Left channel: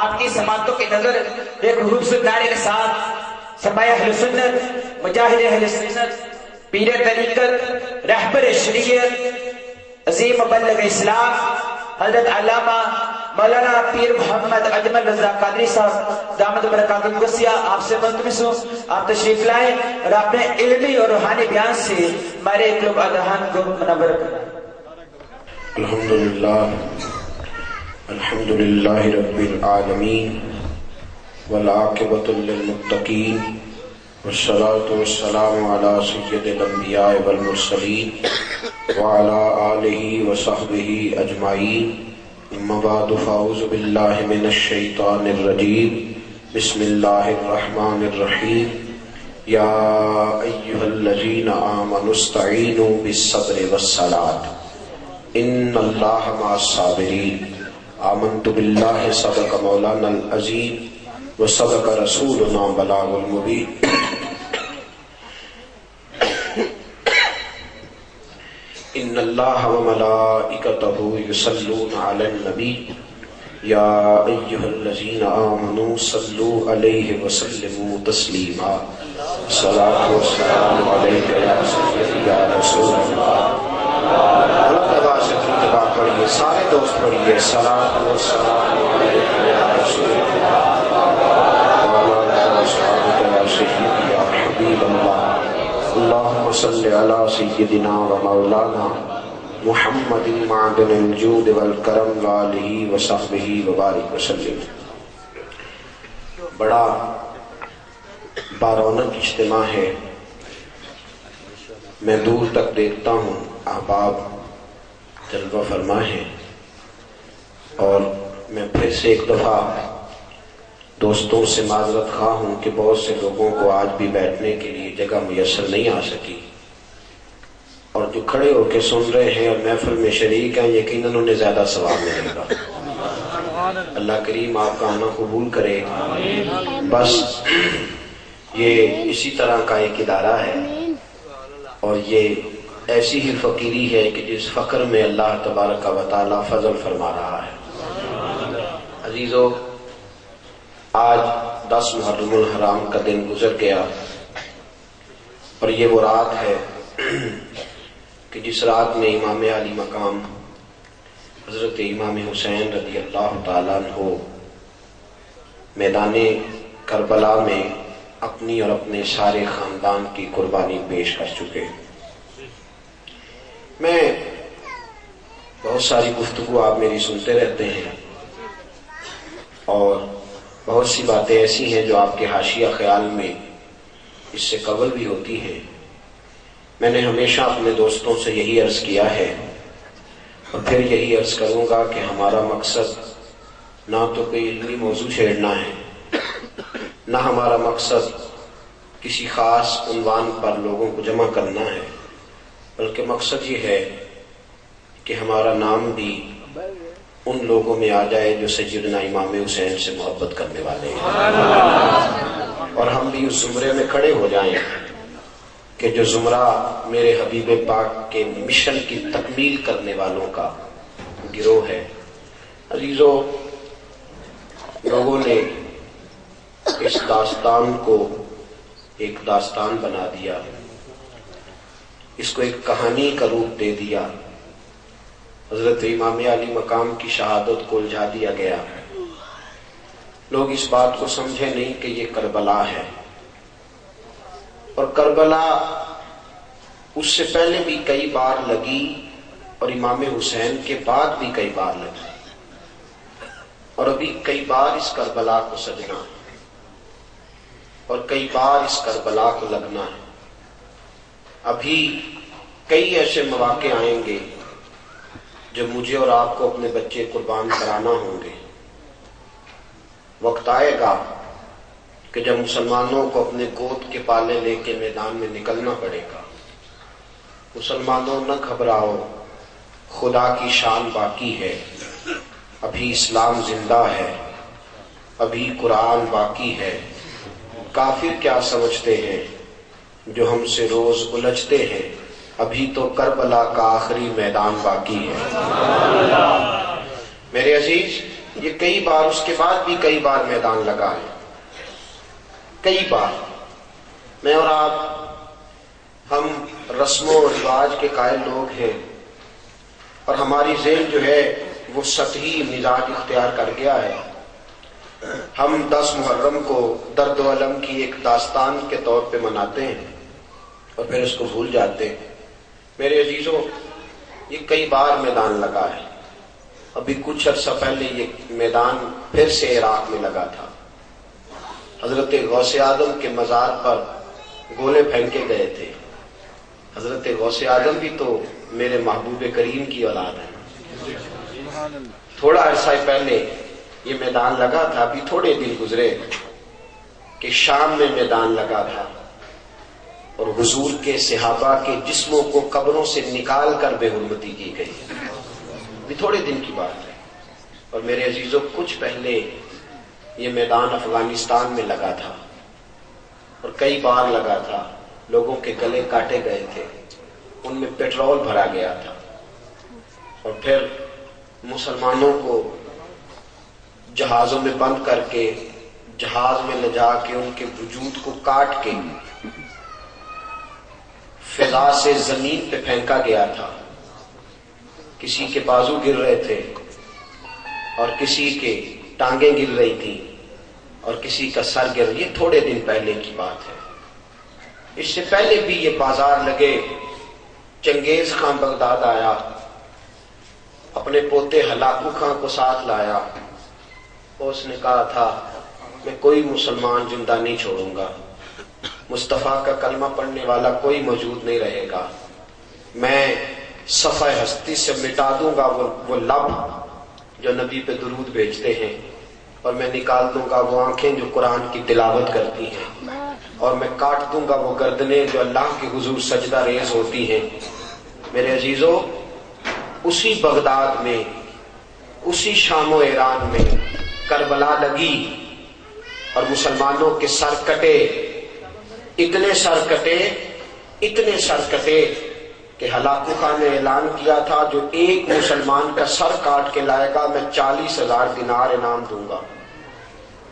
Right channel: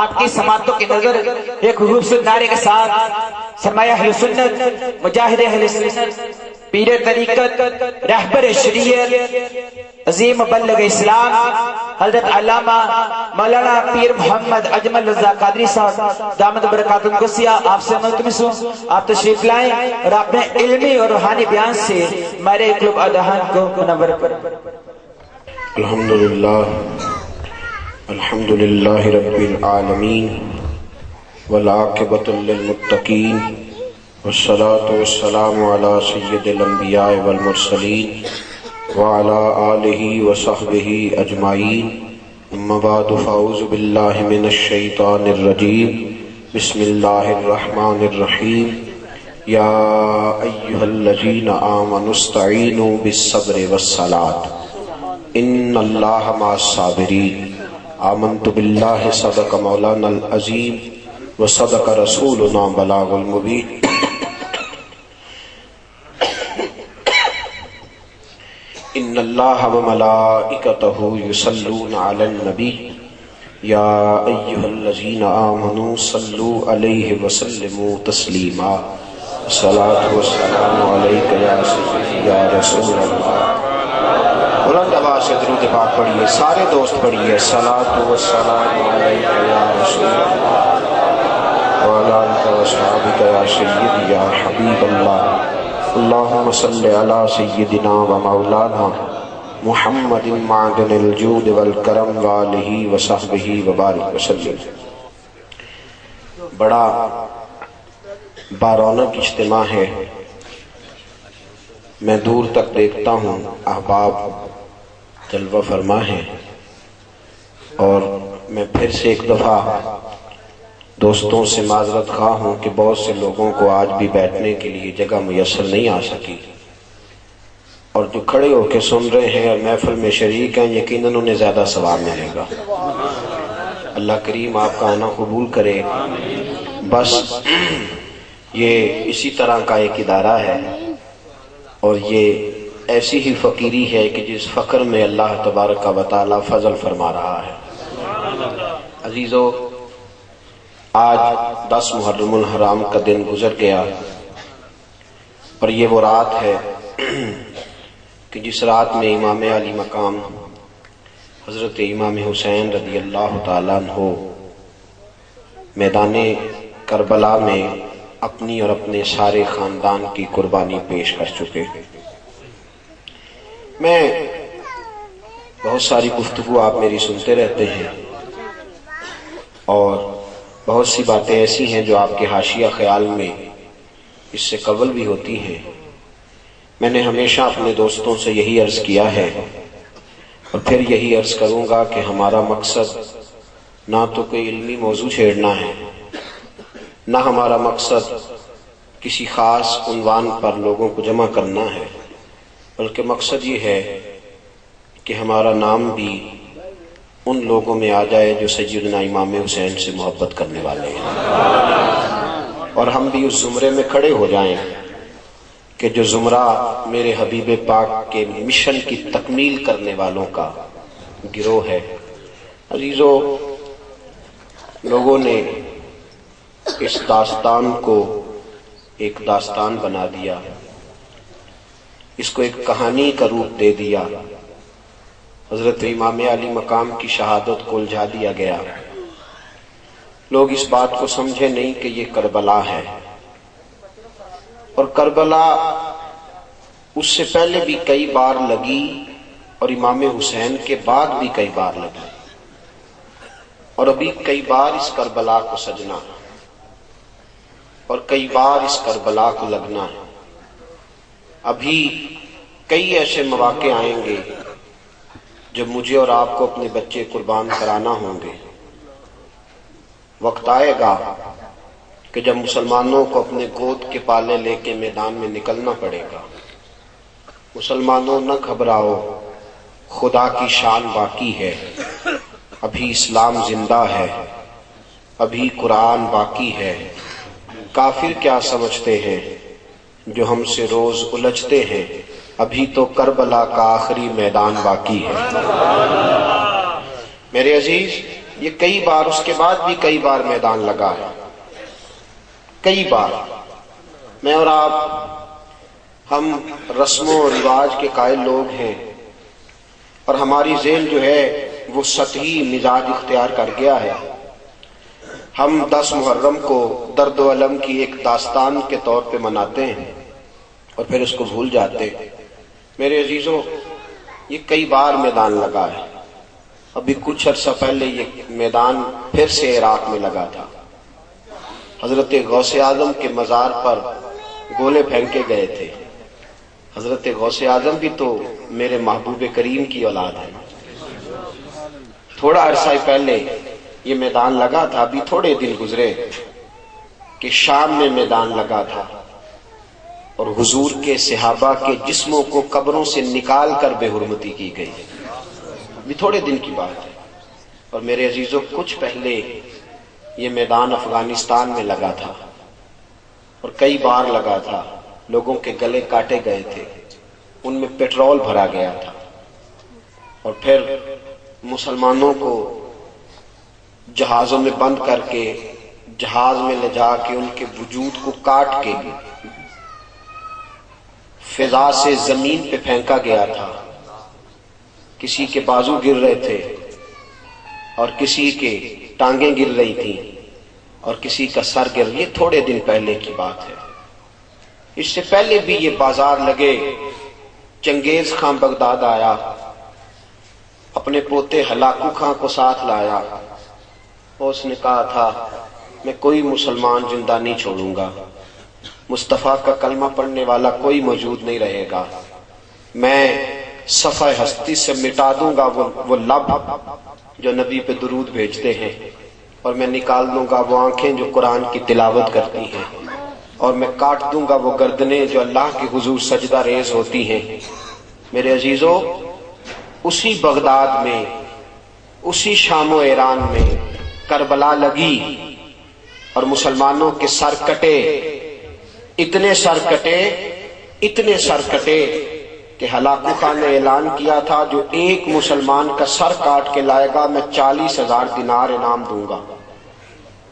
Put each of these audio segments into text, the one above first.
آپ کی سماعتوں کی نظر ایک خوبصورت نعرے کے ساتھ سرمایہ اہل سنت، مجاہد اہل سنت، پیر طریقت، رہبر شریعت، عظیم مبلغ اسلام حضرت علامہ مولانا پیر محمد اجمل رضا قادری صاحب دامت برکات القدسیہ آپ سے ملتمس ہوں آپ تشریف لائیں اور اپنے علمی اور روحانی بیان سے ہمارے قلوب اذہان کو منور کریں۔ الحمدللہ رب العالمین والعاقبۃ للمتقین والصلاة والسلام علی سید الانبیاء والمرسلین وعلی آلہ وصحبہ اجمعین، اما بعد فاعوذ باللہ من الشیطان الرجیم، بسم اللہ الرحمن الرحیم، یا ایہا الذین آمنوا استعینوا بالصبر والصلاۃ ان اللہ مع الصابرین، آمنت باللہ صدق مولانا العظیم وصدق رسولنا بلاغ المبین۔ ان اللہ وملائکتہ یصلون علی النبی یا ایہا الذین آمنوا صلوا علیہ وسلموا تسلیما، الصلاۃ والسلام علیک یا سیدی یا رسول اللہ۔ بلند آواز سے درود پاک پڑھیے، سارے دوست پڑھیے، الصلاۃ والسلام علیک یا رسول اللہ وعلی آلہ وصحبہ یا سیدی یا حبیب اللہ۔ اللہم صلی علی سیدنا و مولانا محمد معدن الجود والکرم وآلہ وصحبہ وبارک وسلم۔ بڑا بارونق اجتماع ہے، میں دور تک دیکھتا ہوں احباب جلوہ فرما ہیں، اور میں پھر سے ایک دفعہ دوستوں سے معذرت خواہ ہوں کہ بہت سے لوگوں کو آج بھی بیٹھنے کے لیے جگہ میسر نہیں آ سکی، اور جو کھڑے ہو کے سن رہے ہیں اور محفل میں شریک ہیں یقیناً انہیں زیادہ ثواب ملے گا۔ اللہ کریم آپ کا آنا قبول کرے۔ بس یہ اسی طرح کا ایک ادارہ ہے، اور یہ ایسی ہی فقیری ہے کہ جس فقر میں اللہ تبارک و تعالی فضل فرما رہا ہے۔ عزیزو، آج 10 محرم الحرام کا دن گزر گیا، اور یہ وہ رات ہے کہ جس رات میں امام علی مقام حضرت امام حسین رضی اللہ تعالیٰ عنہ میدان کربلا میں اپنی اور اپنے سارے خاندان کی قربانی پیش کر چکے۔ میں بہت ساری گفتگو آپ میری سنتے رہتے ہیں، اور بہت سی باتیں ایسی ہیں جو آپ کے حاشیہ خیال میں اس سے قبل بھی ہوتی ہیں۔ میں نے ہمیشہ اپنے دوستوں سے یہی عرض کیا ہے، اور پھر یہی عرض کروں گا کہ ہمارا مقصد نہ تو کوئی علمی موضوع چھیڑنا ہے، نہ ہمارا مقصد کسی خاص عنوان پر لوگوں کو جمع کرنا ہے، بلکہ مقصد یہ ہے کہ ہمارا نام بھی ان لوگوں میں آ جائے جو سیدنا امام حسین سے محبت کرنے والے ہیں، اور ہم بھی اس زمرے میں کھڑے ہو جائیں کہ جو زمرہ میرے حبیب پاک کے مشن کی تکمیل کرنے والوں کا گروہ ہے۔ عزیزو، لوگوں نے اس داستان کو ایک داستان بنا دیا، اس کو ایک کہانی کا روپ دے دیا، حضرت امام علی مقام کی شہادت کو الجھا دیا گیا۔ لوگ اس بات کو سمجھے نہیں کہ یہ کربلا ہے، اور کربلا اس سے پہلے بھی کئی بار لگی، اور امام حسین کے بعد بھی کئی بار لگی، اور ابھی کئی بار اس کربلا کو سجنا، اور کئی بار اس کربلا کو لگنا ہے۔ ابھی کئی ایسے مواقع آئیں گے جب مجھے اور آپ کو اپنے بچے قربان کرانا ہوں گے۔ وقت آئے گا کہ جب مسلمانوں کو اپنے گود کے پالے لے کے میدان میں نکلنا پڑے گا۔ مسلمانوں نہ گھبراؤ، خدا کی شان باقی ہے، ابھی اسلام زندہ ہے، ابھی قرآن باقی ہے۔ کافر کیا سمجھتے ہیں جو ہم سے روز الجھتے ہیں، ابھی تو کربلا کا آخری میدان باقی ہے۔ میرے عزیز، یہ کئی بار، اس کے بعد بھی کئی بار میدان لگا ہے، کئی بار۔ میں اور آپ، ہم رسم و رواج کے قائل لوگ ہیں، اور ہماری ذہن جو ہے وہ سطحی مزاج اختیار کر گیا ہے۔ ہم 10 محرم کو درد و الم کی ایک داستان کے طور پہ مناتے ہیں اور پھر اس کو بھول جاتے ہیں۔ میرے عزیزوں، یہ کئی بار میدان لگا ہے۔ ابھی کچھ عرصہ پہلے یہ میدان پھر سے عراق میں لگا تھا۔ حضرت غوث اعظم کے مزار پر گولے پھینکے گئے تھے۔ حضرت غوث اعظم بھی تو میرے محبوب کریم کی اولاد ہے۔ تھوڑا عرصہ پہلے یہ میدان لگا تھا، ابھی تھوڑے دن گزرے کہ شام میں میدان لگا تھا اور حضور کے صحابہ کے جسموں کو قبروں سے نکال کر بے حرمتی کی گئی۔ یہ تھوڑے دن کی بات ہے۔ اور میرے عزیزوں، کچھ پہلے یہ میدان افغانستان میں لگا تھا اور کئی بار لگا تھا۔ لوگوں کے گلے کاٹے گئے تھے، ان میں پیٹرول بھرا گیا تھا، اور پھر مسلمانوں کو جہازوں میں بند کر کے، جہاز میں لے جا کے ان کے وجود کو کاٹ کے فضا سے زمین پہ پھینکا گیا تھا۔ کسی کے بازو گر رہے تھے اور کسی کے ٹانگیں گر رہی تھیں اور کسی کا سر گر۔ یہ تھوڑے دن پہلے کی بات ہے۔ اس سے پہلے بھی یہ بازار لگے۔ چنگیز خان بغداد آیا، اپنے پوتے ہلاکو خان کو ساتھ لایا، اور اس نے کہا تھا میں کوئی مسلمان زندہ نہیں چھوڑوں گا، مصطفیٰ کا کلمہ پڑھنے والا کوئی موجود نہیں رہے گا، میں صفحہ ہستی سے مٹا دوں گا وہ لب جو نبی پہ درود بھیجتے ہیں، اور میں نکال دوں گا وہ آنکھیں جو قرآن کی تلاوت کرتی ہیں، اور میں کاٹ دوں گا وہ گردنیں جو اللہ کے حضور سجدہ ریز ہوتی ہیں۔ میرے عزیزوں، اسی بغداد میں، اسی شام و ایران میں کربلا لگی اور مسلمانوں کے سر کٹے، اتنے سر کٹے، اتنے سر کٹے کہ ہلاکو خان نے اعلان کیا تھا جو ایک مسلمان کا سر کاٹ کے لائے گا میں 40,000 دینار انعام دوں گا۔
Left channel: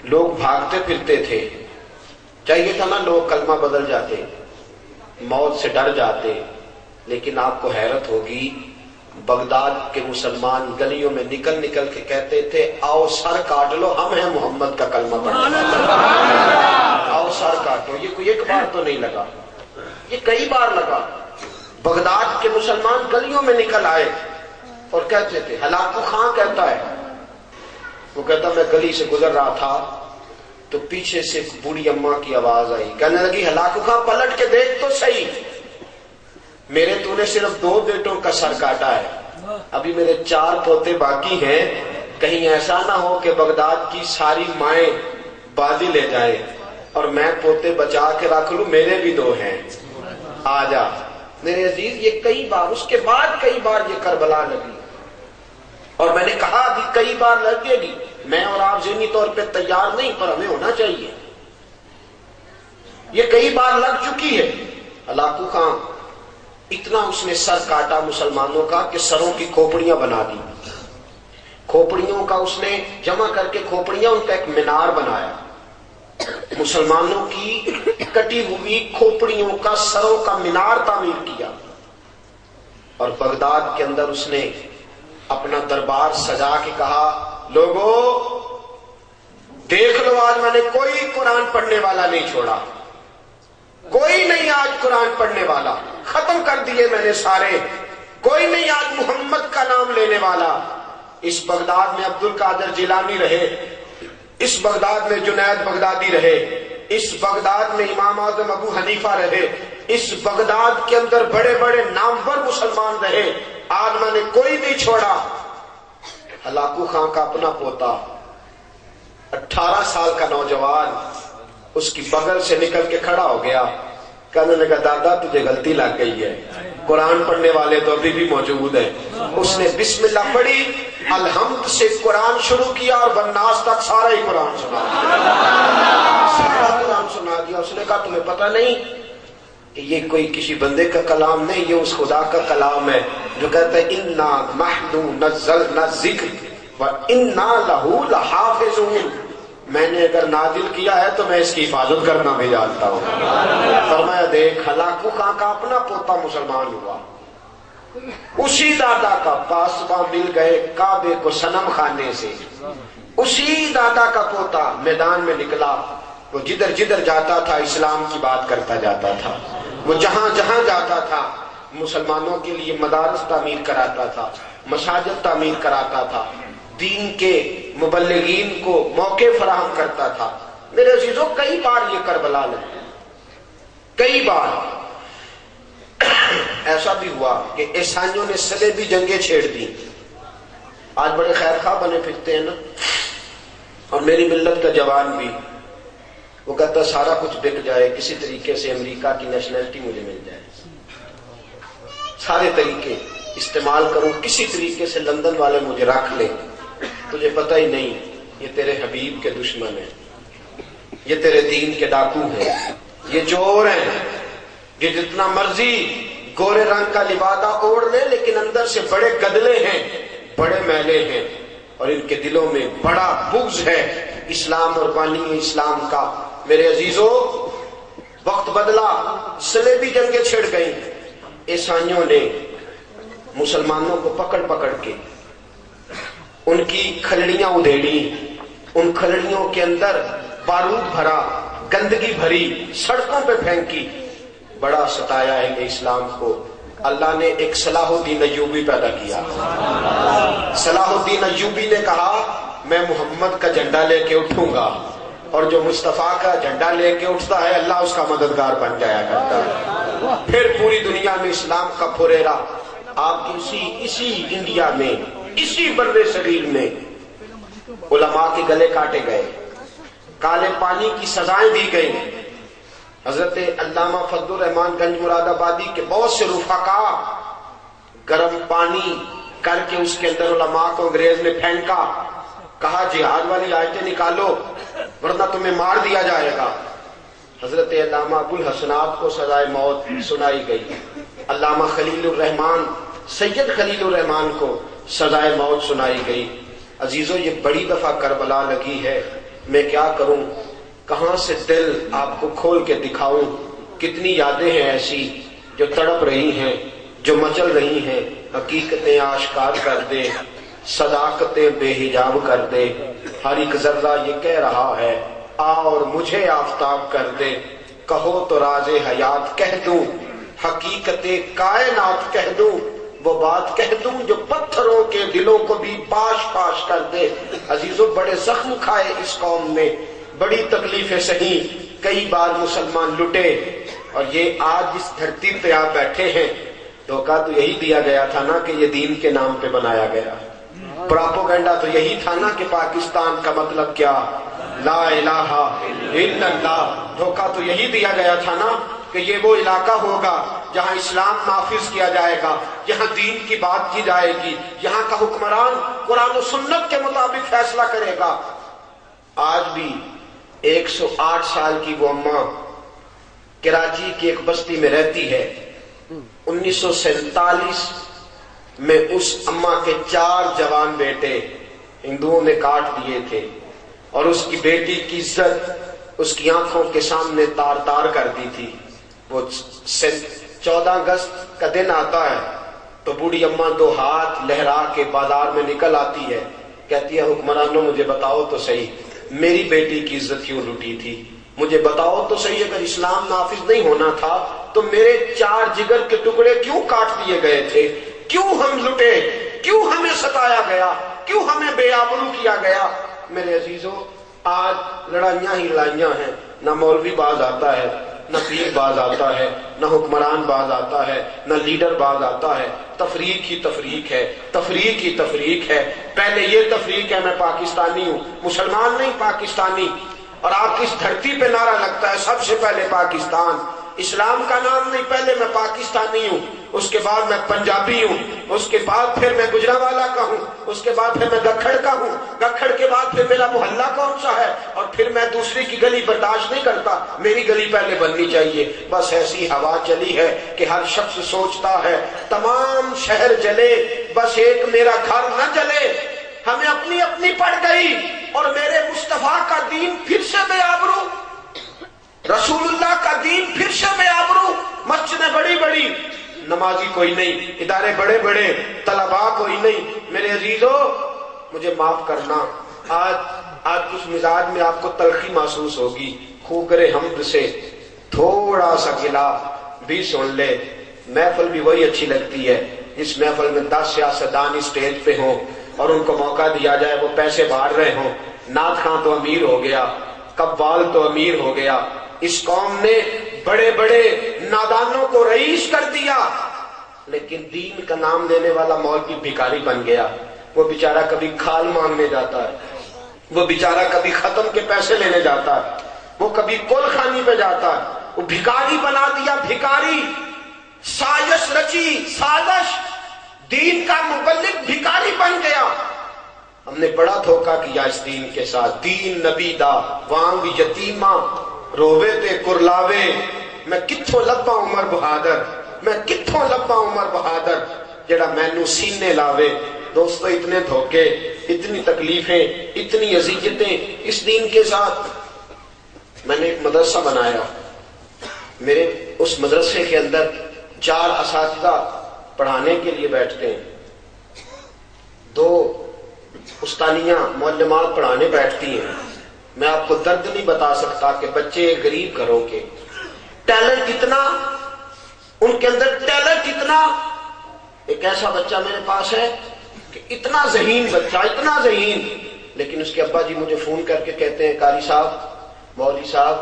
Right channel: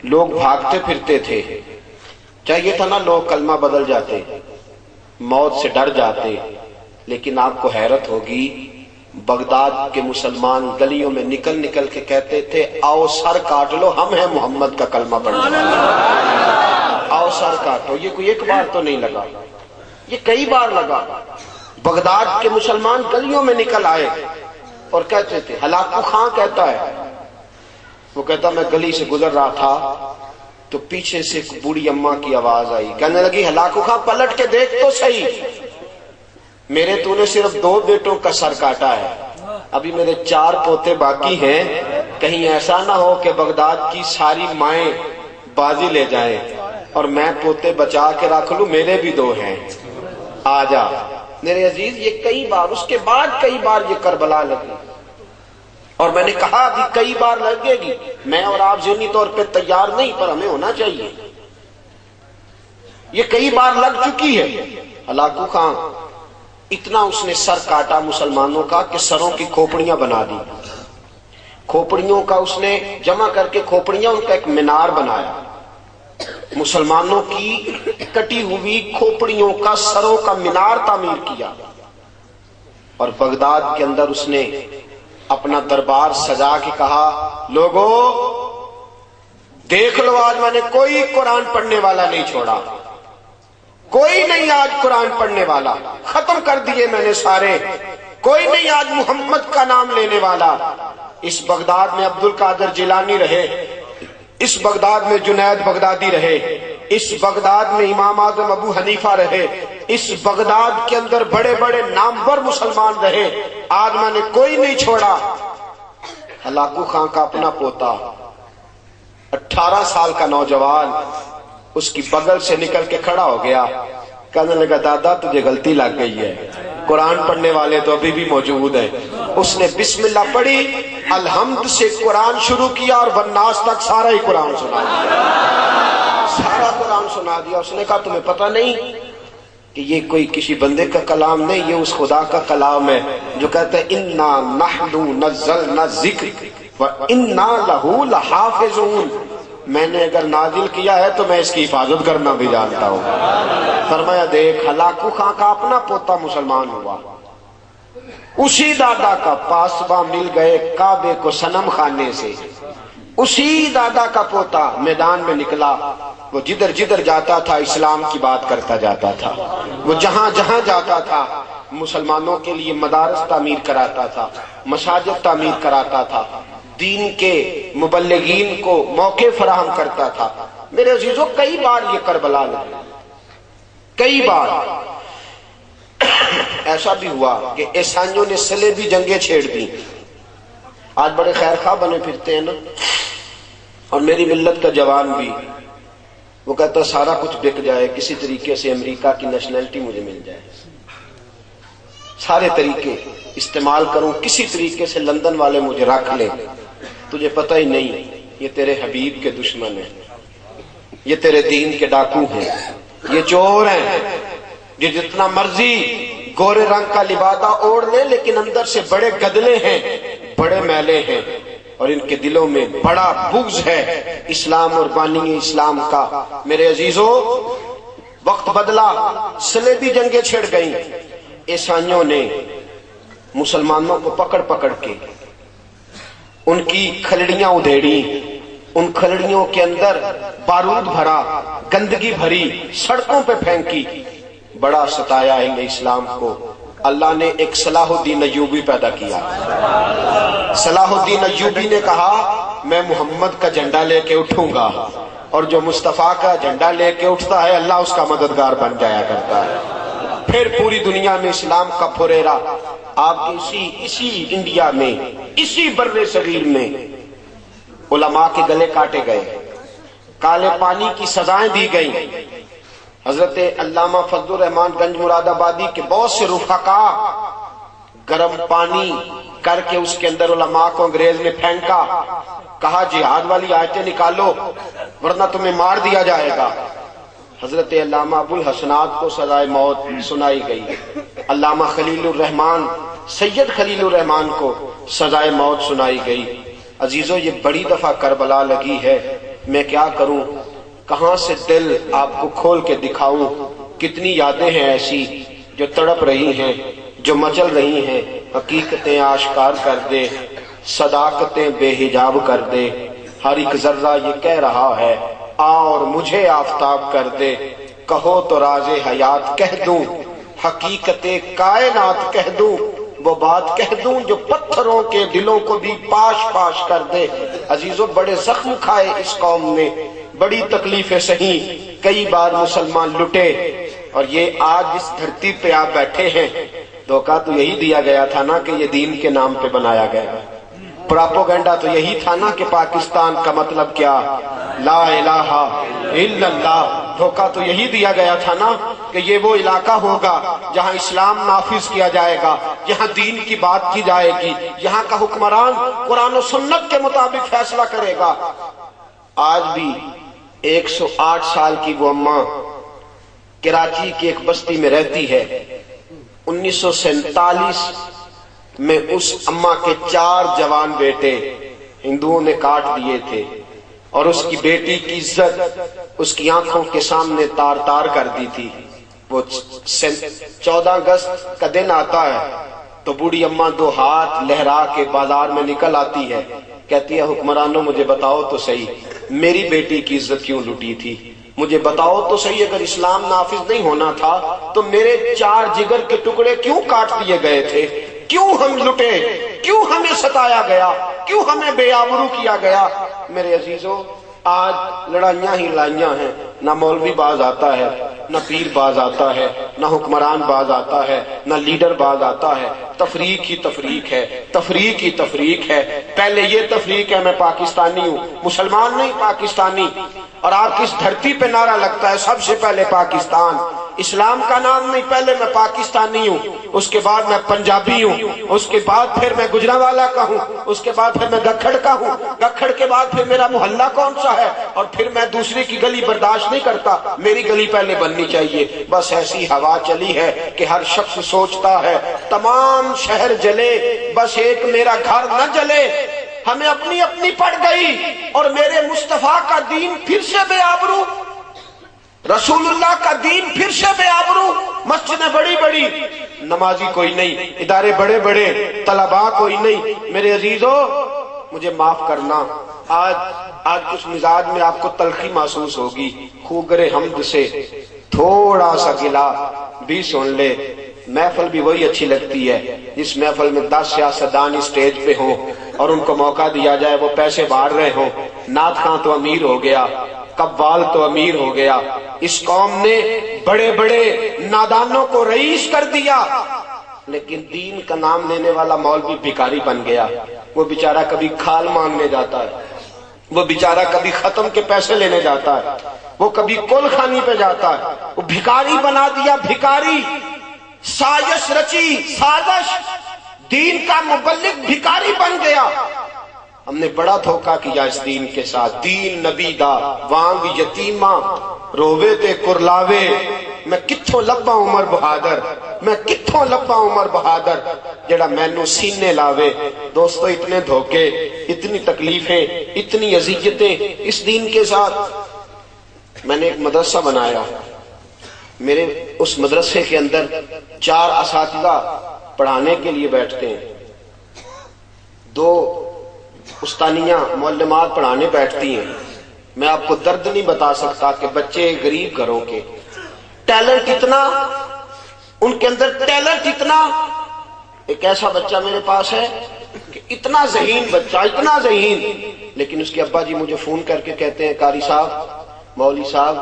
لوگ بھاگتے پھرتے تھے۔ چاہیے تھا نا لوگ کلمہ بدل جاتے، موت سے ڈر جاتے، لیکن آپ کو حیرت ہوگی بغداد کے مسلمان گلیوں میں نکل نکل کے کہتے تھے آؤ سر کاٹ لو، ہم ہیں محمد کا کلمہ پڑھنے والے، آؤ سر کاٹو۔ یہ کوئی ایک بار تو نہیں لگا، یہ کئی بار لگا۔ بغداد کے مسلمان گلیوں میں نکل آئے اور کہتے تھے، ہلاکو خان کہتا ہے، وہ کہتا میں گلی سے گزر رہا تھا تو پیچھے سے ایک بوڑھی اماں کی آواز آئی، کہنے لگی ہلاکو خان پلٹ کے دیکھ تو صحیح، میرے تو نے صرف 2 بیٹوں کا سر کاٹا ہے، ابھی میرے 4 پوتے باقی ہیں، کہیں ایسا نہ ہو کہ بغداد کی ساری مائیں بازی لے جائیں اور میں پوتے بچا کے رکھ لوں، میرے بھی 2 ہیں، آ جا۔ میرے عزیز، یہ کئی بار، اس کے بعد کئی بار یہ کربلا لگی، اور میں نے کہا کہ کئی بار لگے گی۔ میں اور آپ ذہنی طور پہ تیار نہیں، پر ہمیں ہونا چاہیے۔ یہ کئی بار لگ چکی ہے۔ ہلاکو خان اتنا اس نے سر کاٹا مسلمانوں کا کہ سروں کی کھوپڑیاں بنا دی، کھوپڑیوں کا اس نے جمع کر کے کھوپڑیاں، ان کا ایک مینار بنایا، مسلمانوں کی کٹی ہوئی کھوپڑیوں کا سروں کا مینار تعمیر کیا، اور بغداد کے اندر اس نے اپنا دربار سجا کے کہا لوگوں دیکھ لو، آج میں نے کوئی قرآن پڑھنے والا نہیں چھوڑا، کوئی نہیں آج قرآن پڑھنے والا، ختم کر دیے میں نے سارے، کوئی نہیں آج محمد کا نام لینے والا۔ اس بغداد میں عبد القادر جیلانی رہے، اس بغداد میں جنید بغدادی رہے، اس بغداد میں امام اعظم ابو حنیفہ رہے، اس بغداد کے اندر بڑے بڑے نامور مسلمان رہے، آج میں نے کوئی نہیں چھوڑا۔ ہلاکو خان کا اپنا پوتا 18 سال کا نوجوان اس کی بغل سے نکل کے کھڑا ہو گیا، کہنے لگا دادا تجھے غلطی لگ گئی ہے، قرآن پڑھنے والے تو ابھی بھی موجود ہیں۔ اس نے بسم اللہ پڑھی، الحمد سے قرآن شروع کیا اور والناس تک سارا ہی قرآن سنا دیا، سارا قرآن سنا دیا۔ اس نے کہا تمہیں پتہ نہیں کہ یہ کوئی کسی بندے کا کلام نہیں، یہ اس خدا کا کلام ہے جو کہتا ہے انا نحن نزلنا الذکر وَإِنَّا لَهُ لَحَافِظُونَ، میں نے اگر نازل کیا ہے تو میں اس کی حفاظت کرنا بھی جانتا ہوں۔ فرمایا دیکھ ہلاکو خان کا اپنا پوتا مسلمان ہوا، اسی دادا کا پاسباں مل گئے کعبے کو صنم خانے سے، اسی دادا کا پوتا میدان میں نکلا، وہ جدھر جدھر جاتا تھا اسلام کی بات کرتا جاتا تھا، وہ جہاں جہاں جاتا تھا مسلمانوں کے لیے مدارس تعمیر کراتا تھا، مساجد تعمیر کراتا تھا، دین کے مبلغین کو موقع فراہم کرتا تھا۔ میرے عزیزوں کئی بار یہ کربلا لگے، کئی بار ایسا بھی ہوا کہ عیسائیوں نے صلیبی جنگیں چھیڑ دی۔ آج بڑے خیر خواہ بنے پھرتے ہیں نا، اور میری ملت کا جوان بھی وہ کہتا سارا کچھ بک جائے، کسی طریقے سے امریکہ کی نیشنلٹی مجھے مل جائے، سارے طریقے استعمال کروں، کسی طریقے سے لندن والے مجھے رکھ لیں۔ تجھے پتہ ہی نہیں یہ تیرے حبیب کے دشمن ہیں، یہ تیرے دین کے ڈاکو ہیں، یہ چور ہیں، یہ جتنا مرضی گورے رنگ کا لبادہ اوڑھ لے لیکن اندر سے بڑے گدلے ہیں، بڑے میلے ہیں، اور ان کے دلوں میں بڑا بغض ہے اسلام اور بانی اسلام کا۔ میرے عزیزو وقت بدلا، صلیبی جنگیں چھڑ گئیں، عیسائیوں نے مسلمانوں کو پکڑ پکڑ کے ان کی کھلڑیاں ادھیڑی، ان کھلڑیوں کے اندر بارود بھرا، گندگی بھری، سڑکوں پہ پھینکی، بڑا ستایا ہے اسلام کو۔ اللہ نے ایک صلاح الدین ایوبی پیدا کیا۔ صلاح الدین ایوبی نے کہا میں محمد کا جھنڈا لے کے اٹھوں گا، اور جو مصطفیٰ کا جھنڈا لے کے اٹھتا ہے اللہ اس کا مددگار بن جایا کرتا ہے۔ پھر پوری دنیا میں اسلام کا پھریرا آپ کے اسی انڈیا میں، اسی بر صغیر میں علماء کے گلے کاٹے گئے، کالے پانی کی سزائیں دی گئیں۔ حضرت علامہ فضل الرحمان گنج مراد آبادی کے بہت سے رفقا گرم پانی کر کے اس کے اندر علماء کو انگریز نے پھینکا، کہا جہاد والی آیتیں نکالو ورنہ تمہیں مار دیا جائے گا۔ حضرت علامہ ابو الحسنات کو سزائے موت سنائی گئی، علامہ خلیل الرحمان سید خلیل الرحمان کو سزائے موت سنائی گئی۔ عزیزو یہ بڑی دفعہ کربلا لگی ہے، میں کیا کروں، کہاں سے دل آپ کو کھول کے دکھاؤں، کتنی یادیں ہیں ایسی جو تڑپ رہی ہیں، جو مچل رہی ہیں۔ حقیقتیں آشکار کر دے، صداقتیں بے حجاب کر دے، ہر ایک ذرہ یہ کہہ رہا ہے آ اور مجھے آفتاب کر دے، کہو تو راز حیات کہہ دوں، حقیقت کائنات کہہ دوں، وہ بات کہہ دوں جو پتھروں کے دلوں کو بھی پاش پاش کر دے۔ عزیزو بڑے زخم کھائے اس قوم نے، بڑی تکلیفیں سہی، کئی بار مسلمان لٹے، اور یہ آج اس دھرتی پہ آپ بیٹھے ہیں، دھوکہ تو یہی دیا گیا تھا نا کہ یہ دین کے نام پہ بنایا گیا، پراپوگنڈا تو یہی تھا نا کہ پاکستان کا مطلب کیا، لا الہ الا اللہ۔ دھوکہ تو یہی دیا گیا تھا نا کہ یہ وہ علاقہ ہوگا جہاں اسلام نافذ کیا جائے گا، یہاں دین کی بات کی جائے گی، یہاں کا حکمران قرآن و سنت کے مطابق فیصلہ کرے گا۔ آج بھی 108 سال کی وہ اماں کراچی کی ایک بستی میں رہتی ہے۔ 1947 میں اس اماں کے 4 جوان بیٹے ہندوؤں نے کاٹ دیے تھے، اور اس کی بیٹی کی عزت اس کی آنکھوں کے سامنے تار تار کر دی تھی۔ وہ 14 اگست کا دن آتا ہے تو بوڑھی اماں 2 ہاتھ لہرا کے بازار میں نکل آتی ہے، کہتی ہے حکمرانوں مجھے بتاؤ تو صحیح میری بیٹی کی عزت کیوں لوٹی تھی، مجھے بتاؤ تو صحیح اگر اسلام نافذ نہیں ہونا تھا تو میرے 4 جگر کے ٹکڑے کیوں کاٹ دیے گئے تھے، کیوں ہم لٹے، کیوں ہمیں ستایا گیا، کیوں ہمیں بے آبرو کیا گیا۔ میرے عزیزو آج لڑائیاں ہی لڑائیاں ہیں، نہ مولوی باز آتا ہے، نہ پیر باز آتا ہے، نہ حکمران باز آتا ہے، نہ لیڈر باز آتا ہے، تفریق ہی تفریق ہے، تفریق ہی تفریق ہے۔ پہلے یہ تفریق ہے میں پاکستانی ہوں، مسلمان نہیں پاکستانی، اور آپ کی اس دھرتی پہ نعرہ لگتا ہے سب سے پہلے پاکستان، اسلام کا نام نہیں، پہلے میں پاکستانی ہوں، اس کے بعد میں پنجابی ہوں، اس کے بعد پھر میں گجرانوالا کا ہوں، اس کے بعد پھر میں دکھڑ کا ہوں، دکھڑ کے بعد پھر میرا محلہ کون سا ہے، اور پھر میں دوسری کی گلی برداشت نہیں کرتا، میری گلی پہلے بننی چاہیے۔ بس ایسی ہوا چلی ہے کہ ہر شخص سوچتا ہے تمام شہر جلے بس ایک میرا گھر نہ جلے۔ ہمیں اپنی اپنی پڑ گئی اور میرے مصطفیٰ کا دین پھر سے بے آبرو، رسول اللہ کا دین پھر سے بے آبرو، مسجدیں بڑی بڑی، نمازی کوئی نہیں، ادارے بڑے بڑے، طلباء کوئی نہیں۔ میرے عزیزو مجھے معاف کرنا، آج کچھ مزاج میں آپ کو تلخی محسوس ہوگی، خوگر حمد سے تھوڑا سا گلا بھی سن لے۔ محفل بھی وہی اچھی لگتی ہے جس محفل میں 10 سیاستدان اسٹیج پہ ہوں اور ان کو موقع دیا جائے، وہ پیسے بانٹ رہے ہوں، نعت خواں تو امیر ہو گیا، قوال تو امیر ہو گیا۔ اس قوم نے بڑے بڑے نادانوں کو رئیس کر دیا، لیکن دین کا نام لینے والا مولوی بھکاری بن گیا۔ وہ بیچارہ کبھی کھال مانگنے جاتا ہے، وہ بیچارہ کبھی ختم کے پیسے لینے جاتا ہے، وہ کبھی کل خانی پہ جاتا ہے، وہ بھکاری بنا دیا، بھکاری، سازش رچی، سازش، دین کا مبلغ بھکاری بن گیا۔ ہم نے بڑا دھوکہ کیا اس دین کے ساتھ۔ دین نبی دا وانگ یتیماں رووے تے کرلاوے، میں کتھوں لبا عمر بہادر، میں کتھوں لبا عمر بہادر جڑا مینوں سینے لاوے۔ دوستو اتنے دھوکے، اتنی تکلیفیں، اتنی اذیتیں اس دین کے ساتھ۔ میں نے ایک مدرسہ بنایا، میرے اس مدرسے کے اندر 4 اساتذہ پڑھانے کے لیے بیٹھتے ہیں، 2 استانیاں معلمات پڑھانے بیٹھتی ہیں۔ میں آپ کو درد نہیں بتا سکتا کہ بچے غریب گھروں کے، ٹیلنٹ اتنا، ان کے اندر ٹیلنٹ اتنا۔ ایک ایسا بچہ میرے پاس ہے کہ اتنا ذہین بچہ، اتنا ذہین، لیکن اس کے ابا جی مجھے فون کر کے کہتے ہیں قاری صاحب، مولوی صاحب،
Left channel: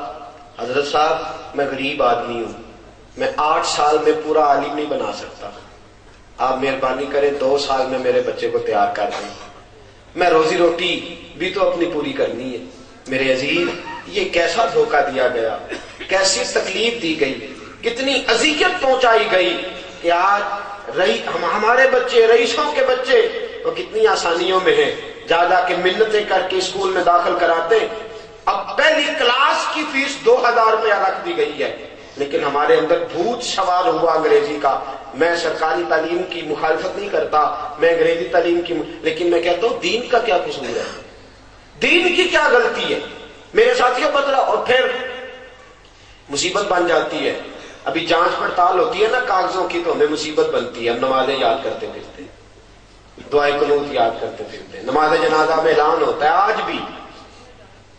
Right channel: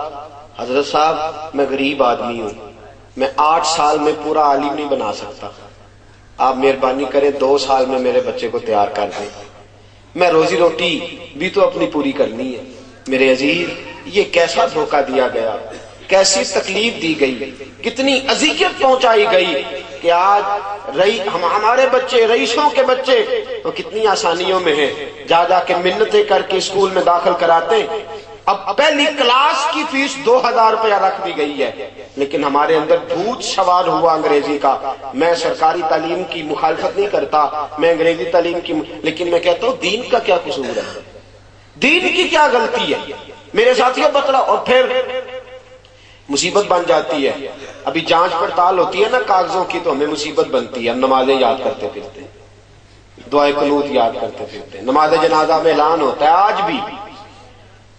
حضرت صاحب، میں غریب آدمی ہوں، میں 8 سال میں پورا عالم نہیں بنا سکتا، آپ مہربانی کریں 2 سال میں میرے بچے کو تیار کر دیں، میں روزی روٹی بھی تو اپنی پوری کرنی ہے۔ میرے عزیز یہ کیسا دھوکہ دیا گیا، کیسی تکلیف دی گئی، کتنی اذیت پہنچائی گئی کہ آج ہمارے بچے، رئیسوں کے بچے تو کتنی آسانیوں میں ہیں، جا جا کے منتیں کر کے اسکول میں داخل کراتے۔ اب پہلی کلاس کی فیس 2000 روپیہ رکھ دی گئی ہے، لیکن ہمارے اندر بھوت سوال ہوا انگریزی کا۔ میں سرکاری تعلیم کی مخالفت نہیں کرتا، میں انگریزی تعلیم کی، لیکن میں کہتا ہوں دین کا کیا قصور ہے، دین کی کیا غلطی ہے؟ میرے ساتھیوں بتلا، اور پھر مصیبت بن جاتی ہے۔ ابھی جانچ پڑتال ہوتی ہے نا کاغذوں کی، تو ہمیں مصیبت بنتی ہے، ہم نمازیں یاد کرتے پھرتے، دعائے قنوت یاد کرتے پھرتے، نماز جنازہ میں اعلان ہوتا ہے آج بھی،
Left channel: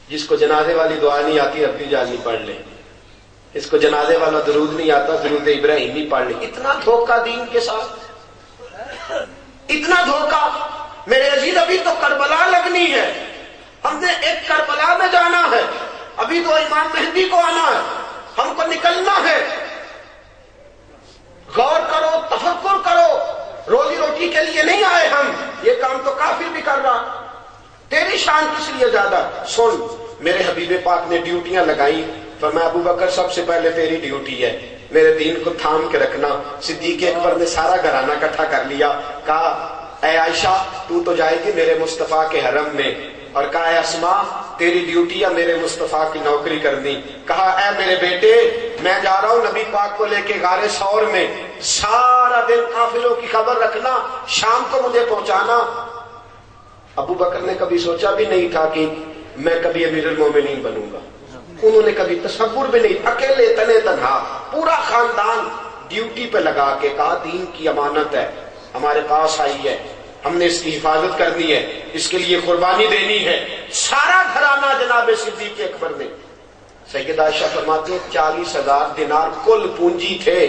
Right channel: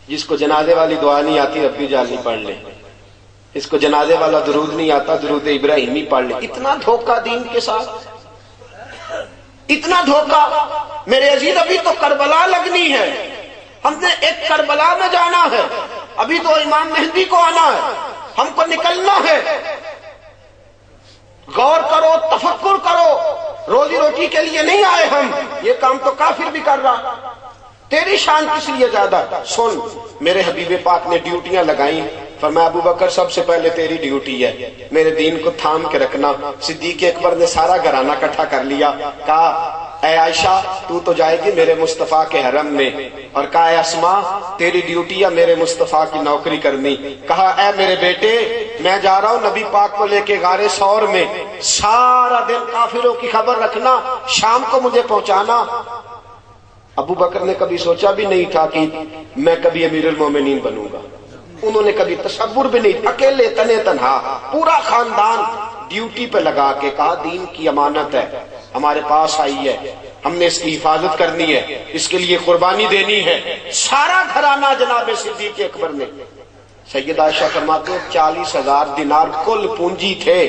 جس کو جنازے والی دعا نہیں آتی ربی جانی پڑھ لیں، اس کو جنازے والا درود نہیں آتا درود ابراہیمی پڑھ لیں۔ اتنا دھوکہ دین کے ساتھ، اتنا دھوکہ۔ میرے عزیز ابھی تو کربلا لگنی ہے، ہم نے ایک کربلا میں جانا ہے، ابھی تو امام مہدی کو آنا ہے، ہم کو نکلنا ہے۔ غور کرو، تفکر کرو، روزی روٹی کے لیے نہیں آئے ہم، یہ کام تو کافر بھی کر رہا، تیری شان کس لیے زیادہ؟ سن، میرے حبیب پاک نے ڈیوٹیاں لگائیں، فرمایا ابو بکر سب سے پہلے تیری ڈیوٹی ہے میرے دین کو تھام کے رکھنا۔ صدیق اکبر نے سارا گھرانہ اکٹھا کر لیا، کہا اے عائشہ تو جائے گی میرے مصطفیٰ کے حرم میں، اور کہا اے اسماء تیری ڈیوٹی ہے میرے مصطفیٰ کی نوکری کرنی۔ کہا اے میرے بیٹے میں جا رہا ہوں نبی پاک کو لے کے غار ثور میں، سارا دن قافلوں کی خبر رکھنا، شام کو مجھے پہنچانا۔ ابو بکر نے کبھی سوچا بھی نہیں تھا کہ میں کبھی امیر المومنین بنوں گا، انہوں نے کبھی تصور بھی نہیں، اکیلے تنے تنہا پورا خاندان ڈیوٹی پہ لگا کے کہا دین کی امانت ہے ہمارے پاس آئی ہے، ہم نے اس کی حفاظت کرنی ہے، اس کے لیے قربانی دینی ہے۔ سارا گھرانہ جناب صدیق اکبر نے، سیدہ عائشہ فرماتے 40,000 دینار کل پونجی تھے۔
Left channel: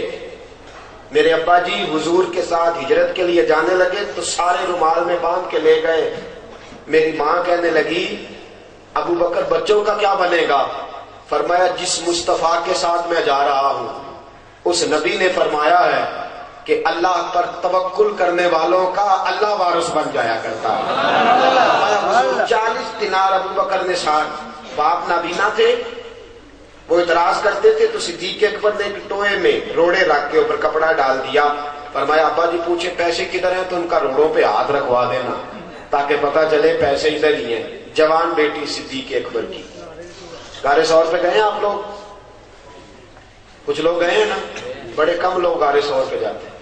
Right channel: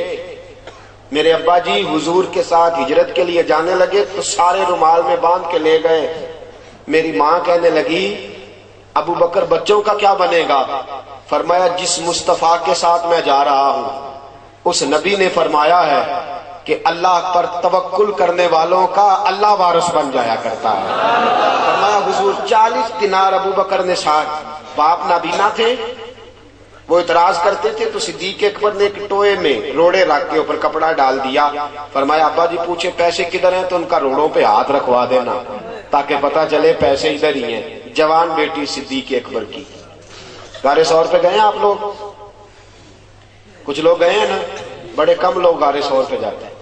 میرے ابا جی حضور کے ساتھ ہجرت کے لیے جانے لگے تو سارے رومال میں باندھ کے لے گئے۔ میری ماں کہنے لگی ابو بکر بچوں کا کیا بنے گا؟ فرمایا جس مصطفیٰ کے ساتھ میں جا رہا ہوں اس نبی نے فرمایا ہے کہ اللہ پر توکل کرنے والوں کا اللہ وارث بن جایا کرتا ہے۔ فرمایا حضور 40 دینار ابو بکر نے ساتھ، باپ نابینا تھے، وہ اعتراض کرتے تھے تو صدیق اکبر نے ایک ٹوئے میں روڑے رکھ کے اوپر کپڑا ڈال دیا، فرمایا ابا جی پوچھے پیسے کدھر ہیں تو ان کا روڑوں پہ ہاتھ رکھوا دینا تاکہ پتہ چلے پیسے ادھر ہی ہیں۔ جوان بیٹی صدیق اکبر کی۔ غار ثور پہ گئے ہیں آپ لوگ؟ کچھ لوگ گئے ہیں نا، بڑے کم لوگ غار ثور پہ جاتے ہیں۔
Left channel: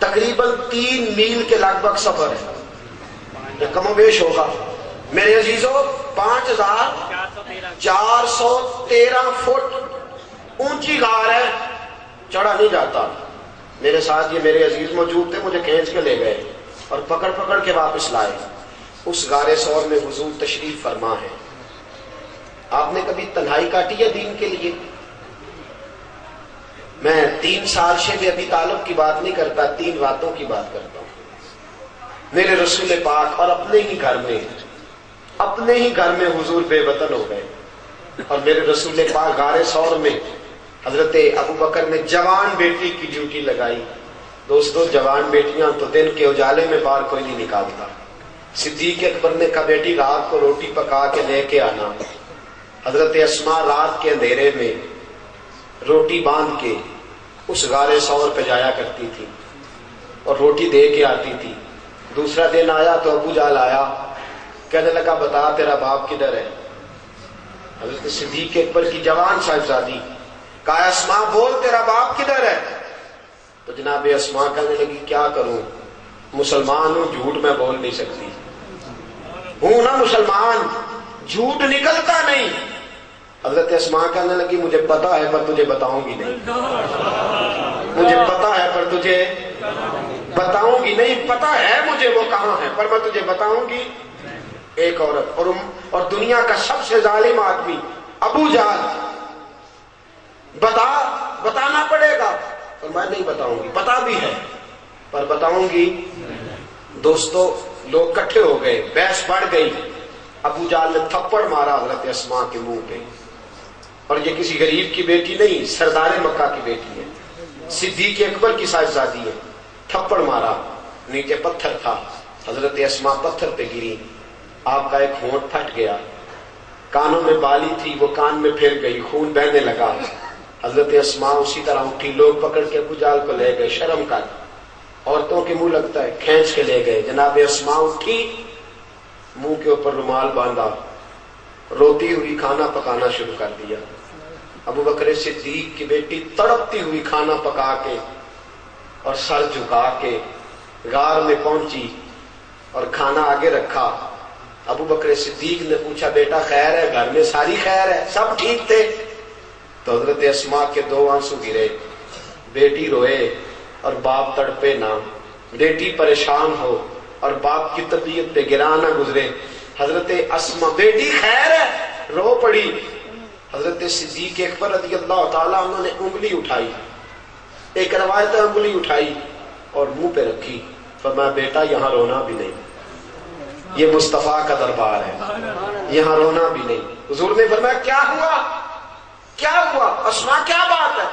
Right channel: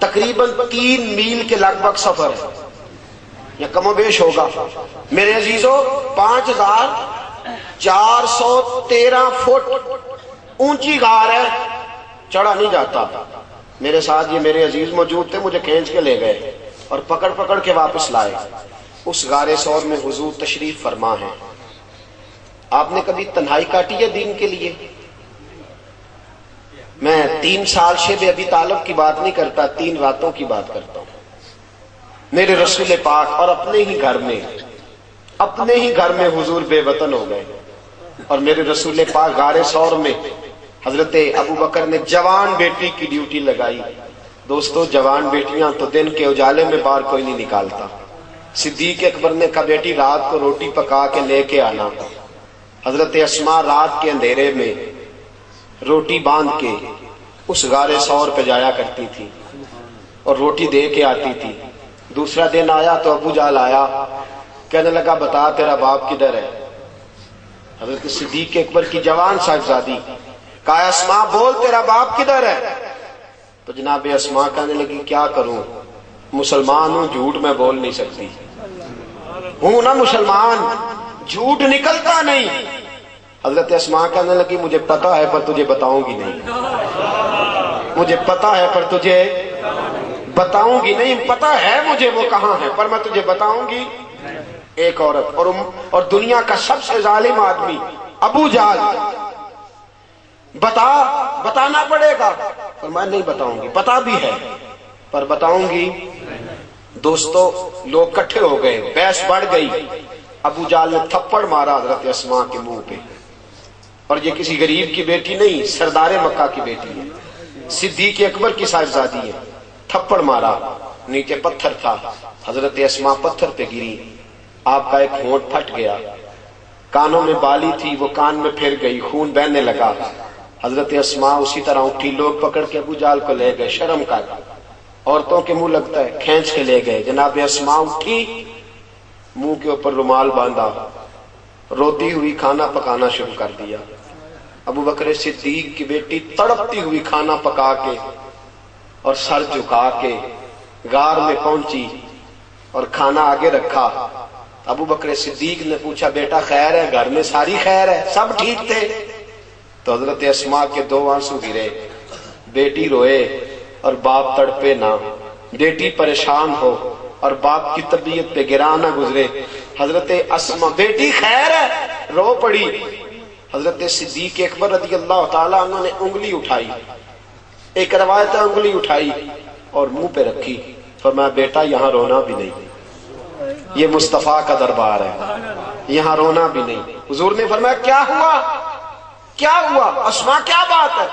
تقریباً 3 میل کے لگ بھگ سفر ہے یا کم و بیش ہوگا میرے عزیزوں. 5413 فٹ اونچی غار ہے, چڑھا نہیں جاتا. میرے ساتھ یہ میرے عزیز موجود تھے, مجھے کھینچ کے لے گئے اور پکڑ پکڑ کے واپس لائے. اس غار ثور میں حضور تشریف فرما ہے. آپ نے کبھی تنہائی کاٹی ہے دین کے لیے؟ میں 3 سال شیب ابی طالب کی بات نہیں کرتا, 3 راتوں کی بات کرتا ہوں. میرے رسول پاک اور اپنے ہی گھر میں حضور بے وطن ہو گئے, اور میرے رسول پاک غار ثور میں حضرت ابو بکر نے جوان بیٹی کی ڈیوٹی لگائی. دوستو جوان بیٹیاں تو دن کے اجالے میں باہر کوئی نہیں نکالتا. صدیق اکبر نے کہا بیٹی رات کو روٹی پکا کے لے کے آنا. حضرت اسماء رات کے اندھیرے میں روٹی باندھ کے اس غار ثور پہ جایا کرتی تھی اور روٹی دے کے آتی تھی. دوسرا دن آیا تو ابو جال آیا, کہنے لگا بتا تیرا باپ کدھر ہے؟ حضرت صدیق اکبر کی جوان صاحبزادی کہا اسماء بول تیرا باپ کدھر ہے؟ تو جناب اسماء کہنے لگی کیا کروں, مسلمان ہوں, جھوٹ میں بول نہیں سکتی ہوں نا مسلمان, جھوٹ نکلتا نہیں. حضرت اسماء کہنے لگی مجھے پتا ہے پر تجھے بتاؤں گی نہیں, مجھے پتا ہے پر تجھے بتاؤں گی نہیں, پتا ہے مجھے وہ کہاں ہے پر میں تجھے بتاؤں گی. ایک عورت اور دنیا کا سب سے ظالم آدمی ابو جہل, بتانا پڑے گا پر میں نہیں بتاؤں گی, پتا بھی ہے پر بتاؤں گی. دوستو لوگ کٹھے ہو گئے, بحث بڑھ گئی. ابو جہل نے تھپڑ مارا حضرت اسماء کے منہ پہ, اور یہ کسی غریب کی بیٹی نہیں, سردار مکہ کی بیٹی ہے, صدیق اکبر کی صاحبزادی ہے. تھپڑ مارا, نیچے پتھر تھا, حضرت اسماء پتھر پہ گری, آپ کا ایک ہونٹ پھٹ گیا. کانوں میں بالی تھی وہ کان میں پھر گئی, خون بہنے لگا. حضرت اسماء اسی طرح اٹھی, لوگ پکڑ کے ابو جہل کو لے گئے. شرم کر, عورتوں کے منہ لگتا ہے, کھینچ کے لے گئے. جناب اسماء اٹھی, منہ کے اوپر رومال باندھا, روتی ہوئی کھانا پکانا شروع کر دیا. ابو بکر صدیق کی بیٹی تڑپتی ہوئی کھانا پکا کے اور سر جھکا کے غار میں پہنچی اور کھانا آگے رکھا. ابو بکر صدیق نے پوچھا بیٹا خیر ہے؟ گھر میں ساری خیر ہے, سب ٹھیک تھے؟ تو حضرت اسماء کے 2 آنسو گرے. بیٹی روئے اور باپ تڑپے نہ, بیٹی پریشان ہو اور باپ کی طبیعت پہ گرا نہ گزرے. حضرت اسماء بیٹی خیر ہے رو پڑی. حضرت صدیق اکبر رضی اللہ تعالیٰ عنہ نے انگلی اٹھائی, ایک روایت انگلی اٹھائی اور منہ پہ رکھی, فرمایا بیٹا یہاں رونا بھی نہیں, یہ مصطفیٰ کا دربار ہے, یہاں رونا بھی نہیں. حضور نے فرمایا کیا ہوا اسماء کیا بات ہے؟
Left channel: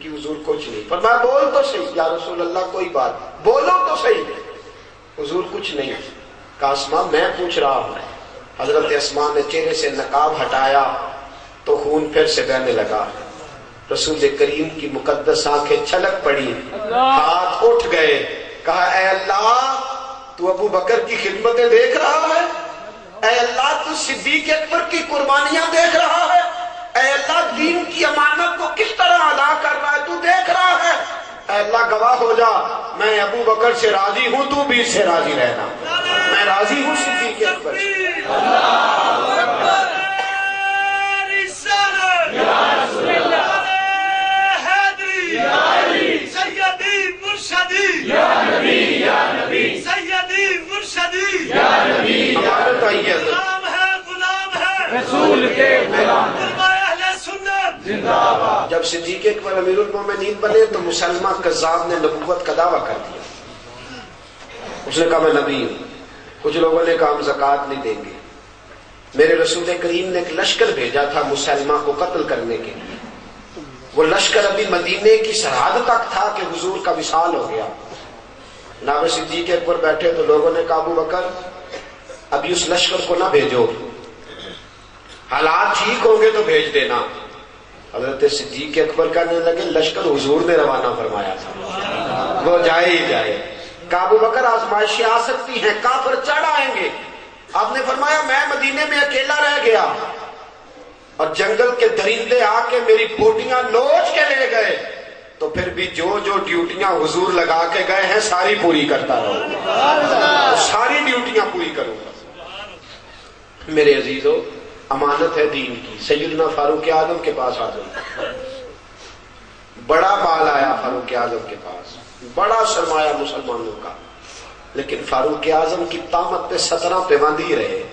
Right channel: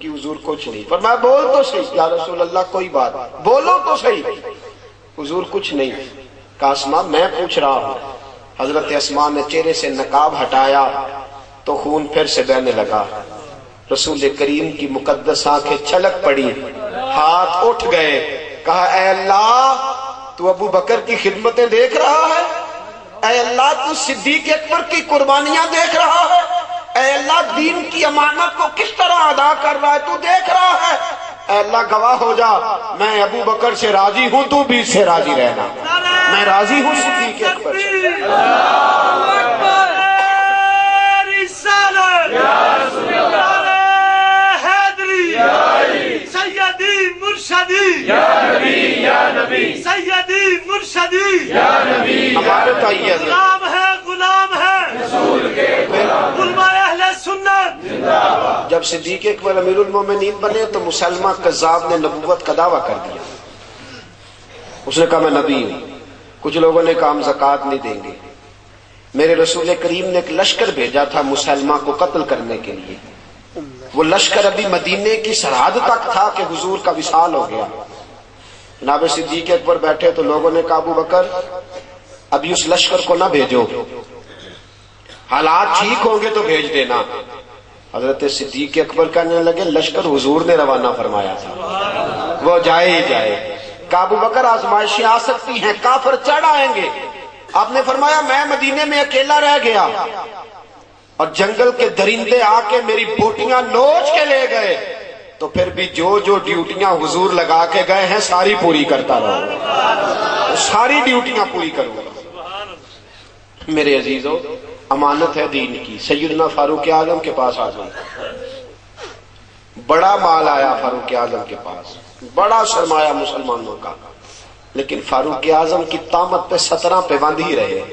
کہ حضور کچھ نہیں. فرمایا بول تو صحیح یا رسول اللہ, کوئی بات بولو تو صحیح. حضور کچھ نہیں. کہا اسماء میں پوچھ رہا ہوں. حضرت اسماء نے چہرے سے نقاب ہٹایا تو خون پھر سے بہنے لگا. رسول کریم کی مقدس آنکھیں چھلک پڑی, ہاتھ اٹھ گئے. کہا اے اللہ تو ابو بکر کی خدمتیں دیکھ رہا ہے, اے اللہ تو صدیق اکبر کی قربانیاں دیکھ رہا ہے, اے اللہ دین کی امانت کو کس طرح ادا کر رہا ہے تو دیکھ رہا ہے. اے اللہ گواہ ہو جا, میں ابو بکر سے راضی ہوں, تو بھی اس سے راضی رہنا. میں راضی ہوں صدیق اکبر سے. جب صدیق اکبر امیر المومنین بنے تو مسلمہ کذاب نے نبوت کا دعویٰ کر دیا. اس نے کہا میں نبی ہوں. کچھ لوگوں نے کہا ہم زکوٰۃ نہیں دیں گے. میرے رسول کریم نے ایک لشکر بھیجا تھا مسلمہ کو قتل کرنے کے لیے. وہ لشکر ابھی مدینے کی سرحد تک تھا کہ حضور کا وصال ہو گیا. جناب صدیق اکبر بیٹھے تو لوگوں نے کہا ابو بکر ابھی اس لشکر کو نہ بھیجو, حالات ٹھیک ہوں گے تو بھیج دینا. حضرت صدیق اکبر کہنے لگے لشکر حضور نے روانہ فرمایا تھا, وہ جائے ہی جائے. کہا ابو بکر آزمائشیں آ سکتی ہیں, کافر چڑھ آئیں گے. آپ نے فرمایا میں مدینے میں اکیلا رہ گیا اور جنگل کے درندے آ کے میری بوٹیاں نوچ کے لے گئے. تو پھر بھی جو جو ڈیوٹیاں حضور لگا کے گئے ہیں ساری پوری کرتا رہو، ساری ڈیوٹیاں پوری کرو۔ میرے عزیزو، امانت ہے دین کی۔ سیدنا فاروق اعظم کے پاس آ جائے، بڑا مال آیا فاروق اعظم کے پاس، بڑا سرمایہ مسلمانوں کا، لیکن فاروق اعظم کی طامت پہ 17 پہ باندھی رہے۔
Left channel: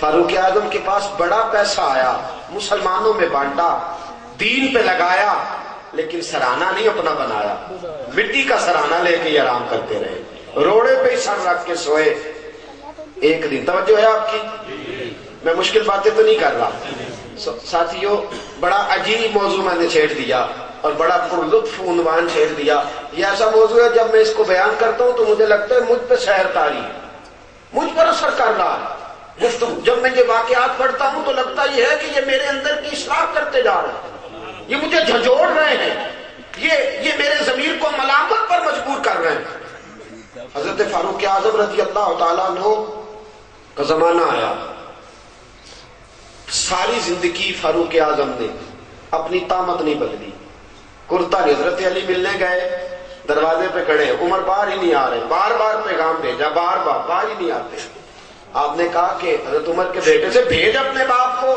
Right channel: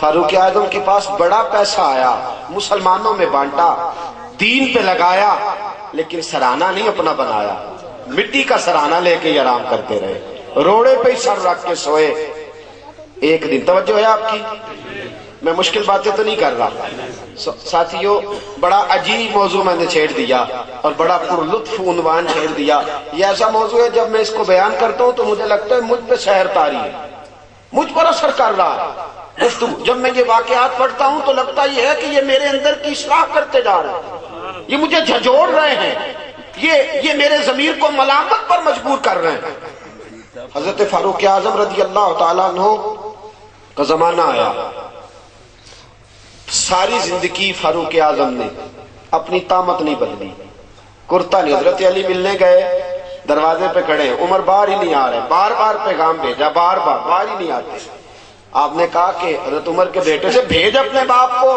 فاروق اعظم کے پاس بڑا پیسہ آیا، مسلمانوں میں بانٹا، دین پہ لگایا، لیکن سرانہ نہیں اپنا بنایا، مٹی کا سرانہ لے کے آرام کرتے رہے، روڑے پہ ہی سر رکھ کے سوئے۔ ایک دن، توجہ ہے آپ کی، میں مشکل باتیں تو نہیں کر رہا ساتھیوں، بڑا عجیب موضوع میں نے چھیڑ دیا اور بڑا پر لطف عنوان چھیڑ دیا۔ یہ ایسا موضوع ہے جب میں اس کو بیان کرتا ہوں تو مجھے لگتا ہے مجھ پہ سحر طاری ہے، مجھ پر اثر کر رہا ہے۔ جب میں یہ واقعات پڑھتا ہوں تو لگتا یہ ہے کہ یہ میرے اندر کی اصلاح کرتے جا رہے ہیں، یہ مجھے جھنجھوڑ رہے ہیں، یہ میرے ضمیر کو ملامت پر مجبور کر رہے ہیں۔ حضرت فاروق اعظم رضی اللہ تعالیٰ عنہ کا زمانہ آیا، ساری زندگی فاروق اعظم نے اپنی طامت نہیں بدلی، کرتا نہیں۔ حضرت علی ملنے گئے، دروازے پہ کھڑے، عمر باہر ہی نہیں آ رہے، بار بار پیغام بھیجا، بار بار باہر ہی نہیں آتے۔ آپ نے کہا کہ حضرت عمر کے بیٹے سے بھیج اپنے باپ کو،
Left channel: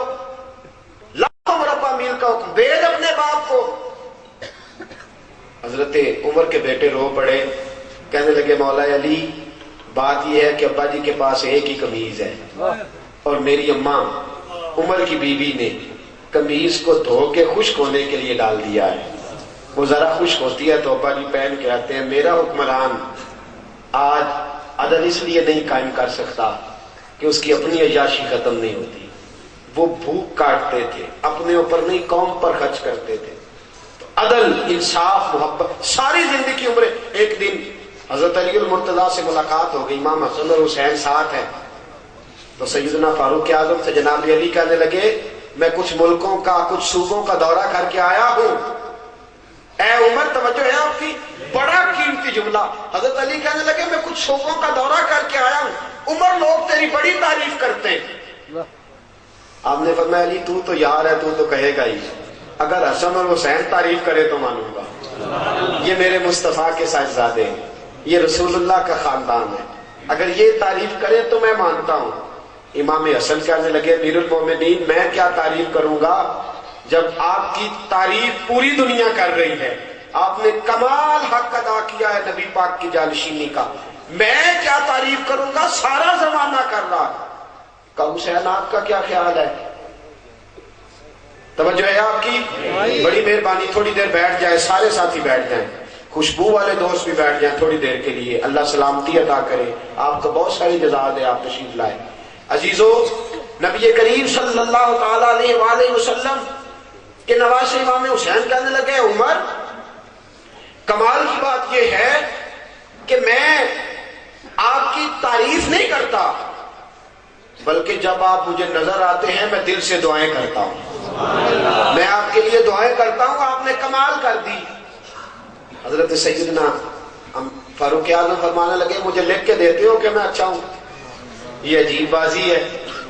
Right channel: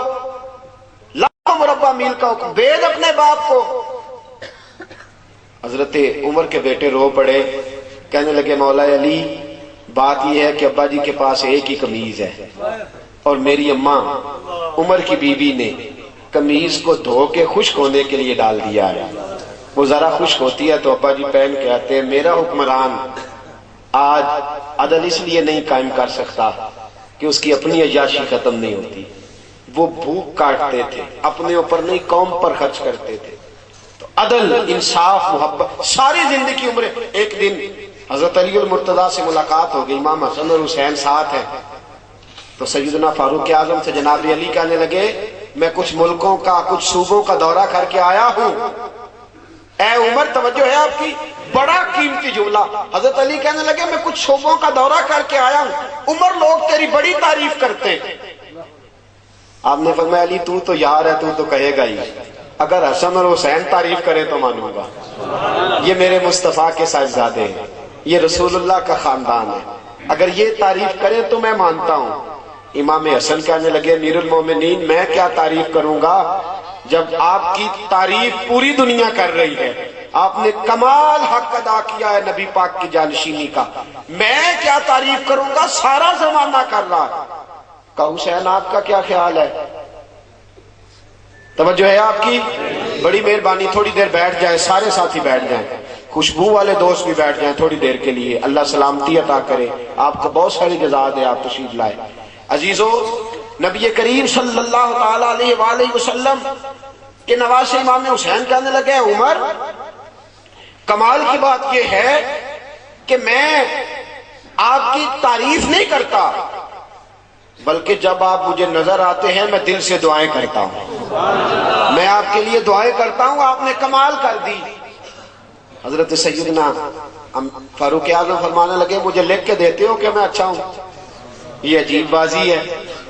لاکھوں مربع میل کا حکم، بھیج اپنے باپ کو۔ حضرت عمر کے بیٹے رو پڑے، کہنے لگے مولا علی بات یہ ہے کہ ابا جی کے پاس ایک ہی قمیض ہے اور میری اماں عمر کی بیوی نے قمیض کو دھو کے خشک ہونے کے لیے ڈال دیا ہے، وہ ذرا خشک ہوتی ہے تو ابا جی پہن کے آتے ہیں۔ میرا حکمران آج عدل اس لیے نہیں قائم کر سکتا کہ اس کی اپنی عیاشی ختم نہیں ہوتی، وہ بھوک کاٹتے تھے، اپنے اوپر نہیں قوم پر خرچ کرتے تھے۔ تو عدل، انصاف، محبت، ساری زندگی عمر۔ ایک دن حضرت علی المرتضیٰ سے ملاقات ہو گئی، امام حسن اور حسین ساتھ ہیں، تو سیدنا فاروق اعظم سے جناب علی کہنے لگے میں کچھ ملکوں کا، کچھ صوبوں کا دورہ کر کے آیا ہوں۔ اے عمر، توجہ ہے آپ کی، بڑا قیمتی جملہ۔ حضرت علی کہنے لگے میں کچھ صوبوں کا دورہ کر کے آیا ہوں، عمر لوگ تیری بڑی تعریف کرتے ہیں۔ آپ نے فرمایا علی تو یار ہے، تو کہے گا ہی، اگر حسن اور حسین تعریف کرے تو مانوں گا، یہ میرے مصطفیٰ کے صاحبزادے ہیں، یہ رسول اللہ کا خاندان ہے، اگر یہ تعریف کرے تو میں مانتا ہوں۔ امام حسن کہنے لگے امیر المومنین میں کیا تعریف کروں گا جب آپ کی تعریف پوری دنیا کر رہی ہے، آپ نے کمال حق ادا کیا ہے نبی پاک کی جانشینی کا، میں کیا تعریف کروں گا، سارا زمانہ کر رہا ہے۔ کہا حسین آپ کا کیا خیال ہے؟ توجہ ہے آپ کی، بڑی مہربانی، تھوڑی دیر بیٹھ جائے، سارے ساتھی بیٹھ جائیں، خوشبو والے دوست بھی بیٹھ جائیں تھوڑی دیر کے لیے، اللہ سلامتی عطا کرے، آپ کو بہت ساری مزاج ہے، آپ تشریف لائے۔ عزیزو، نبی کریم صلی اللہ تعالیٰ علیہ وآلہ وسلم کے نواسے امام حسین کہنے لگے عمر کمال کی بات یہ ہے کہ میں آپ کی تعریف نہیں کرتا، بلکہ جب آپ مجھے نظر آتے ہیں میں دل سے دعائیں کرتا ہوں، میں آپ کے لیے دعائیں کرتا ہوں، آپ نے کمال کر دی۔ حضرت سیدنا فاروق اعظم فرمانے لگے مجھے لکھ کے دیتے ہو کہ میں اچھا ہوں؟ یہ عجیب بازی ہے،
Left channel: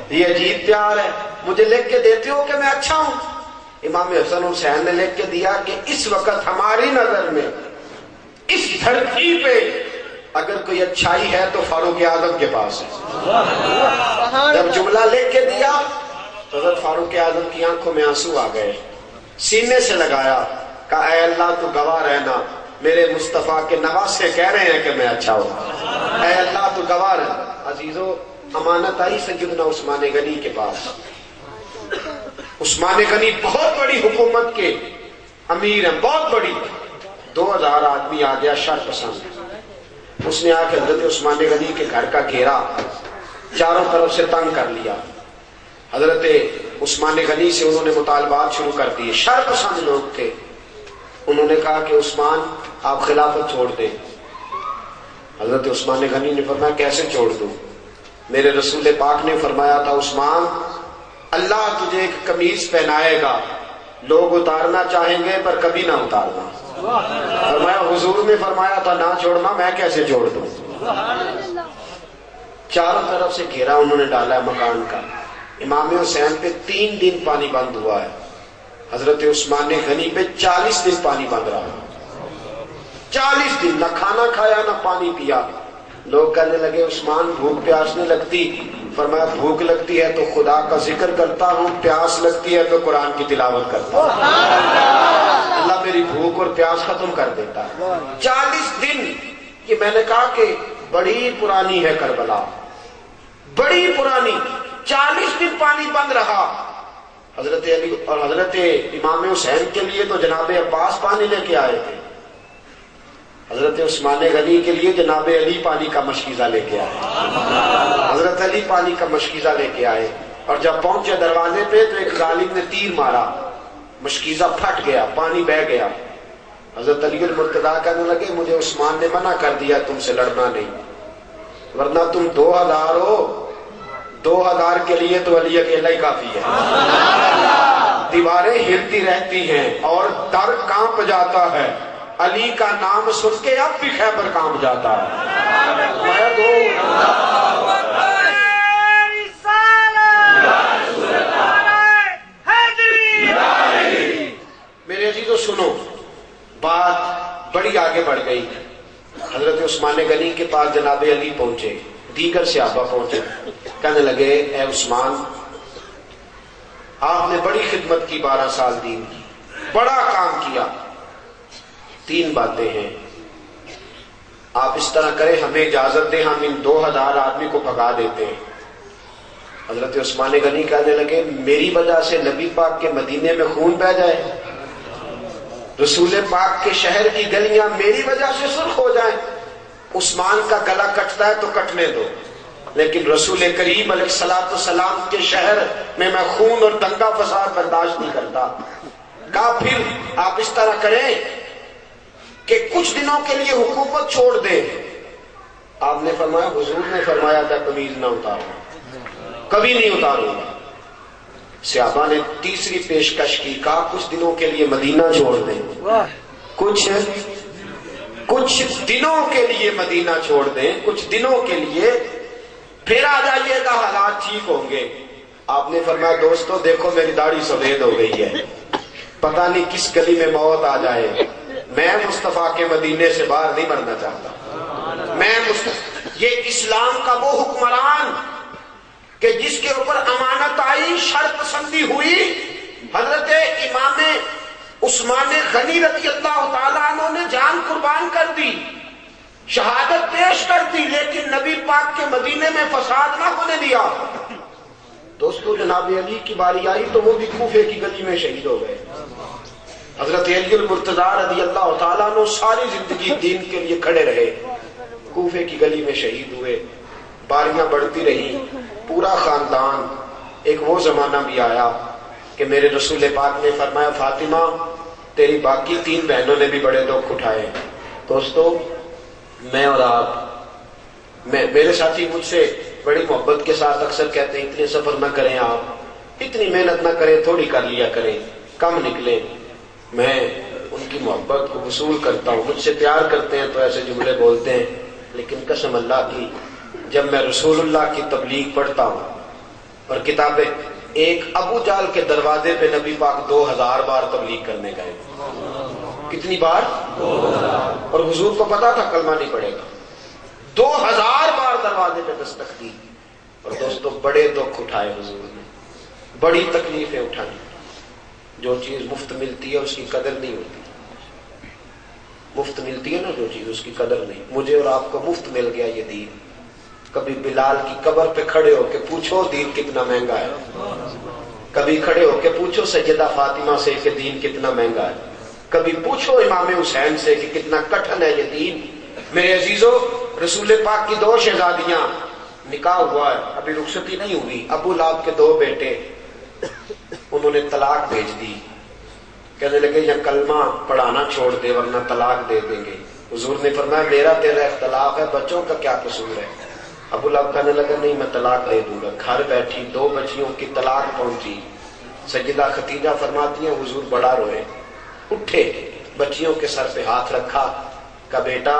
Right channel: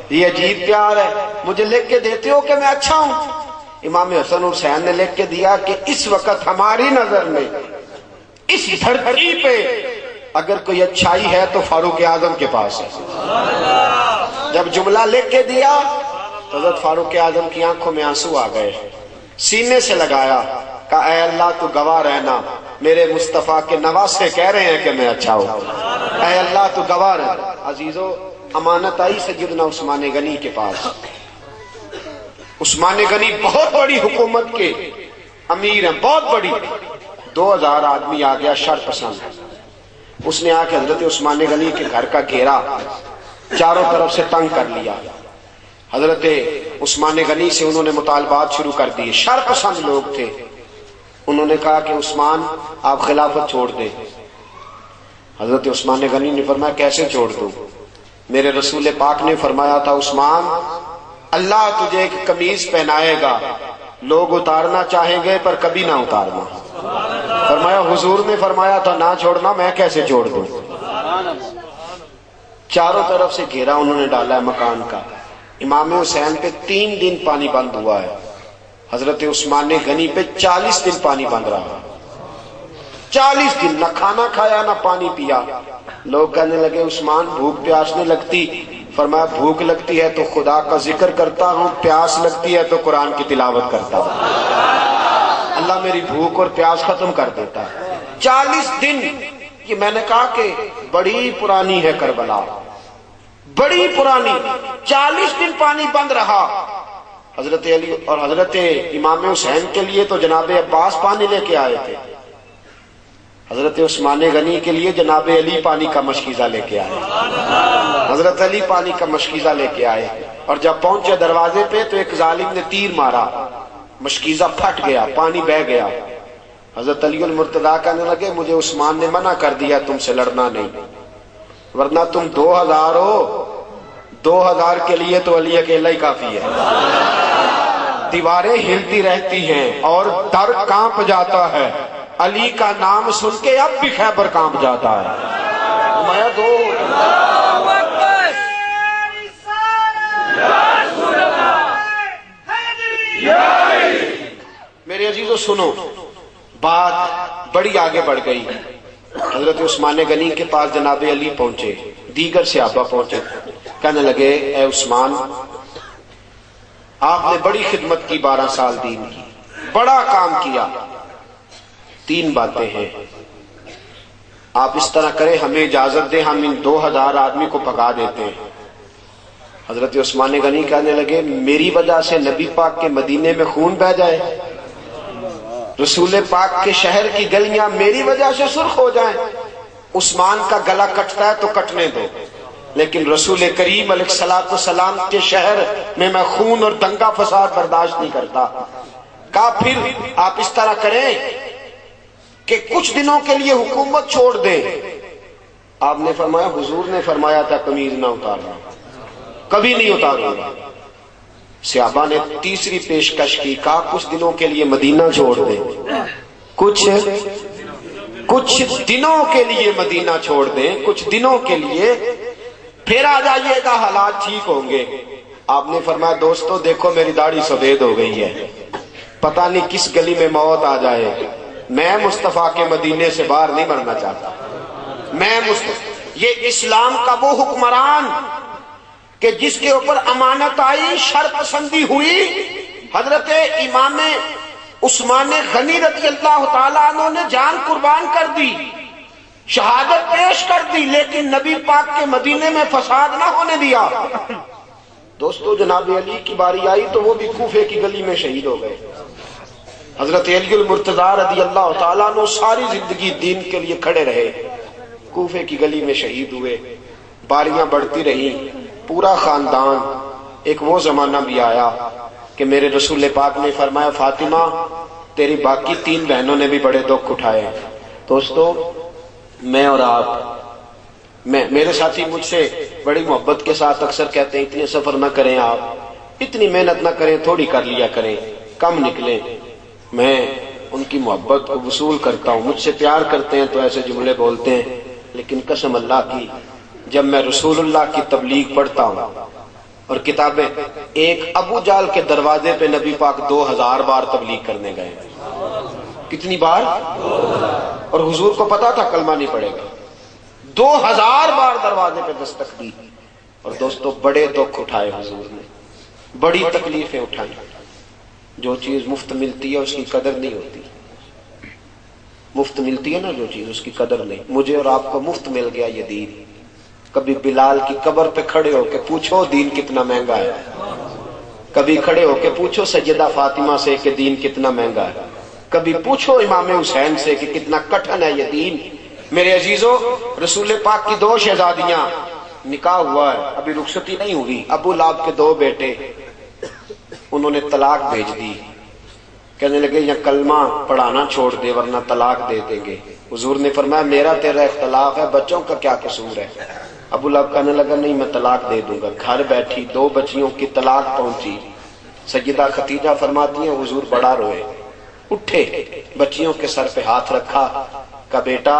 یہ عجیب پیار ہے، مجھے لکھ کے دیتے ہو کہ میں اچھا ہوں؟ امام حسن حسین نے لکھ کے دیا کہ اس وقت ہماری نظر میں اس دھرتی پہ اگر کوئی اچھائی ہے تو فاروق اعظم کے پاس ہے۔ جب جملہ لکھ کے دیا حضرت فاروق اعظم کی آنکھوں میں آنسو آ گئے، سینے سے لگایا، کہا اے اللہ تو گواہ رہنا، میرے مصطفیٰ کے نواسے کہہ رہے ہیں کہ میں اچھا ہوں، اے اللہ تو گواہ رہنا۔ عزیزو، امانت آئی سیدنا عثمان غنی کے پاس۔ عثمان غنی بہت بڑی حکومت کے امیر ہیں، بہت بڑی، 2000 آدمی آ گیا شر پسند، اس نے آ کے حضرت عثمان غنی کے گھر کا گھیرا چاروں طرف سے تنگ کر لیا۔ حضرت عثمان غنی سے انہوں نے مطالبات شروع کر دیے، شر پسند لوگ تھے، انہوں نے کہا کہ عثمان آپ خلافت چھوڑ دیں۔ حضرت عثمان غنی نے فرمایا کیسے چھوڑ دوں، میرے رسول پاک نے فرمایا تھا عثمان اللہ تجھے ایک قمیض پہنائے گا، لوگ اتارنا چاہیں گے پر کبھی نہ اتارنا، فرمایا حضور نے فرمایا تھا نہ چھوڑنا، میں کیسے چھوڑ دوں۔ چاروں طرف سے گھیرا انہوں نے ڈالا ہے مکان کا۔ امام حسین پہ 3 دن پانی بند ہوا ہے، حضرت عثمان غنی پہ 40 دن پانی بند رہا، 40 دن، نہ کھانا کھایا نہ پانی پیا۔ لوگ کہنے لگے عثمان بھوک پیاس نہیں لگتی؟ فرمایا بھوک لگتی ہے تو خدا کا ذکر کرتا ہوں، پیاس لگتی ہے تو قرآن کی تلاوت کرتا ہوں، اللہ میری بھوک اور پیاس ختم کر دیتا ہے۔ 40 دن کہ میں نے کہا کہ بڑی پرانی ہے کربلا، بڑی پرانی، 40 دن پانی بند رہا۔ حضرت علی اور حضرت امام حسین کے لیے تو جناب عباس پانی لے کے آئے تھے، حضرت عثمان غنی کے لیے جناب علی پانی کا مشکیزہ لے کے آئے، حضرت علی پانی کا مشکیزہ لے کے آئے، اور جب پہنچے دروازے پہ تو ایک ظالم نے تیر مارا، مشکیزہ پھٹ گیا، پانی بہہ گیا۔ حضرت علی المرتضیٰ کہنے لگے مجھے عثمان نے منع کر دیا تم سے لڑنا نہیں، ورنہ تم 2000 ہو، 2000 کے لیے تو علی اکیلا ہی کافی ہے۔ دیواریں ہلتی رہتی ہیں اور در کانپ جاتا ہے، علی کا نام سن کے اب بھی خیبر کانپ جاتا ہے۔ میں تو میرے عزیزو سنو، بات بڑی آگے بڑھ گئی۔ حضرت عثمان غنی کے پاس جناب علی پہنچے، دیگر صحابہ پہنچے، کہنے لگے اے عثمان آپ نے بڑی خدمت کی، 12 سال دین کی، بڑا کام کیا، 3 باتیں ہیں، آپ اس طرح کریں ہمیں اجازت دیں ہم ان 2000 آدمی کو بھگا دیتے ہیں۔ حضرت عثمان غنی کہنے لگے میری وجہ سے نبی پاک کے مدینے میں خون بہہ جائے، رسول پاک کے شہر کی گلیاں میری وجہ سے سرخ ہو جائیں؟ عثمان کا گلا کٹتا ہے تو کٹنے دو، لیکن رسول کریم علیہ الصلوۃ والسلام کے شہر میں خون اور دنگا فساد برداشت نہیں کرتا۔ کہا پھر آپ اس طرح کریں کہ کچھ دنوں کے لیے حکومت چھوڑ دیں۔ آپ نے فرمایا حضور نے فرمایا تھا قمیض نہ اتارنا، کبھی نہیں اتاروں گا۔ صحابہ نے تیسری پیشکش کی، کہا کچھ دنوں کے لیے مدینہ چھوڑ دیں، کچھ دنوں کے لیے مدینہ چھوڑ دیں، کچھ دنوں کے لیے، پھر آ جائیے گا حالات ٹھیک ہوں گے۔ آپ نے فرمایا دوستو دیکھو میری داڑھی سفید ہو گئی ہے، پتہ نہیں کس گلی میں موت آ جائے، میں مصطفیٰ کے مدینے سے باہر نہیں مرنا چاہتا۔ یہ اسلام کا وہ حکمران کہ جس کے اوپر امانت آئی، شر پسندی ہوئی، حضرت امام عثمان غنی رضی اللہ تعالیٰ عنہ نے جان قربان کر دی، شہادت پیش کر دی، لیکن نبی پاک کے مدینے میں فساد نہ ہونے دیا۔ دوستو جناب علی کی باری آئی تو وہ بھی کوفے کی گلی میں شہید ہو گئے۔ حضرت علی المرتضیٰ رضی اللہ تعالیٰ عنہ ساری زندگی دین کے لیے کھڑے رہے، کوفے کی گلی میں شہید ہوئے، باریاں بڑھتی رہی، پورا خاندان۔ ایک وہ زمانہ بھی آیا کہ میرے رسول پاک نے فرمایا فاطمہ تیری باقی 3 بہنوں نے بھی بڑے دکھ اٹھائے ہیں۔ دوستو میں اور آپ، میرے ساتھی مجھ سے بڑی محبت کے ساتھ اکثر کہتے ہیں اتنے سفر نہ کریں، آپ اتنی محنت نہ کریں، تھوڑی کر لیا کریں، کم نکلیں۔ میں ان کی محبت کو وصول کرتا ہوں، مجھ سے پیار کرتے ہیں تو ایسے جملے بولتے ہیں، لیکن قسم اللہ کی جب میں رسول اللہ کی تبلیغ پڑھتا ہوں اور کتابیں، ایک ابو جہل کے دروازے پہ نبی پاک 2000 بار تبلیغ کرنے گئے، کتنی بار؟ اور حضور کو پتا تھا کلمہ نہیں پڑے گا، 2000 بار دروازے پہ دستک دی۔ اور دوستو بڑے دکھ اٹھائے حضور نے، بڑی تکلیفیں اٹھائیں۔ جو چیز مفت ملتی ہے اس کی قدر نہیں ہوتی، مفت ملتی ہے نا جو چیز اس کی قدر نہیں۔ مجھے اور آپ کو مفت مل گیا یہ دین۔ کبھی بلال کی قبر پہ کھڑے ہو کے پوچھو دین کتنا مہنگا ہے، کبھی کھڑے ہو کے پوچھو سیدہ فاطمہ سے کہ دین کتنا مہنگا ہے، کبھی پوچھو امام حسین سے کہ کتنا کٹھن ہے یہ دین۔ میرے عزیزو رسول پاک کی 2 شہزادیاں، نکاح ہوا ہے، ابھی رخصتی نہیں ہوئی، ابو لہب کے 2 بیٹے، انہوں نے طلاق بھیج دی، کہنے لگے یا کلمہ پڑھانا چھوڑ دے ورنہ طلاق دے دیں گے۔ حضور نے فرمایا میرا تیرا اختلاف ہے، بچوں کا کیا قصور ہے؟ ابو لہب کہنے لگا نہیں میں طلاق دے دوں گا۔ گھر بیٹھی 2 بچیوں کی طلاق پہنچی، سیدہ ختیجہ فرماتی ہیں حضور بڑا روئے، اٹھے، بچیوں کے سر پہ ہاتھ رکھا، کہا بیٹا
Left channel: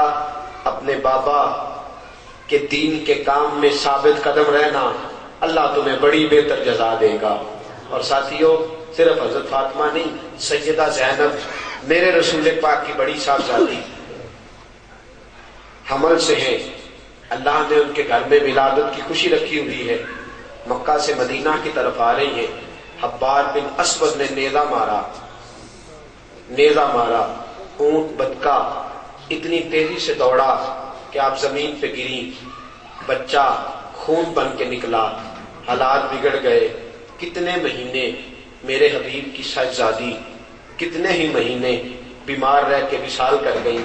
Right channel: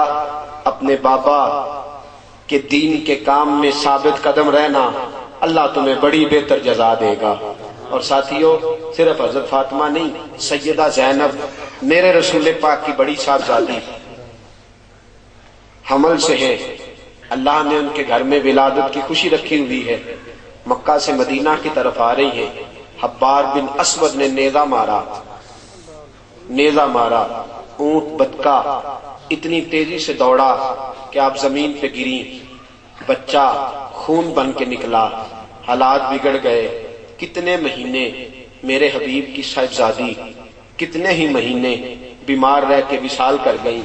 اپنے بابا کے دین کے کام میں ثابت قدم رہنا، اللہ تمہیں بڑی بہتر جزا دے گا۔ اور ساتھیوں صرف حضرت فاطمہ نہیں، سیدہ زینب میرے رسول پاک کی بڑی صاحبزادی حمل سے ہیں، اللہ نے ان کے گھر میں ولادت کی خوشی رکھی ہوئی ہے، مکہ سے مدینہ کی طرف آ رہی ہیں، حبار بن اسود نے نیزہ مارا، اونٹ بدکا اتنی تیزی سے دوڑا کہ آپ زمین پہ گری، بچہ خون بن کے نکلا، حالات بگڑ گئے، کتنے مہینے میرے حبیب کی صاحبزادی کتنے ہی مہینے بیمار رہ کے وصال کر گئی،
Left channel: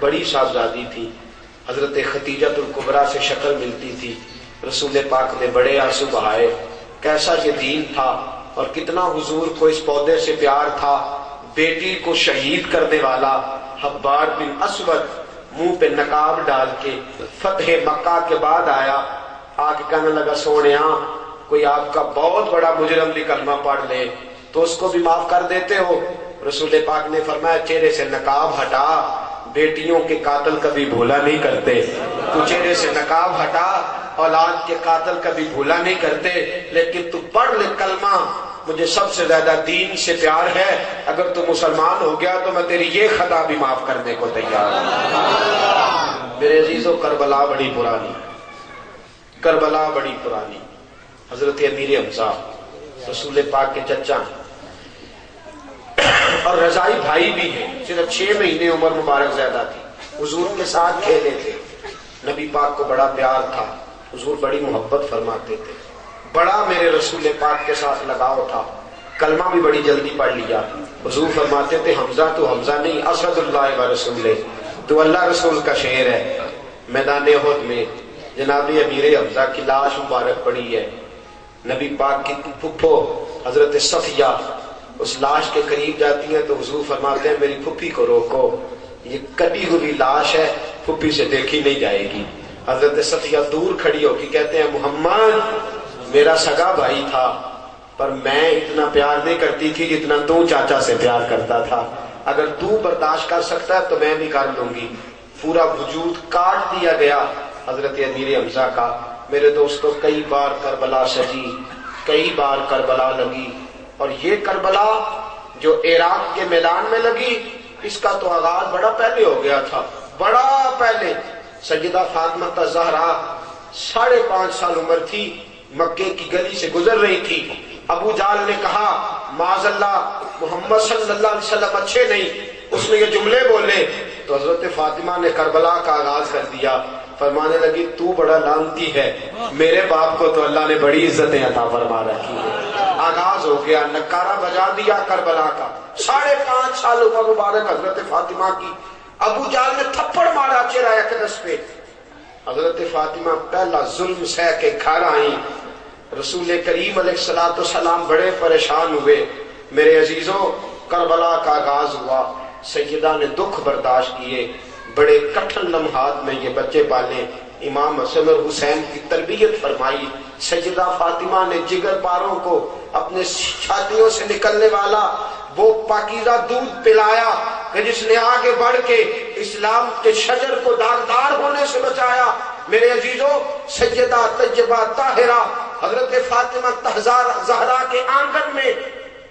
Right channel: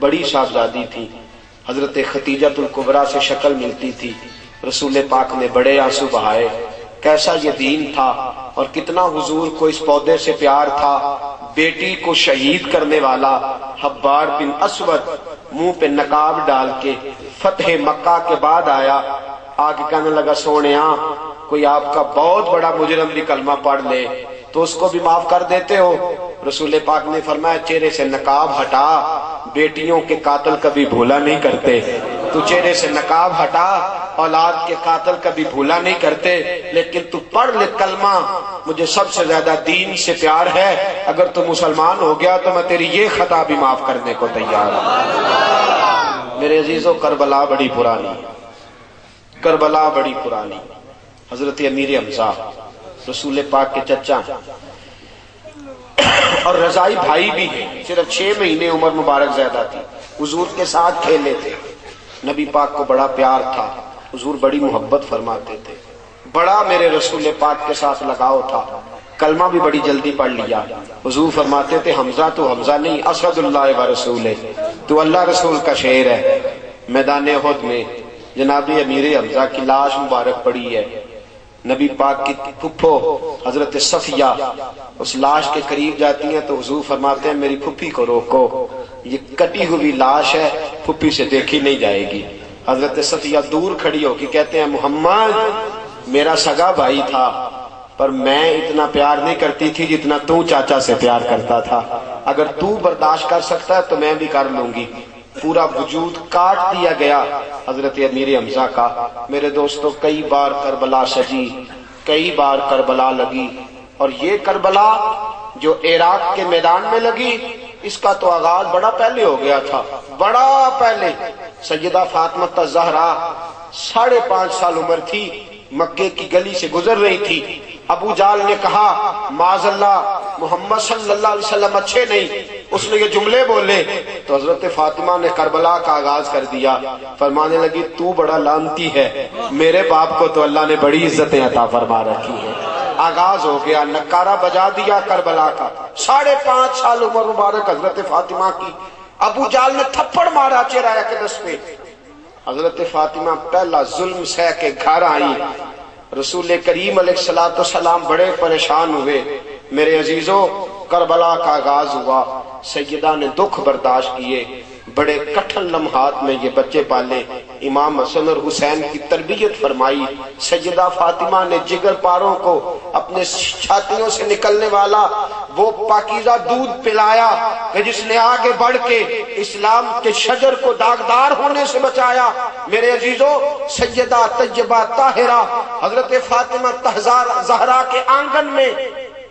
بڑی صاحبزادی تھی، حضرت خدیجۃ الکبریٰ سے شکل ملتی تھی، رسول پاک نے بڑے آنسو بہائے، کیسا یہ دین تھا اور کتنا حضور کو اس پودے سے پیار تھا، بیٹی کو شہید کرنے والا حبار بن اسود منہ پہ نقاب ڈال کے فتح مکہ کے بعد آیا، آگے کہنے لگا سونیا کوئی آپ کا بہت بڑا مجرم بھی کلمہ پڑھ لے تو اس کو بھی معاف کر دیتے ہو؟ رسول پاک نے فرمایا چہرے سے نقاب ہٹا، بیٹیوں کے قاتل کبھی بھولا نہیں کرتے، تو چہرے سے نقاب ہٹا، اولاد کے قاتل کبھی بھولا نہیں کرتے، لیکن تو پڑھ لے کلمہ، مجھے سب سے زیادہ دین سے پیار ہے، اگر تو مسلمان ہو گیا تو میں تیری یہ خطا بھی معاف کرنے کو تیار ہوں۔ میرے عزیزو کربلا بڑی پرانی، کربلا بڑی پرانی، حضرت امیر حمزہ رسول پاک کے چچا اور رضائی بھائی بھی ہیں، صرف 6 مہینے عمر مبارک زیادہ تھی، حضور کے ساتھ کھیلے تھے، نبی پاک کو بڑا پیار تھا، حضور بڑی محبت فرماتے تھے، بڑا میرے رسول پاک کے ساتھ لگاؤ تھا، کلمہ بھی بڑی جلدی پڑھ لیا، حضور فرماتے تھے حمزہ تو حمزہ نہیں اسد اللہ و رسول، تو اللہ رسول کا شعر ہے۔ میدان احد میں جناب امیر حمزہ کی لاش مبارک پڑی ہے، نبی پاک کی پھپھو حضرت صفیہ اس لاش کے قریب جاتی ہیں تو حضور فرماتے ہیں میری پھپھی کو روکو، یہ کٹی ہوئی لاش ہے، پھپھی سے دیکھی نہیں جائے گی۔ حضرت صفیہ دور کھڑی ہو کے کہتے ہیں محمد میرا سگا بھائی تھا پر میں اتنا پیار نہیں کرتی تھی جتنا تو چاچا سے پیار کرتا تھا، اگر تو برداشت کر سکتا ہے تو میں بھی کر لوں گی۔ پورا وجود کاٹ دیا گیا حضرت امیر حمزہ کا۔ میرے دوستوں کئی بار کربلا سجی، کئی بار کربلا لگی، اور یہ کربلا جو عراق کے میدان میں لگی اس کا تو آغاز بڑا پہلے ہو گیا تھا، بڑا پہلے۔ سیدہ فاطمہ الزہرا 5.5 سال عمر تھی، مکے کی گلی سے گزر رہی تھی، ابو جہل نے کہا معاذ اللہ محمد صلی اللہ علیہ وسلم اچھے نہیں، اس نے یہ جملے بولے تو حضرت فاطمہ نے کربلا کا آغاز کر دیا، فرمانے لگی تو بڑا لعنتی ہے، میرے باپ کو تو اللہ نے بڑی عزتیں عطا فرما رکھی ہے۔ آغاز ہو گیا، نکارہ بجا دیا کربلا کا۔ 5.5 سال عمر مبارک حضرت فاطمہ کی، ابو جہل نے تھپڑ مارا چہرہ اقدس پہ، حضرت فاطمہ پہلا ظلم سہ کے گھر آئیں، رسول کریم علیہ السلام بڑے پریشان ہوئے۔ میرے عزیزوں کربلا کا آغاز ہوا، سیدہ نے دکھ برداشت کیے، بڑے کٹھن لمحات میں یہ بچے پالے، امام حسن اور حسین کی تربیت فرمائی۔ سیدہ فاطمہ نے جگر پاروں کو اپنے چھاتیوں سے نکلنے والا وہ پاکیزہ دودھ پلایا کہ جس نے آگے بڑھ کے اسلام کے شجر کو داغدار ہونے سے بچایا۔ میرے عزیزوں سیدہ طیبہ طاہرہ حضرت فاطمہ زہرا کے آنگن میں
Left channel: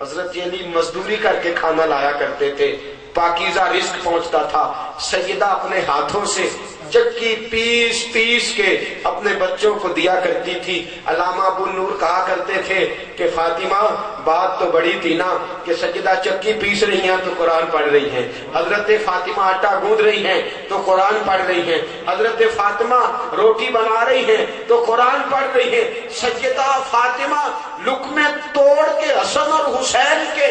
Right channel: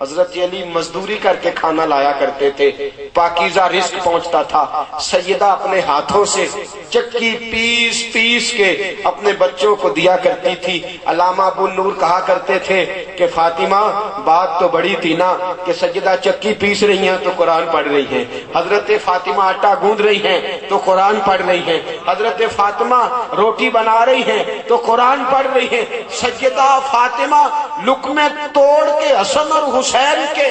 حضرت علی مزدوری کر کے کھانا لایا کرتے تھے، پاکیزہ رزق پہنچتا تھا، سیدہ اپنے ہاتھوں سے چکی پیس پیس کے اپنے بچوں کو دیا کرتی تھی۔ علامہ ابو نور کہا کرتے تھے کہ فاطمہ بات تو بڑی تھی نا کہ سیدہ چکی پیس رہی ہیں تو قرآن پڑھ رہی ہیں، حضرت فاطمہ آٹا گوندھ رہی ہیں تو قرآن پڑھ رہی ہیں، حضرت فاطمہ روٹی بنا رہی ہیں تو قرآن پڑھ رہی ہیں۔ سیدہ فاطمہ لقمے توڑ کے حسن اور حسین کے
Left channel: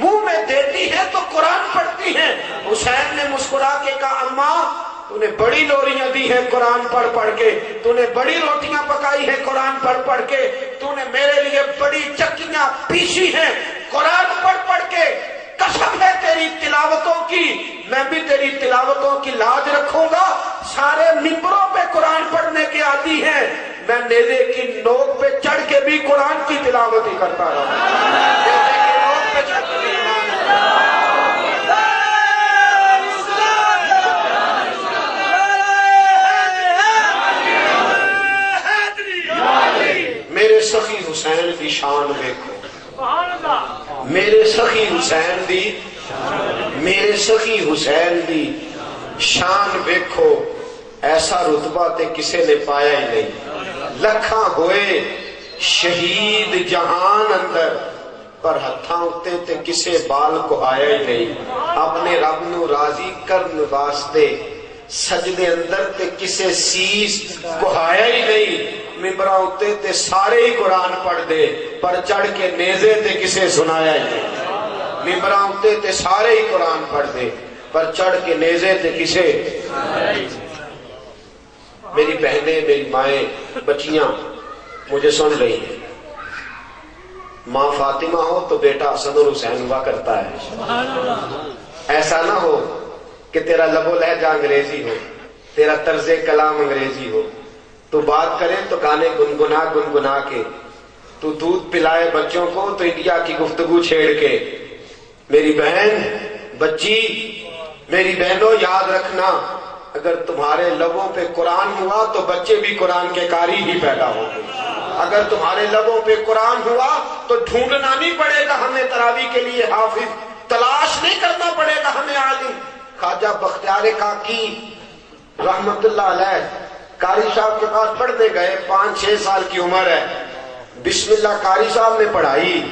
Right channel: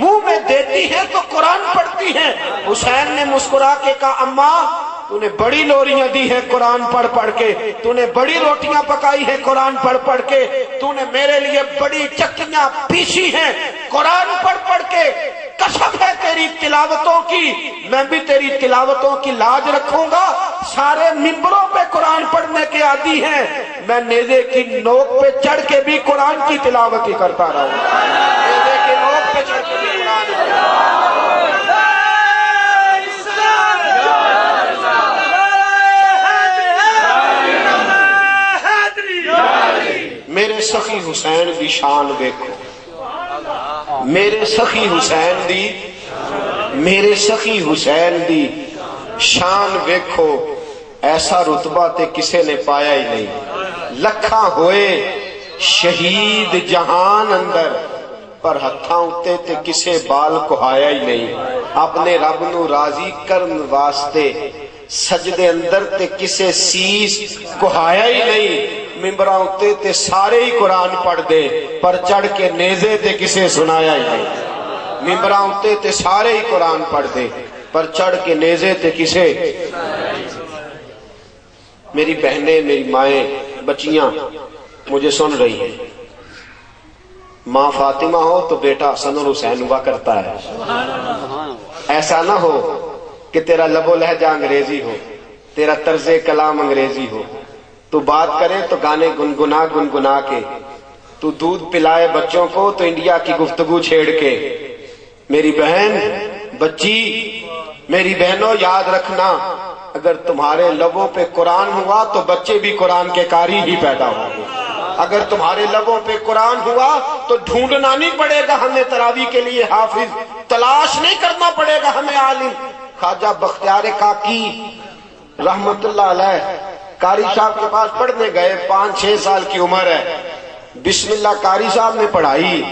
منہ میں دیتی ہے تو قرآن پڑھتی ہیں۔ حسین نے مسکرا کے کہا اماں تو نے بڑی لوریاں دی ہیں قرآن پڑھ پڑھ کے، تو نے بڑی روٹیاں پکائی ہیں قرآن پڑھ پڑھ کے، تو نے میرے لیے بڑی چکیاں پیسی ہیں قرآن پڑھ پڑھ کے، قسم ہے تیری تلاوتوں کی، میں بھی تیری تلاوتوں کی لاج رکھوں گا۔ سارے منبروں پہ قرآن پڑھنے کے عادی ہیں، میں نیزے کی نوک پہ چڑھ کے بھی قرآن کی تلاوت ہی کرتا رہا ہوں، نیزے کی نوک پہ چڑھ کے بھی میرے سخی حسین بھی شان دیکھو، میرے سخی حسین دی، میرے سخی حسین دی شان ویکھو، ایسا رتبہ تے کسے نے پایا ہی نہیں۔ لکھاں ہوئے شہید جہان اندر، پر ہتھاں اتے تے کسے بال کہایا ہی نہیں۔ اپنے رب نو راضی کرن واسطے سجدے اندر تے کسے سیس کہایا ہی نہیں۔ ممبراں اتے تے سارے ہی قرآن پڑھ دے، پر چڑھ کے نیزے تے کسے سنایا ہی نہیں۔ ممبراں اتے تے سارے ہی قرآن پڑھ دے، پر چڑھ کے نیزے تے کسے۔ میری بہنیں، میری مائیں، بچیاں مجھے سن رہی ہیں، ماں فاطمہ ہو تو بیٹا حسن اور حسین ہوا کرتا ہے۔ ایسا نہ ہو کہ تیرا لب و لہجہ انگریزی ہو، تیرا طرز کلام انگریزی ہو، تو بات کرے تو گانے گنگنا گنگنا کے، تو دودھ پلائے بچوں کو تو انڈیا کی گفتگو چھیڑ کے۔ میری بہن، بچی، میری بہنوں یاد رکھنا، اگر تمہارے لبوں پہ قرآن ہوا تو بچے بھی قرآن کے قاری ہی پیدا ہوں گے۔ اگر تمہارے لبوں پہ قرآن ہوا تو ڈھونڈنا نہیں پڑے گا ہمیں تراویح کے لیے حافظ، تلاش نہیں کرنا پڑے گا ہمیں عالم۔ خواجہ بختیار کاکی رحمت اللہ علیہ قاری صاحب کے پاس پڑھنے گئے، 5-6 سال کی عمر ہے، بسم اللہ قاری صاحب نے پڑھائی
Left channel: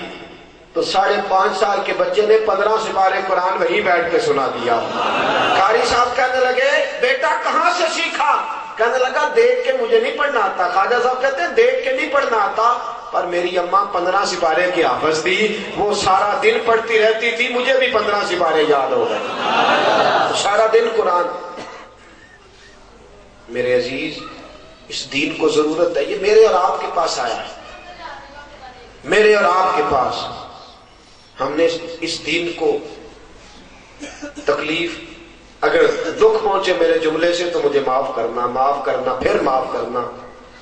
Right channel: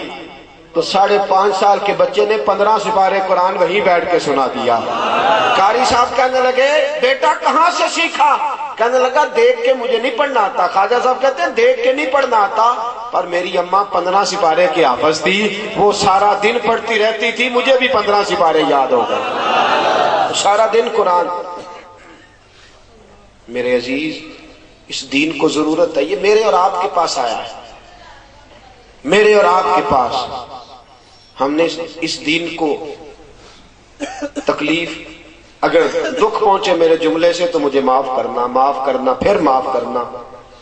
تو 5.5 سال کے بچے نے 15 سپارے قرآن وہی بیٹھ کے سنا دیا۔ قاری صاحب کہنے لگے بیٹا کہاں سے سیکھا؟ کہنے لگا دیکھ کے مجھے نہیں پڑھنا آتا۔ خواجہ صاحب کہتے ہیں دیکھ کے نہیں پڑھنا آتا، پر میری اماں 15 سپارے کی حافظ تھی، وہ سارا دن پڑھتی رہتی تھی، مجھے بھی 15 سپارے یاد ہو گئے، سارا دن قرآن۔ میرے عزیز، اس دین کو ضرورت ہے، یہ میرے اور آپ کے پاس آیا ہے، میرے اور آپ کے پاس۔ ہم نے اس دین کو تکلیف، اگر دکھ پہنچے میرے جملے سے تو مجھے معاف کرنا، معاف کرنا، پھر معاف کرنا۔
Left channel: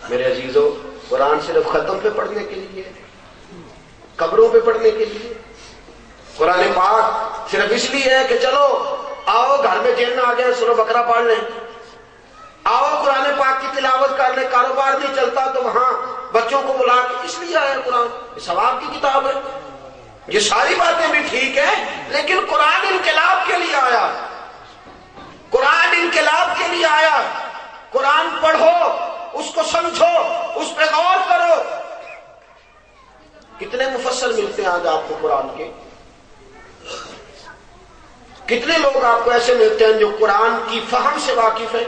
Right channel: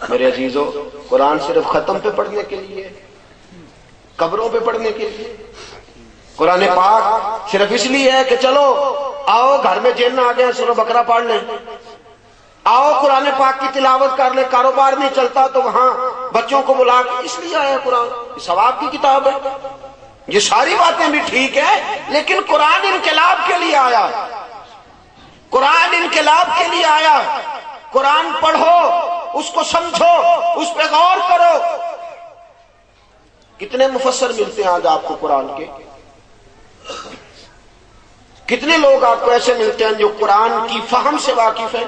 میرے عزیزو، قرآن صرف ختم پہ پڑھنے کے لیے، قبروں پہ پڑھنے کے لیے؟ قرآن پاک صرف اس لیے ہے کہ چلو آؤ گھر میں جن آ گیا سورہ بقرہ پڑھ لیں، آؤ قرآن پاک کی تلاوت کر لیں، کاروبار نہیں چلتا تو وہاں بچوں کو بلا کے، اس لیے آیا قرآن، یہ ثواب کی کتاب ہے۔ یہ ساری باتیں بھی ٹھیک ہے، لیکن قرآن انقلاب کے لیے آیا، قرآن انقلاب کے لیے آیا۔ قرآن پڑھو، اس کو سمجھو، اس پہ غور کرو۔ کتنے مفسر ملتے ہیں آج آپ کو قرآن کے؟ کتنے لوگ آپ کو ایسے ملتے ہیں جو قرآن کی فہم سے واقف ہیں،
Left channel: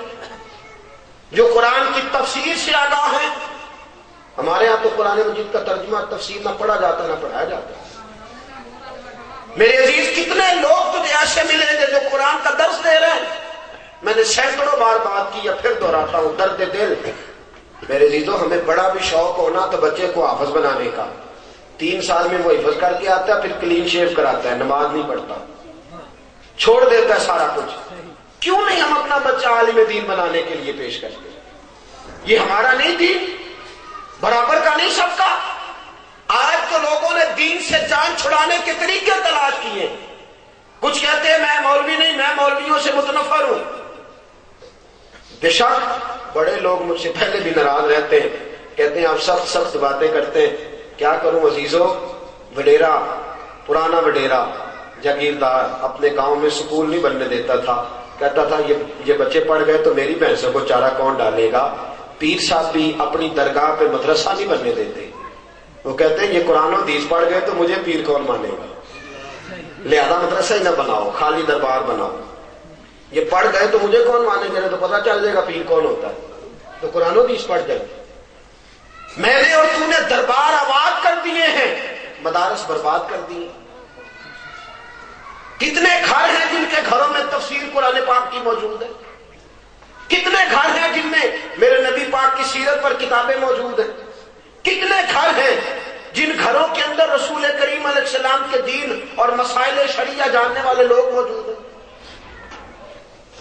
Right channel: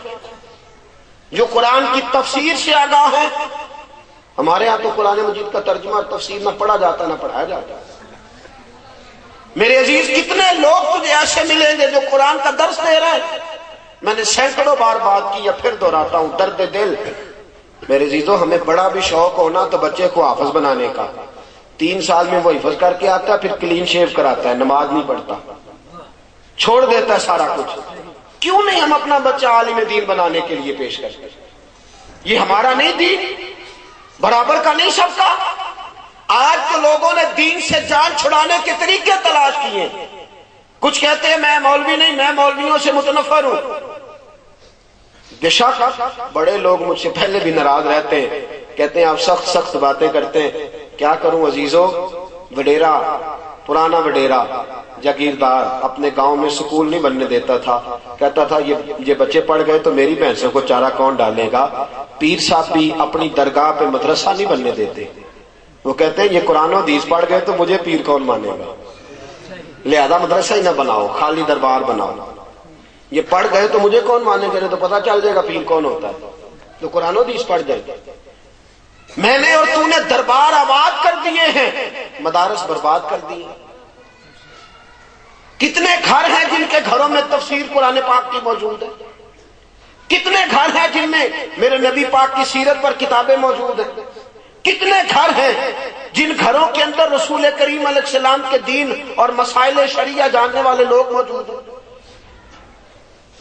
جو قرآن کی تفسیر سے آگاہ ہیں؟ ہمارے ہاں تو قرآن مجید کا ترجمہ تفسیر نہ پڑھا جاتا نہ پڑھایا جاتا۔ میرے عزیز، کتنے لوگ تجھے ایسے ملیں گے جو قرآن کا درس دے رہے ہیں؟ میں نے سینکڑوں بار بات کی، یا پھر دہراتا ہوں، درد دل۔ میرے عزیزوں، ہمیں بڑا بھی شوق ہونا تو بچے کو حافظ بنانے کا، 3 سال میں وہ حفظ کر کے آتا ہے، پھر کلین شیو کراتا ہے، نماز نہیں پڑھتا، چھوڑ دیتا ہے سارا کچھ۔ کیوں نہیں ہم اپنا بچہ عالم دین بنانے کے لیے پیش کرتے؟ یہ ہمارا نہیں دین، برابر کا نہیں سب کا؟ آج تو لوگوں نے دین سے جان چھڑانے کے طریقے تلاش کیے۔ کچھ کہتے ہیں میں مولوی نہیں، میں مولویوں سے متنفر ہوں۔ بے شک بڑے لوگ مجھ سے پہلے بھی ناراض رہتے ہیں، کہتے ہیں آپ سخت سخت باتیں کرتے ہیں۔ کیا کروں عزیزو، وڈیرا، پرانا وڈیرا جاگیردار اپنے گاؤں میں سکول نہیں بننے دیتا تھا، کہتا تھا یہ بچے پڑھ گئے تو میری بھینسوں کو چارہ کون ڈالے گا۔ پیر صاحب بھی اپنی درگاہ پہ مدرسہ نہیں بننے دیتے، وہ کہتے ہیں یہ قرآن و حدیث پڑھ گئے تو مجھے پیر کون مانے گا، لہذا مدرسہ ہی نہ بناؤ، خالی دربار بناؤ۔ یہ پڑھ گئے تو مجھے کون مانے گا، تو پتہ چل جائے گا پیر کون ہوتا ہے، تو قرآن و حدیث پڑھ گئے۔ میں نے اور تو نے دربار آباد کر دیے ہیں، مدارس برباد کر دیے۔ کتنے گھر ہیں جن کے گھروں میں تفسیر قرآن پاک کی موجود ہے؟ کتنے گھر ہیں جن میں میرے نبی پاک کی سیرت پر کتابیں موجود ہیں؟ کتنے گھر ہیں جن گھروں کے اندر رسول کریم علیہ السلام کے دین اور مسائل شریعہ جاننے والے لوگ موجود ہیں؟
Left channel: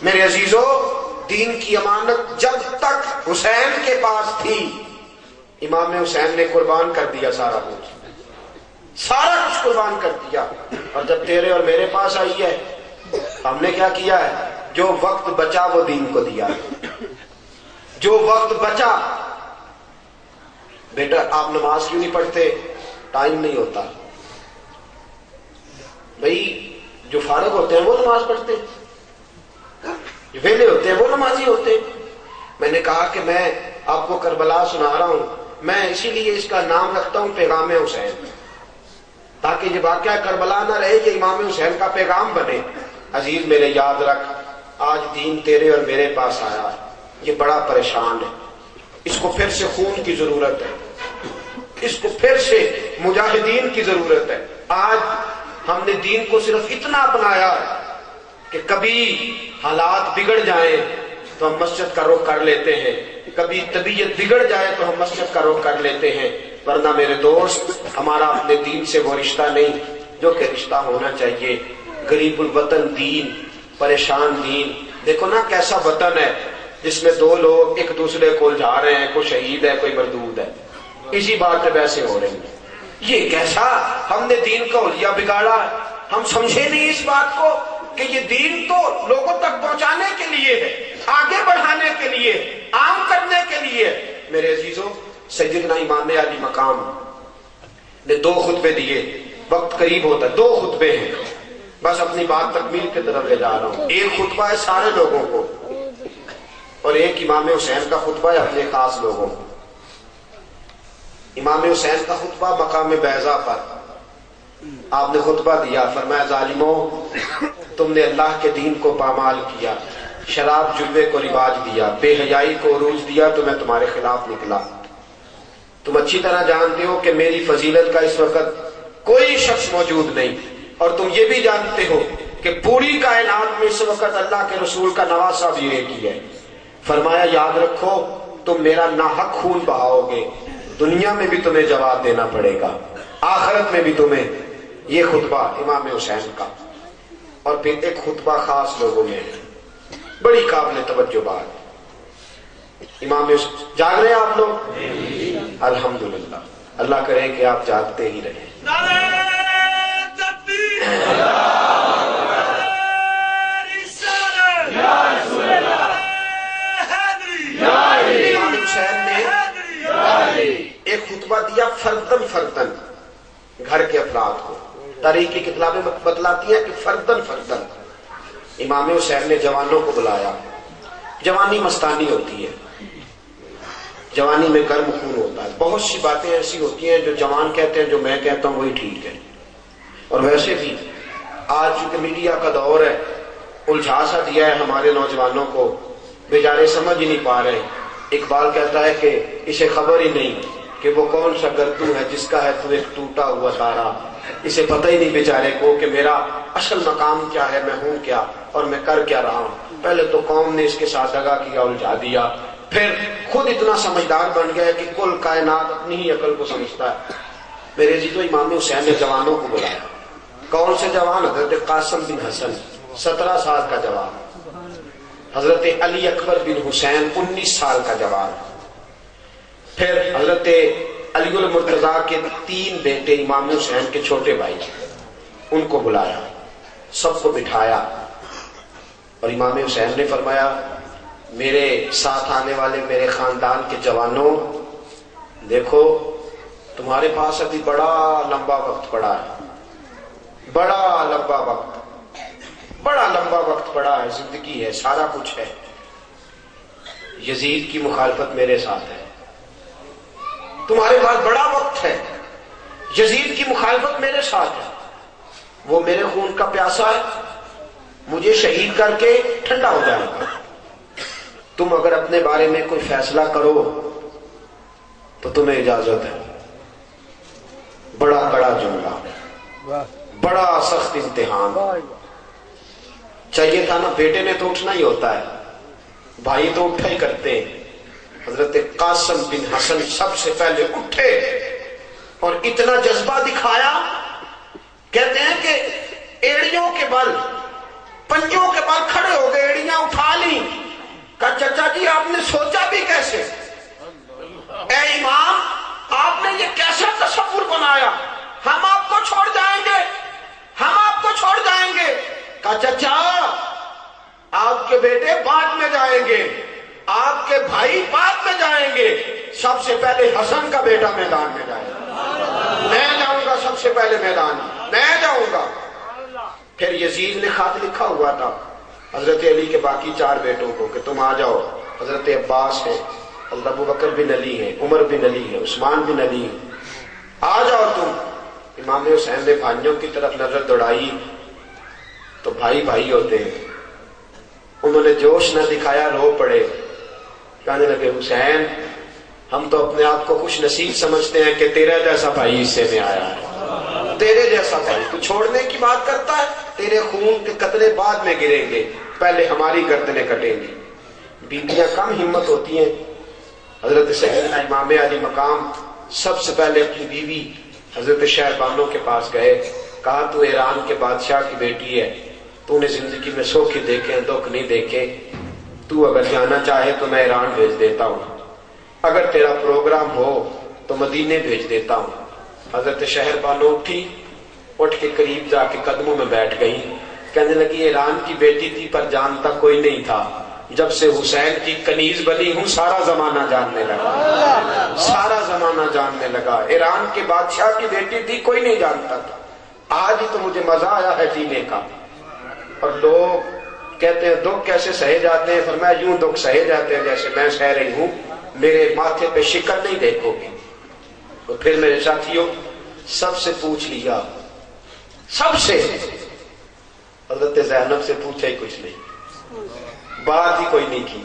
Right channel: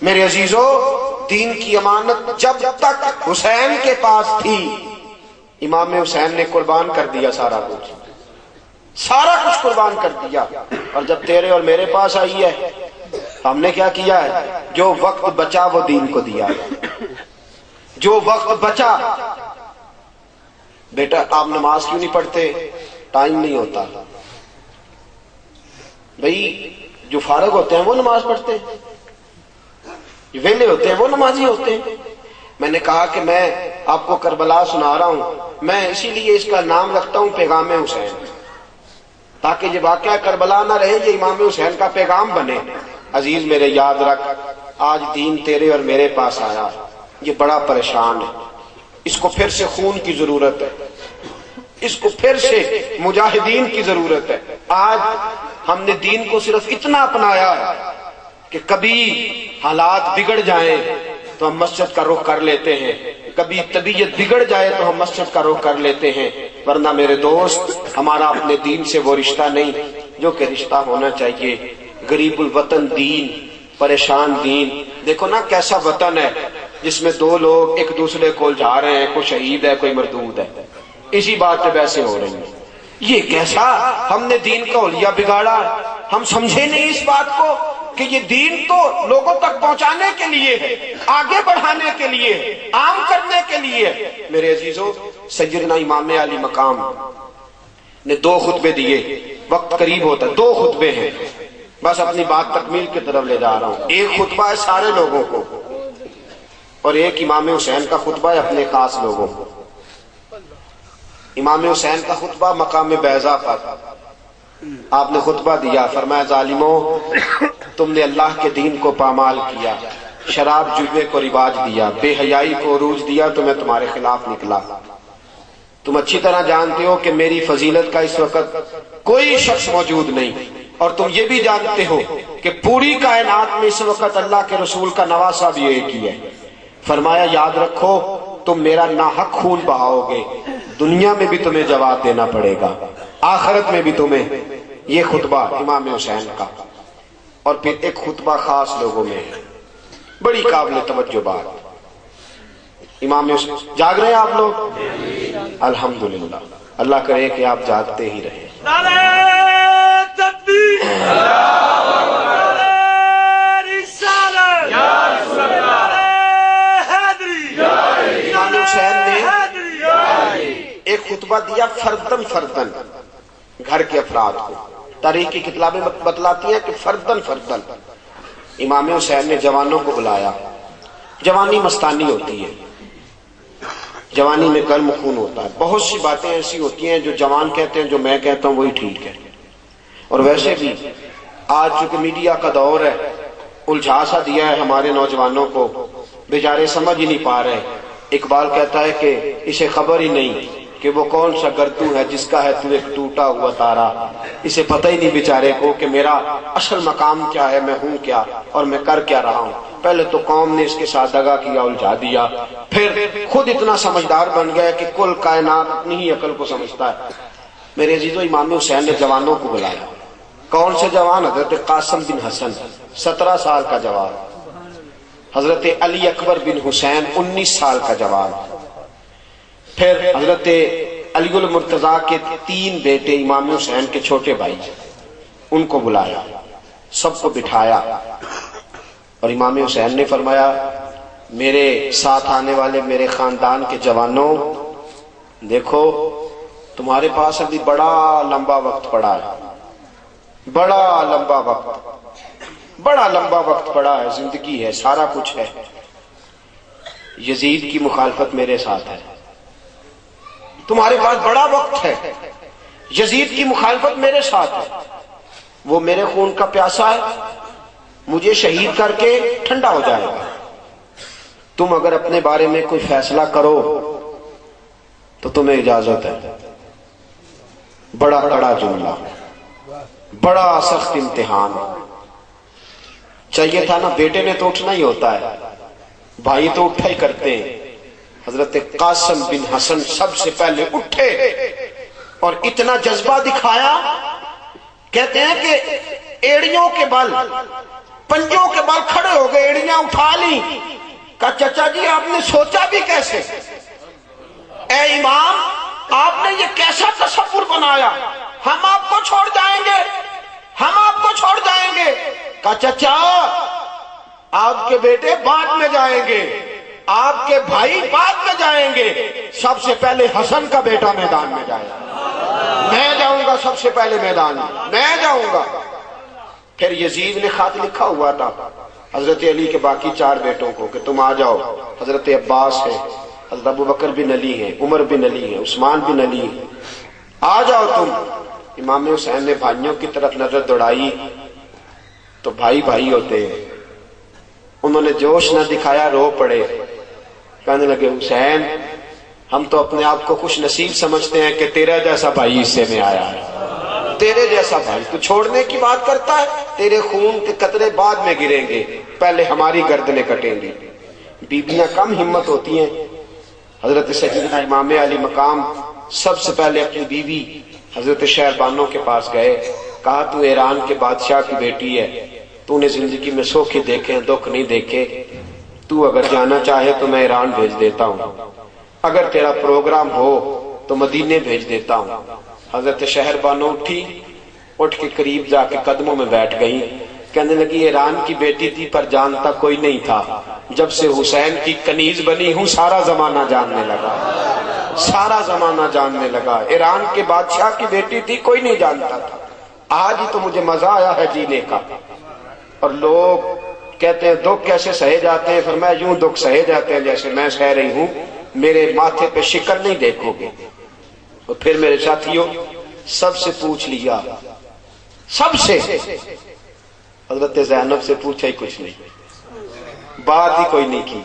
میرے عزیزو، دین کی امانت جب تک حسین کے پاس تھی، امام حسین نے قربان کر دیا سارا کچھ، سارا کچھ قربان کر دیا۔ اور جب تیرے اور میرے پاس آئی ہے، ہم نے کیا کیا ہے؟ جو وقت بچا وہ دین کو دیا، جو وقت بچا۔ بیٹا آپ نماز کیوں نہیں پڑھتے؟ ٹائم نہیں ہوتا، بھائی جو فارغ ہوتے ہیں وہ نماز پڑھتے ہیں، جو ویلے ہوتے ہیں وہ نمازی ہوتے ہیں۔ میں نے کہا کہ میں آپ کو کربلا سنا رہا ہوں، میں اسی لیے اس کا نام رکھتا ہوں پیغام حسین، تاکہ یہ واقعہ کربلا نہ رہے، یہ امام حسین کا پیغام بنے۔ عزیز میرے یاد رکھ، آج دین تیرے اور میرے پاس آیا، یہ بڑا پریشان ہے، اس کو پھر سے خون کی ضرورت ہے، اس کو پھر سے مجاہدین کی ضرورت ہے۔ آج ہم نے دین کو صرف اتنا اپنایا ہے کہ کبھی حالات بگڑ جائیں تو ہم مسجد کا رخ کر لیتے ہیں، کبھی طبیعت بگڑ جائے تو ہم مسجد کا رخ کر لیتے ہیں، ورنہ میرے دوست ہمارا اپنے دین سے وہ رشتہ نہیں جو کہ رشتہ ہونا چاہیے۔ غریب الوطن دین، پریشان دین، دیکھو نا کیسا وطن ہے جس میں دو لوگ ایک دوسرے کو جا رہے ہیں، کوئی شہید ہے کوئی مردود ہے، اسی بات پہ بحثیں ہو رہی ہیں۔ یہ کیسا ہم نے دین کا حلیہ بگاڑا، ہم سمجھے نہیں اس بات کو کہ یہ دین تو لوگوں تک پہنچانے کے لیے ہے، آگے بڑھانے کے لیے، عام کرنے کے لیے۔ میرے عزیزوں، سیدنا امام علی مقام نے 2 خطبے دیے، وقت قریب ہوتا ہے، 2 خطبے ہیں، بس اپنی بات تکمیل کی طرف لے جا رہا ہوں۔ ایک خطبہ ہے سارے لوگوں کو اور ایک امام حسین کا خطبہ ہے اپنے خاص لوگوں کو۔ امام حسین کا خطبہ مقام بیضا پر آپ نے خطبہ دیا، فرمایا ظالموں تم نے اللہ کے دین کو پامال کیا، شراب جلوے کو رواج دیا، بے حیائی کو عروج دیا تو میں تمہارے خلاف نکلا۔ تم اچھی طرح جانتے ہو کہ میری فضیلت کا اس وقت کوئی شخص موجود نہیں، اور تم یہ بھی جانتے ہو کہ پوری کائنات میں اس وقت اللہ کے رسول کا نواسہ بھی ایک ہی ہے۔ فرمایا یاد رکھو تم میرا ناحق خون بہاؤ گے، دنیا میں بھی تمہیں جواب دینا پڑے گا، آخرت میں بھی تمہیں۔ یہ خطبہ امام حسین کا، اور پھر ایک خطبہ خاص لوگوں میں، بڑی قابل توجہ بات۔ امام حسین جاگ رہے ہیں آپ لوگ؟ الحمدللہ، اللہ کرے کہ آپ جاگتے ہی رہیں۔ نعرہ تکبیر، نعرہ رسالت، نعرہ حیدری، امام حسین نے ایک خطبہ دیا فردن فردن گھر کے افراد کو۔ تاریخ کی کتابیں بتلاتی ہیں کہ فردن فردن امام حسین نے جوانوں کو بلایا۔ جوانی مستانی ہوتی ہے، جوانی میں گرم خون ہوتا ہے، بہت سی باتیں ایسی ہوتی ہیں جو جوان کہتے ہیں جو میں کہتا ہوں وہی ٹھیک ہے۔ اور ویسے بھی آج چونکہ میڈیا کا دور ہے، الجھا سا دیا ہے ہمارے نوجوانوں کو، بیچارے سمجھ ہی نہیں پا رہے۔ اقبال کہتا ہے کہ اسے خبر ہی نہیں کہ وہ کون سا گردو ہے جس کا ہے تو ایک ٹوٹا ہوا تارا، اسے پتہ ہی نہیں بیچارے کو کہ میرا اصل مقام کیا ہے، میں ہوں کیا اور میں کر کیا رہا ہوں۔ پہلے تو قوم نے اس کے ساتھ دغا کیا، الجھا دیا، پھر خود اتنا سمجھدار بن گیا کہ کل کائنات اپنی ہی عقل کو سمجھتا ہے۔ میرے عزیزو، امام حسین نے جوانوں کو بلایا۔ کون سے جوان؟ حضرت قاسم بن حسن 17 سال کا جوان، حضرت علی اکبر بن حسین 19 سال کا جوان، پھر حضرت علی المرتضیٰ کے 3 بیٹے امام حسین کے چھوٹے بھائی، ان کو بلایا، سب کو بٹھایا، اور امام حسین نے فرمایا میرے ساتھ آنے والے میرے خاندان کے جوانوں، دیکھو تمہارے پاس ابھی بڑا لمبا وقت پڑا ہے، بڑا لمبا وقت پڑا ہے، زندگی ہے، سارا کچھ ہے۔ یزید کی مخالفت میرے ساتھ ہے، تمہارے پاس بڑا وقت ہے، یزید کی مخالفت میرے ساتھ ہے، وہ میرے خون کا پیاسا ہے، مجھے شہید کر کے ٹھنڈا ہو جائے گا۔ تم اگر اپنے بارے میں کوئی فیصلہ کرو تو تمہیں اجازت ہے۔ بڑا کڑا جملہ، بڑا سخت امتحان۔ چاہیے تھا نا، بیٹے نے تو اٹھنا ہی ہوتا ہے، بھائی تو اٹھا ہی کرتے ہیں۔ حضرت قاسم بن حسن سب سے پہلے اٹھے اور اتنا جذبہ دکھایا، کہتے ہیں کہ ایڑیوں کے بل، پنجوں کے بل کھڑے ہو گئے، ایڑیاں اٹھا لی۔ کہا چچا جی آپ نے سوچا بھی کیسے؟ اے امام آپ نے یہ کیسا تصور بنایا؟ ہم آپ کو چھوڑ جائیں گے، ہم آپ کو چھوڑ جائیں گے۔ کہا چچا آپ کے بیٹے بعد میں جائیں گے، آپ کے بھائی بعد میں جائیں گے، سب سے پہلے حسن کا بیٹا میدان میں جائے گا، میں جاؤں گا سب سے پہلے میدان میں جاؤں گا۔ پھر یزید نے خط لکھا ہوا تھا حضرت علی کے باقی 4 بیٹوں کو کہ تم آ جاؤ، حضرت عباس ہے، حضرت ابو بکر بن علی ہے، عمر بن علی ہے، عثمان بن علی ہے، آ جاؤ تم۔ امام حسین نے بھائیوں کی طرف نظر دوڑائی تو بھائی بھائی ہوتے ہیں، انہوں نے جوش نہ دکھایا، رو پڑے، کہنے لگے حسین ہم تو اپنے آپ کو خوش نصیب سمجھتے ہیں کہ تیرا جیسا بھائی حصے میں آیا ہے، تیرے جیسا بھائی، تو چھوڑنے کی بات کرتا ہے، تیرے خون کے قطرے بعد میں گریں گے، پہلے ہماری گردنیں کٹیں گی۔ بیویاں کم ہمت ہوتی ہیں۔ حضرت سیدنا امام علی مقام سب سے پہلے اپنی بیوی حضرت شہربانو کے پاس گئے، کہا تو ایران کے بادشاہ کی بیٹی ہے، تو نے زندگی میں سوکھ دیکھے دکھ نہیں دیکھے، تو اگر جانا چاہے تو میں ایران بھیج دیتا ہوں، اگر تیرا پروگرام ہو تو مدینے بھیج دیتا ہوں۔ حضرت شہربانو اٹھ کے قریب جا کے قدموں میں بیٹھ گئی، کہنے لگی ایران کی بیٹی تھی پر جانتا کوئی نہیں تھا، جب سے حسین کی کنیز بنی ہوں سارا زمانہ جاننے لگا، سارا زمانہ جاننے لگا، ایران کے بادشاہ کی بیٹی تھی کوئی نہیں جانتا تھا، آج ہی تو مجھے مزہ آیا ہے جینے کا۔ اور لوگ کہتے ہیں دکھ کیسے سہے جاتے ہیں، فرمایا یوں دکھ سہے جاتے ہیں جیسے میں سہ رہی ہوں، میرے ماتھے پہ شکر نہیں دیکھو گے۔ اور پھر میرے ساتھیوں سب سے پوچھ لیا، سب سے، حضرت زینب سے پوچھا ہی کچھ نہیں، بات ہی کوئی نہیں کی،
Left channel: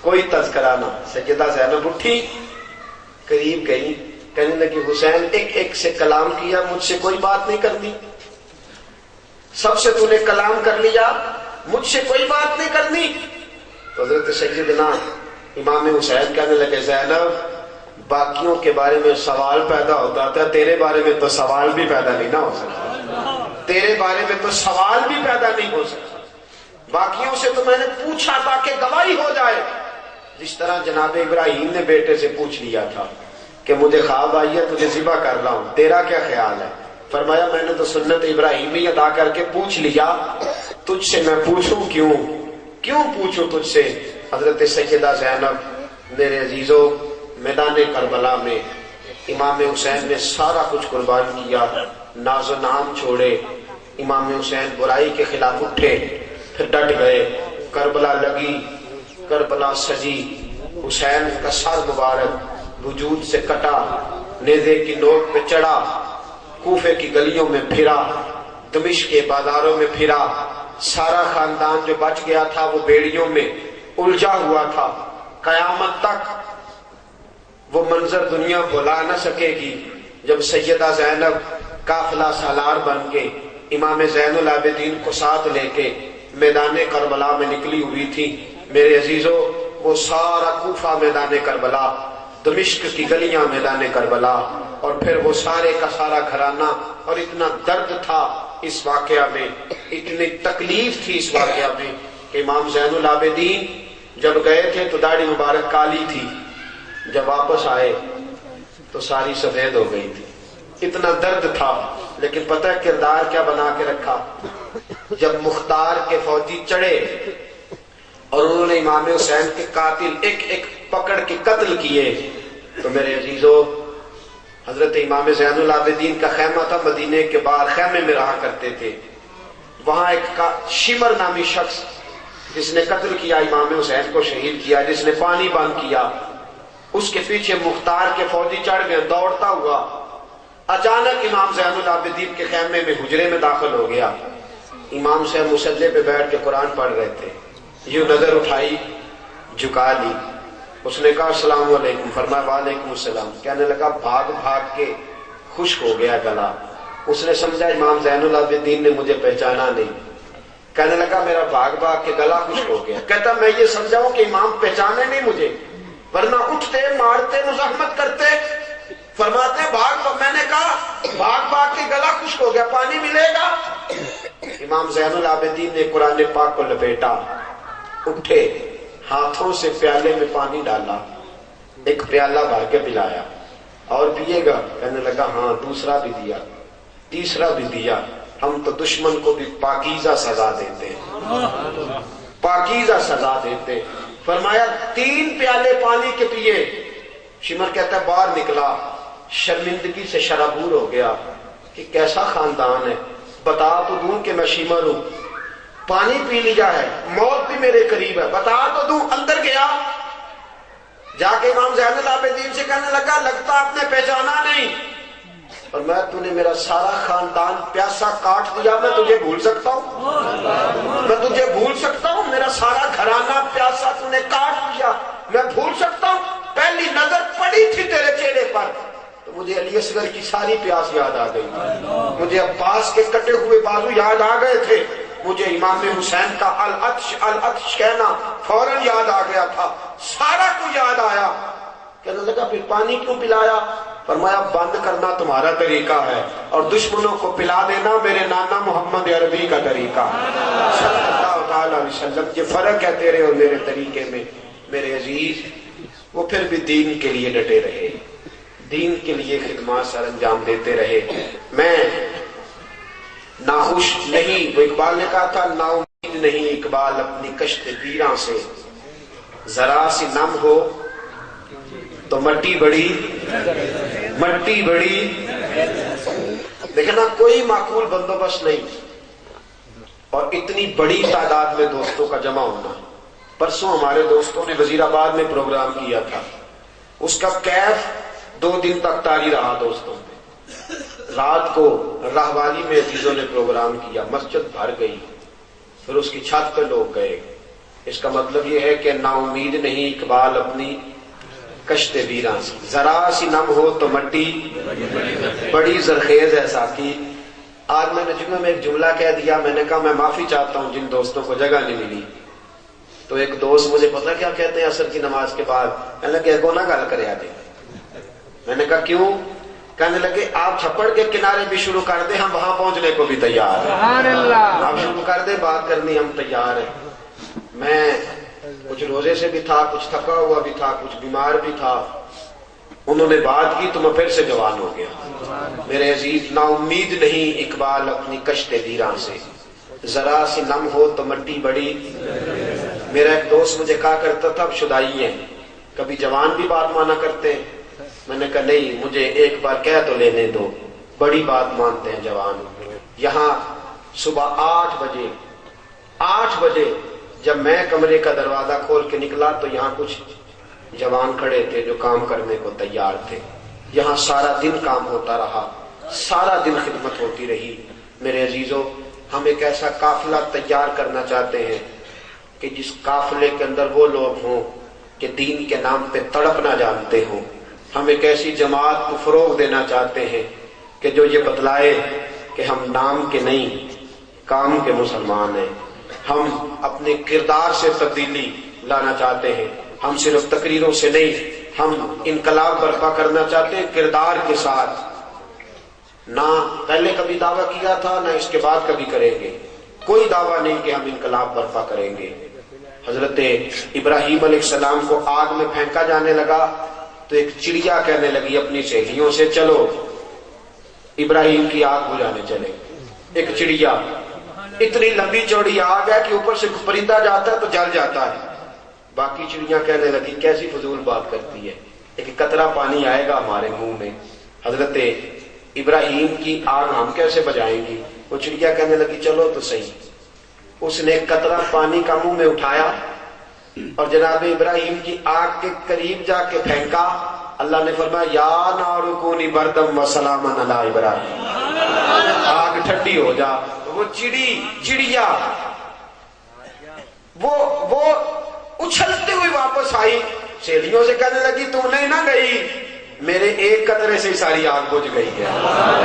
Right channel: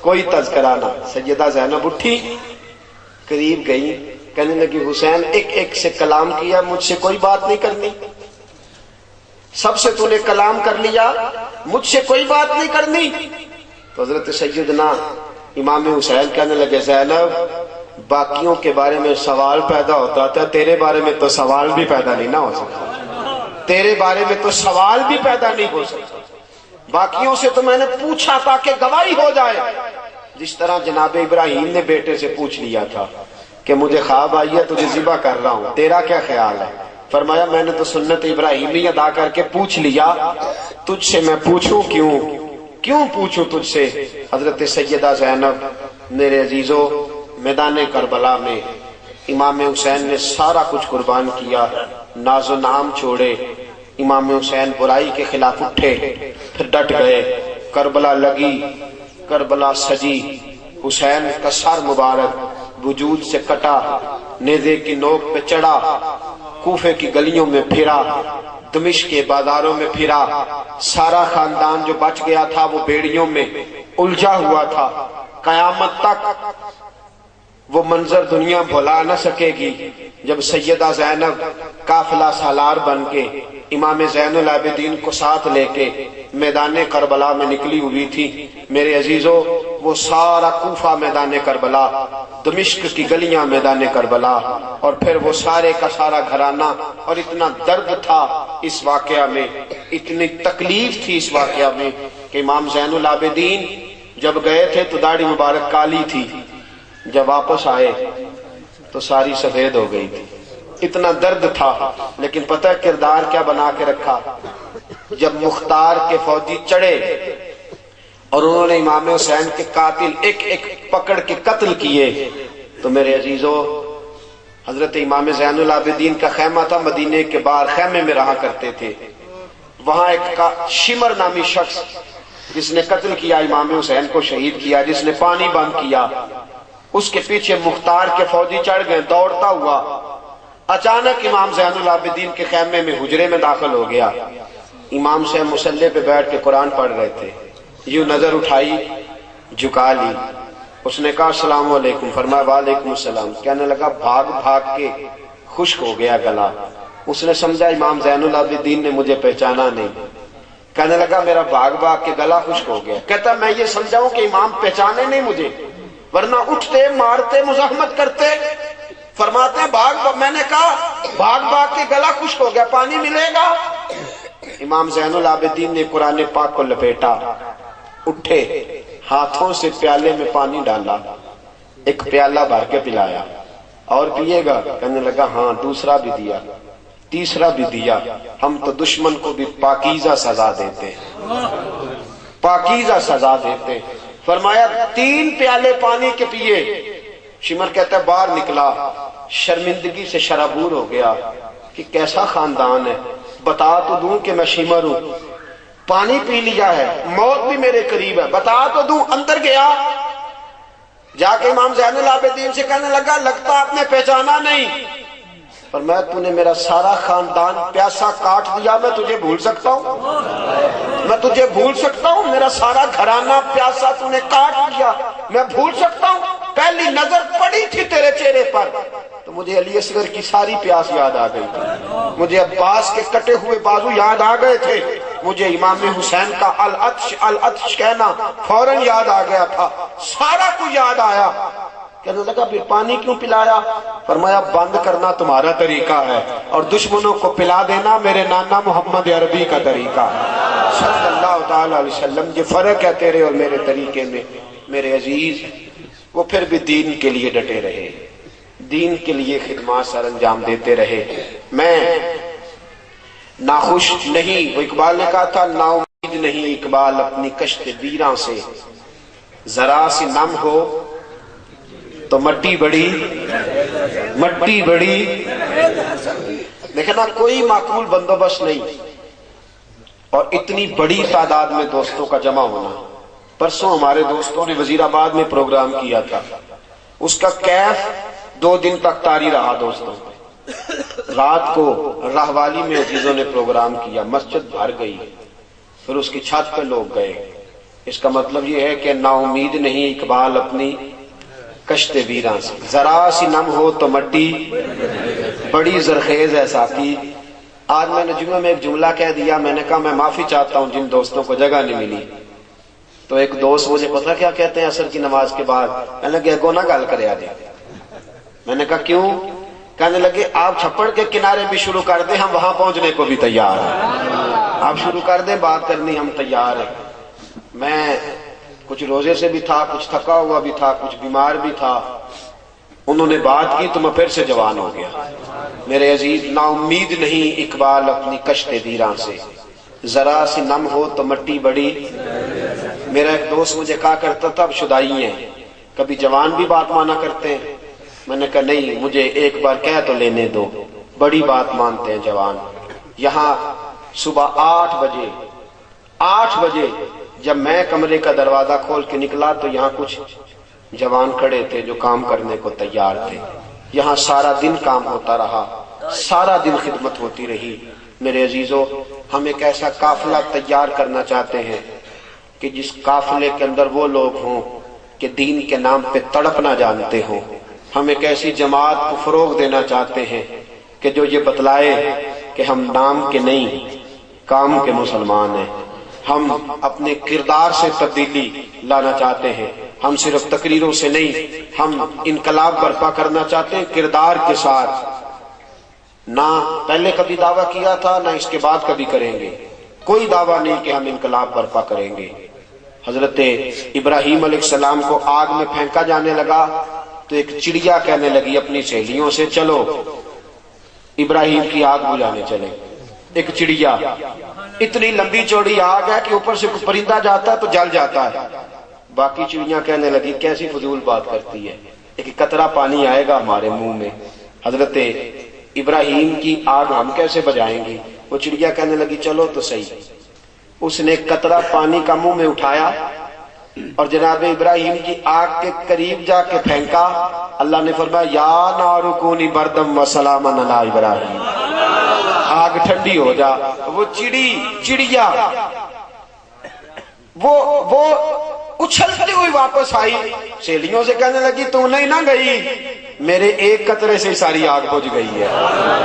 کوئی تذکرہ نہ۔ سیدہ زینب اٹھی، قریب گئی، کہنے لگی حسین ایک ایک سے کلام کیا، مجھ سے کوئی بات نہیں کرنی، سب سے تو نے کلام کر لیا، مجھ سے کوئی بات نہیں کرنی۔ تو حضرت سیدنا امام حسین کہنے لگے زینب باقیوں کے بارے میں سوال پیدا ہوتا تھا، تیرے بارے میں تو سوال بھی پیدا نہیں نہ ہو سکتا، تیرے بارے میں تو سوال بھی پیدا نہیں ہو سکتا، باقیوں سے تو میں نے پوچھا تاکہ گواہی ہو جائے، جس طرح جناب ابراہیم نے بیٹے سے پوچھ لیا تھا کہ مجھے خواب آئی ہے تجھے ذبح کر رہا ہوں، تیرا کیا خیال ہے؟ فرمایا میں نے تو سنت ابراہیمی ادا کر کے پوچھ لیا، تجھ سے میں پوچھوں کیوں پوچھوں تجھ سے؟ حضرت سیدہ زینب میرے عزیزو میدان کربلا میں امام حسین نے سارا کچھ قربان کیا، ناز و نام چھوڑے، امام حسین برائی کے خلاف اٹھے، پھر ڈٹ گئے، کربلا لگی، کربلا سجی، حسین کا سر مبارک وجود سے کٹا، نیزے کی نوک پہ چڑھا، کوفے کی گلیوں میں پھرا، دمشق کے بازاروں میں پھرا، سارا خاندان جو بچ گیا تھا وہ بیڑیوں میں الجھا ہوا تھا، قیامت تک وہ منظر دنیا بھلا نہ سکے گی جب سیدہ زینب قافلہ سالار بن کے امام زین العابدین کو ساتھ لے کے میدان کربلا میں نکلی ہوئی تھی۔ میرے عزیزو وہ سارا کوفہ میدان کربلا، دمشق کی گلیاں میدان کربلا، اور پھر وہ سارے کا سارا گھرانہ، اور اتنا درد تھا اس واقعہ میں، اتنی تکلیف تھی اس واقعہ میں کہ امام زین العابدین جب گئے تھے تو داڑھی مبارک کالی تھی، جب واپس آئے تو ساری سفید ہو گئی تھی، اتنا درد تھا۔ لیکن پتہ ہے کردار کیا بنا کے رکھا؟ جب مختار کے فوجی چڑھے اور انہوں نے امام حسین کے قاتل ایک ایک پکڑ کے قتل کیے تو میرے عزیزو حضرت امام زین العابدین کا خیمہ تھا مدینے کے باہر، خیمے میں رہا کرتے تھے، وہاں ایک شمر نامی شخص جس نے قتل کیا امام حسین کو شہید کیا، جس نے پانی بند کیا، اس کے پیچھے مختار کے فوجی چڑھ گئے دوڑتا ہوا، اچانک امام زین العابدین کے خیمے میں حجرے میں داخل ہو گیا۔ امام حسین مصلی پہ بیٹھ کے قرآن پڑھ رہے تھے، یوں نظر اٹھائی، جھکا لی، اس نے کہا السلام علیکم، فرمایا وعلیکم السلام، کہنے لگا بھاگ بھاگ کے خشک ہو گیا گلا، اس نے سمجھا امام زین العابدین نے مجھے پہچانا نہیں، کہنے لگا میرا بھاگ بھاگ کے گلا خشک ہو گیا، کہتا میں یہ سمجھاؤں کہ امام پہچانے نہیں مجھے، ورنہ اٹھتے مارتے مزاحمت کرتے، فرماتے ہیں بھاگ، میں نے کہا بھاگ بھاگ کے گلا خشک ہو گیا، پانی ملے گا؟ امام زین العابدین نے قرآن پاک کو لپیٹا، اٹھے، ہاتھوں سے پیالے میں پانی ڈالا، ایک پیالہ بھر کے پلایا، اور پیے گا؟ کہنے لگا ہاں، دوسرا بھی دیا، تیسرا بھی دیا، ہم تو دشمن کو بھی پاکیزہ سزا دیتے ہیں، پاکیزہ سزا دیتے۔ فرمایا 3 پیالے پانی کے پیے، شمر کہتا ہے باہر نکلا، شرمندگی سے شرابور ہو گیا کہ کیسا خاندان ہے، بتا تو دوں کہ میں شیمر ہوں، پانی پی لیا ہے، موت بھی میرے قریب ہے، بتا تو دوں۔ اندر گیا، جا کے امام زین العابدین سے کہنے لگا لگتا آپ نے پہچانا نہیں، اور میں تو نے میرا سارا خاندان پیاسا کاٹ دیا، میں تجھے بھول سکتا ہوں؟ میں تجھے بھول سکتا ہوں؟ میرا سارا گھرانہ پیاسا تو نے کاٹ دیا، میں بھول سکتا ہوں؟ پہلی نظر پڑی تھی تیرے چہرے پر تو مجھے علی اصغر کی ساری پیاس یاد آ گئی، مجھے عباس کے کٹے ہوئے بازو یاد آ گئے تھے، مجھے امام حسین کا العطش العطش کہنا فوراً یاد آ گیا تھا، سارا کچھ یاد آیا۔ کہنے لگا پھر پانی کیوں پلایا؟ فرمایا بند کرنا تمہارا طریقہ ہے اور دشمنوں کو پلا دینا میرے نانا محمد عربی کا طریقہ صلی اللہ تعالی علیہ وسلم۔ یہ فرق ہے تیرے اور میرے طریقے میں میرے عزیز۔ وہ پھر بھی دین کے لیے ڈٹے رہے، دین کے لیے خدمات سر انجام دیتے رہے۔ میں ناخوش نہیں، وہ اقبال نے کہا تھا نا امید نہیں اقبال اپنی کشت ویراں سے، ذرا سی نم ہو تو مٹی بڑی دیکھنا، کوئی معقول بندوبست نہیں اور اتنی بڑی تعداد میں دوستوں کا جمع ہونا۔ پرسوں ہمارے دوستوں نے وزیر آباد میں پروگرام کیا تھا، اس کا کیف 2 دن تک طاری رہا دوستوں۔ رات کو راہوالی میں عزیزوں نے پروگرام کیا، مسجد بھر گئی، پھر اس کی چھت پہ لوگ گئے۔ اس کا مطلب یہ ہے کہ نا امید نہیں اقبال اپنی کشت ویراں سے، ذرا سی نم ہو تو مٹی بڑی زرخیز ہے ساتھی۔ آج میں نے جمعہ میں ایک جملہ کہہ دیا، میں نے کہا میں معافی چاہتا ہوں جن دوستوں کو جگہ نہیں ملی۔ تو ایک دوست مجھے پتہ کیا کہتے ہیں عصر کی نماز کے بعد، میں نے کہا کو نہ گل کریا دے۔ میں نے کہا کیوں؟ کہنے لگے آپ چھپڑ کے کنارے بھی شروع کر دیں، ہم وہاں پہنچنے کو بھی تیار ہیں، آپ شروع کر دیں بات کرنی، ہم تیار ہیں۔ میں کچھ روزے سے بھی تھا، کچھ تھکا ہوا بھی تھا، کچھ بیمار بھی تھا، انہوں نے بات کی تو میں پھر سے جوان ہو گیا۔ میرے عزیز، نا امید نہیں اقبال اپنی کشت ویراں سے، ذرا سی نم ہو تو مٹی بڑی۔ میرا ایک دوست مجھے کہا کرتا تھا اب شدائی ہیں، کبھی جوان بھی بات مانا کرتے ہیں؟ میں نے کہا نہیں، مجھے ایک بار کہہ تو لینے دو، بڑی بات مانتے ہیں جوان۔ یہاں صبح 8 بجے جب میں کمرے کا دروازہ کھول کے نکلا تو یہاں کچھ جوان کھڑے تھے جو کام کرنے کو تیار تھے۔ یہاں سارا دن کام ہوتا رہا، سارا دن خدمت ہوتی رہی۔ میرے عزیزو، ہم ایک ایسا قافلہ تیار کرنا چاہتے ہیں کہ جس قافلے کے اندر وہ لوگ ہوں کہ دین کے نام پہ تڑپنا جانتے ہوں۔ ہم ایک ایسی جماعت کو فروغ دینا چاہتے ہیں کہ جو یہ بتلائے کہ ہم نام کے نہیں کام کے مسلمان ہیں۔ ہم اپنے کردار سے تبدیلی لانا چاہتے ہیں، ہم صرف تقریروں سے نہیں، ہم انقلاب برپا کرنا چاہتے ہیں کردار کے ساتھ۔ نہ پہلے کبھی دعویٰ کیا تھا، نہ اس کے بعد کبھی کریں گے، کوئی دعویٰ نہیں کہ ہم انقلاب برپا کریں گے۔ حضرت ابراہیم علیہ السلام کو آگ میں پھینکا جانے لگا تو ایک چڑیا کہنے لگی اپنی سہیلیوں سے چلو ابراہیم کی آگ بجھانے چلے۔ ایک چڑیا، اتنی لمبی چوڑی آگ ہے کہ اوپر سے پرندہ جاتا ہے تو جل جاتا ہے۔ باقی چڑیاں کہنے لگی کیسی فضول بات کرتی ہے، ایک قطرہ پانی آئے گا ہمارے منہ میں، حضرت ابراہیم کی آگ ہم کیسے بجھائیں گے؟ وہ چڑیا کہنے لگی چلو تو صحیح۔ اس نے قطرہ پانی کا منہ میں اٹھایا اور جناب ابراہیم کی آگ کے قریب جا کے پھینکا۔ اللہ نے فرمایا یا نار کونی بردم و سلاما علی ابراہیم، آگ ٹھنڈی ہو جا۔ وہ چڑیا وہ اچھلتی ہوئی واپس آئی، سہیلیوں سے کہنے لگی تم نہیں نہ گئی، میرے ایک قطرے سے ساری آگ بجھ گئی ہے،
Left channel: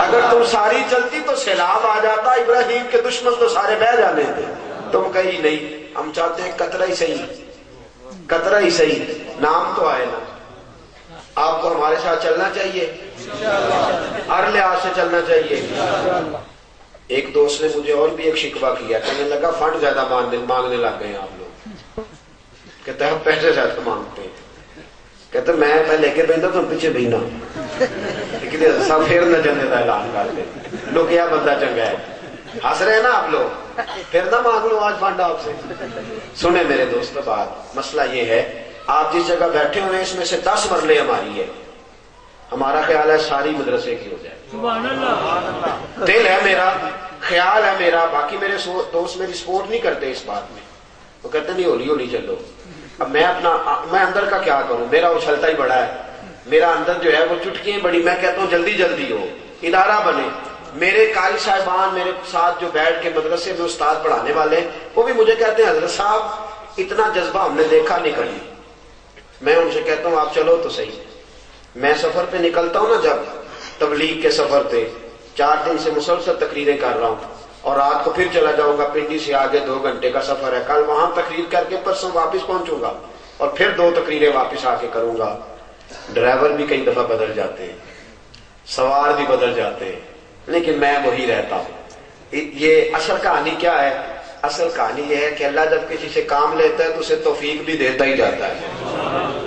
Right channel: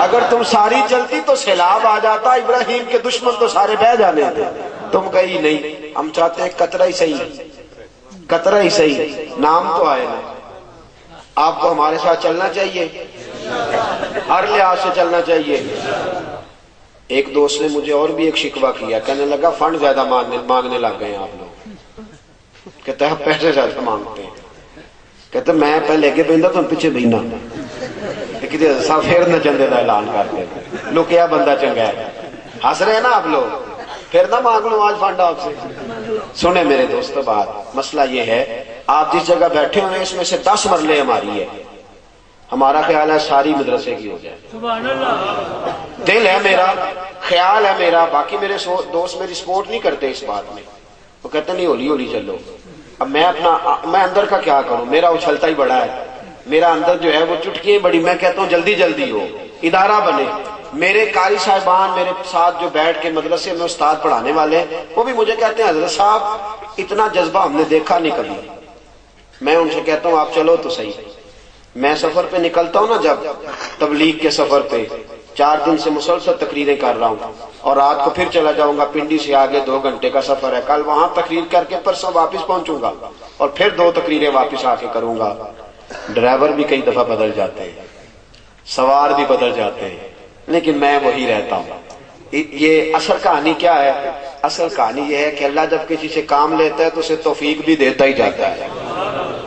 اگر تم ساری جلتی تو سیلاب آ جاتا، ابراہیم کے دشمن تو سارے بہہ جانے تھے، تم گئی نہیں۔ ہم چاہتے ہیں قطرہ ہی صحیح، نام تو آئے نا۔ آپ کو ہمارے ساتھ چلنا چاہیے، ہر لحاظ سے چلنا چاہیے۔ ایک دوست نے مجھے اور بھی ایک شکوہ کیا، کہنے لگا فنڈ زیادہ مانگنے لگ گئے آپ لوگ، کہتے ہیں پیسے زیادہ مانگتے ہیں، کہتے میں پہلے کے بہندا تو پیچھے بہنا سب پھر نہ چندے کا اعلان کرتے لوگ کیا بندہ چنگا ہے، ہنس رہے ہیں نا آپ لوگ، پھر نہ مانگ لو آج فنڈ آپ سے۔ سنیں میرے دوستو بات، مسئلہ یہ ہے آپ جس جگہ بیٹھے ہوئے ہیں اس میں سے 10 مرلے ہماری ہے، ہمارا خیال ہے ساری مدرسے کی ہو جائے، دل ہے میرا خیال ہے میرا، باقی میرے دوست میری سپورٹ نہیں کرتے اس بات میں، وہ کہتے نہیں ہولی ہولی چلو. اب میں اندر کا کیا کروں، میرا اچھلتا ہی بڑا ہے، میرا اندر جو ہے وہ چٹکیاں بڑی. میں کہتا ہوں جلدی جلدی ہو، ادارہ بنے. میرے قاری صاحبان میرے ساتھ جو بیٹھ کے مدرسے میں استاد پڑھانے والے ہیں وہ بھی مجھے کہتے ہیں حضرت صاحب اتنا جذبہ ہم نے دیکھا نہیں کبھی. میں ان سے کہتا ہوں آپ چلو تو صحیح. میں سفر پہ نکلتا ہوں نا، جب تبلیغ کے سفر پہ 4 دن سے مسلسل تقریریں کر رہا ہوں اور رات کو پھر چلا جاؤں گا. پنڈی سے آگے 2 گھنٹے کا سفر ہے، کل وہاں تقریر کر کے پرسوں واپس پہنچوں گا اور پھر 2 تقریریں واپس آ کے کروں گا. ڈرائیور بھی کئی دفعہ بدل جاتے ہیں، سوار بھی بدل جاتے ہیں، لیکن میں وہی رہتا ہوں. یہ اصل کہانی کیا ہے؟ اصل کہانی یہ ہے کہ اللہ جب کسی سے کام لیتا ہے تو اسے توفیق بھی دیتا ہی جاتا ہے.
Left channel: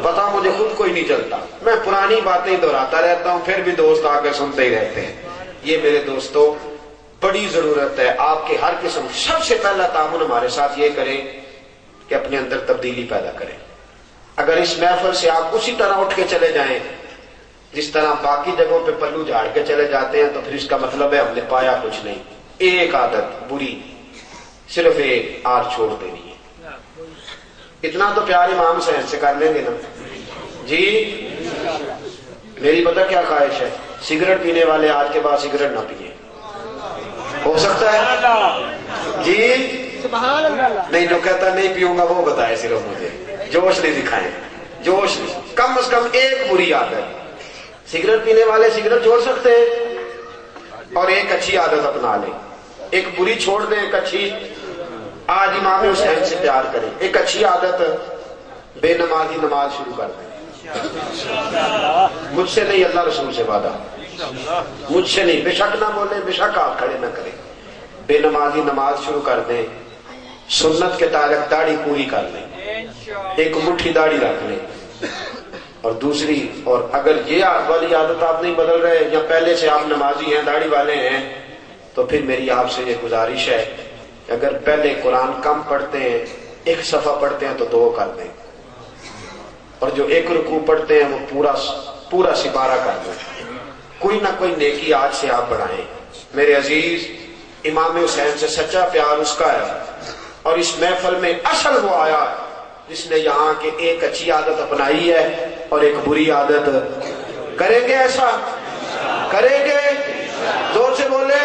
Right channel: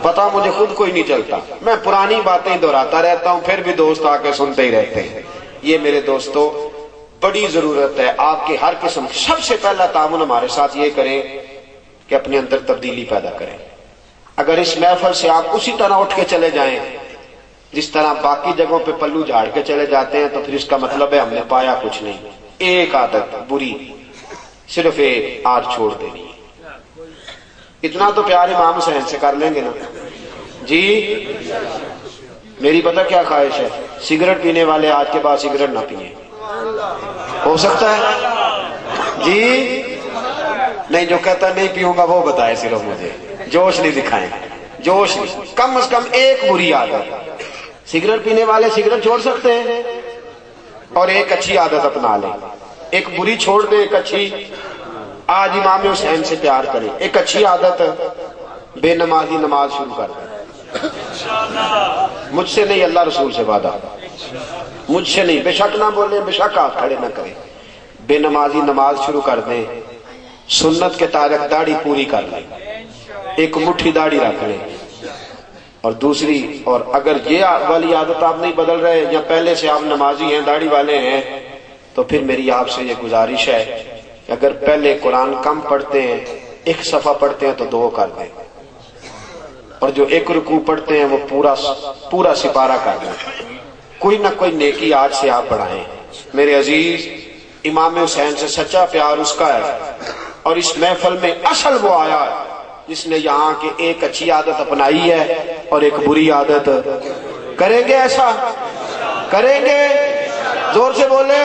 پتا مجھے خود کوئی نہیں چلتا، میں پرانی باتیں دہراتا رہتا ہوں، پھر بھی دوست آ کے سنتے ہی رہتے ہیں. یہ میرے دوستوں بڑی ضرورت ہے آپ کے ہر قسم. سب سے پہلا تعاون ہمارے ساتھ یہ کریں کہ اپنے اندر تبدیلی پیدا کریں. اگر اس محفل سے آپ اسی طرح اٹھ کے چلے جائیں جس طرح باقی جگہوں پہ پلو جھاڑ کے چلے جاتے ہیں تو پھر اس کا مطلب ہے ہم نے پایا کچھ نہیں. ایک عادت بری، صرف ایک، آج چھوڑ دینی. اتنا تو پیار امام حسین سے کر لیں گے نا جی. میری پتہ کیا خواہش ہے، سگریٹ پینے والے آج کے بعد سگریٹ نہ پیئیں. ہو سکتا ہے جی؟ نہیں، جو کہتا نہیں پیوں گا وہ بتائے، صرف مجھے جوش نہیں دکھائیں. جوش کم از کم ایک بری عادت. سگریٹ پینے والے سگریٹ چھوڑ سکتے ہیں اور ایک اچھی عادت اپنا لیں. ایک بری چھوڑ دیں، ایک اچھی. آج امام حسین سے پیار کریں. ایک اچھی عادت، بے نمازی نماز شروع کر دیں. مجھ سے نہیں، اللہ رسول سے وعدہ، مجھ سے نہیں. بے شک نہ بولیں، بے شک آپ کھڑے نہ کریں. بے نمازی نماز شروع کر دیں. سنت کے تعلق داڑھی پوری کر لیں، ایک مٹھی داڑھی رکھ لیں. اور دوسری، اور اگر یہ والی عادت آپ نہیں بدل رہے یا پہلے سے آپ نمازی ہیں، داڑھی والے ہیں، تو پھر میری آپ سے یہ گزارش ہے کہ اگر پہلے قرآن کم پڑھتے ہیں، 1 صفحہ پڑھتے ہیں تو 2 کر دیں، اور جو 1 رکوع پڑھتے ہیں وہ پورا سپارہ کر دیں. کوئی نہ کوئی نیکی آج سے آپ بڑھائیں. میرے عزیز، امام حسین سے سچا پیار اس کا ہے، اور اس محفل میں اصل وہ آیا ہے جس نے یہاں کی ایک اچھی عادت اپنائی ہے اور ایک بری عادت. کریں گے ایسا؟ کریں گے؟ زور سے بولیں.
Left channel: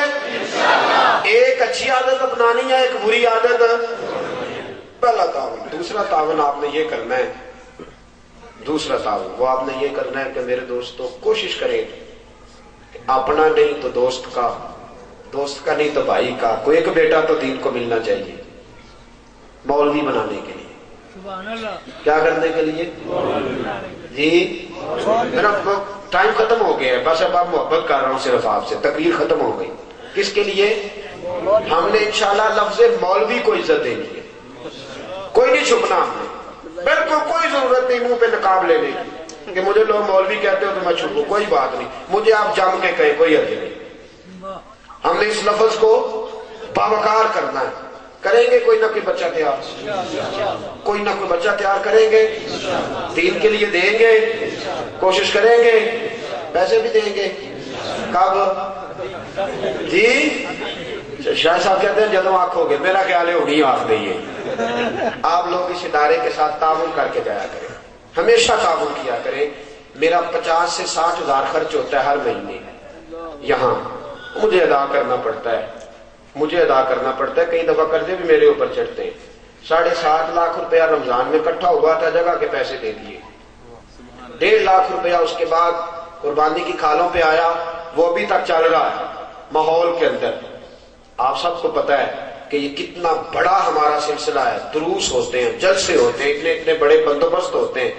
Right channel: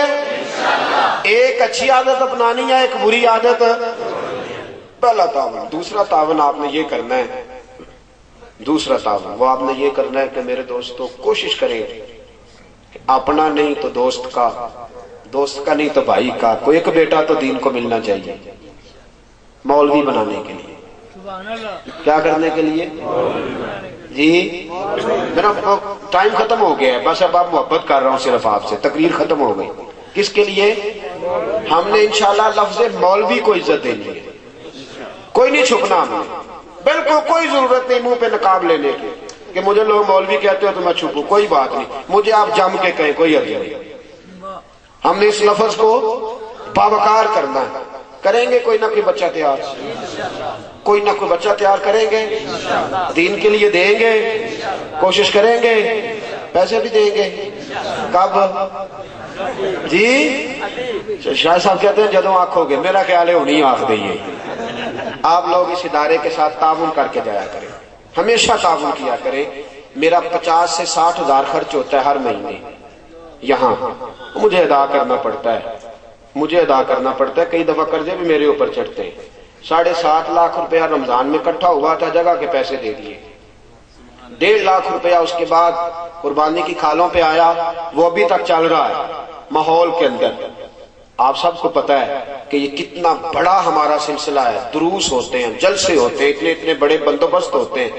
ایک اچھی عادت اپنانی ہے، ایک بری عادت. پہلا تعاون. دوسرا تعاون آپ نے یہ کرنا ہے، دوسرا تعاون وہ آپ نے یہ کرنا ہے کہ میرے دوستوں کوشش کریں کہ اپنا نہیں تو دوست کا، دوست کا نہیں تو بھائی کا، کوئی ایک بیٹا تو دین کو ملنا چاہیے. مولوی بنانے کے لیے. کیا کرنے کے لیے جی؟ میرا ٹائم ختم ہو گیا ہے، بس اب آپ محبت کر رہا ہوں صرف آپ سے. تقریر ختم ہو گئی. کس کے لیے؟ ہم نے انشاءاللہ لفظ مولوی کو عزت دینی ہے. کوئی نہیں چھپنا ہمیں، بالکل کوئی ضرورت نہیں منہ پہ نقاب لینے کی کہ مجھے لوگ مولوی کہتے ہو تو میں چھپوں. کوئی بات نہیں، مجھے آپ جم کے کہیں، کوئی حرج نہیں. ہم نے اس لفظ کو باوقار کرنا ہے. کریں گے کوئی نہ کوئی بچہ تیار، کوئی نہ کوئی بچہ تیار کریں گے، دین کے لیے دیں گے، کوشش کریں گے، پیسے بھی دیں گے. کب جی؟ شاہ صاحب کہتے ہیں جدوں آنکھو گے. میرا خیال ہے انہیں آنکھ دئیے. آپ لوگ اس ادارے کے ساتھ تعاون کر کے جایا کریں، ہمیشہ تعاون کیا کریں. میرا 50 سے 60 ہزار خرچ ہوتا ہے ہر مہینے یہاں. مجھے ادا کرنا پڑتا ہے، مجھے ادا کرنا پڑتا ہے. کئی دفعہ قرضے بھی میرے اوپر چڑھتے ہیں. 7.5 لاکھ روپیہ رمضان میں اکٹھا ہوا تھا، جگہ کے پیسے دے دیے. 1.5 لاکھ روپیہ اس کے بعد قربانی کی کھالوں پہ آیا، وہ ابھی تک چل رہا ہے ماحول کے اندر. آپ سب کو پتا ہے کہ یہ کتنا بڑا ہمارا سلسلہ ہے. دروس ہوتے ہیں، جلسے ہوتے ہیں، اتنے بڑے بندوبست ہوتے ہیں.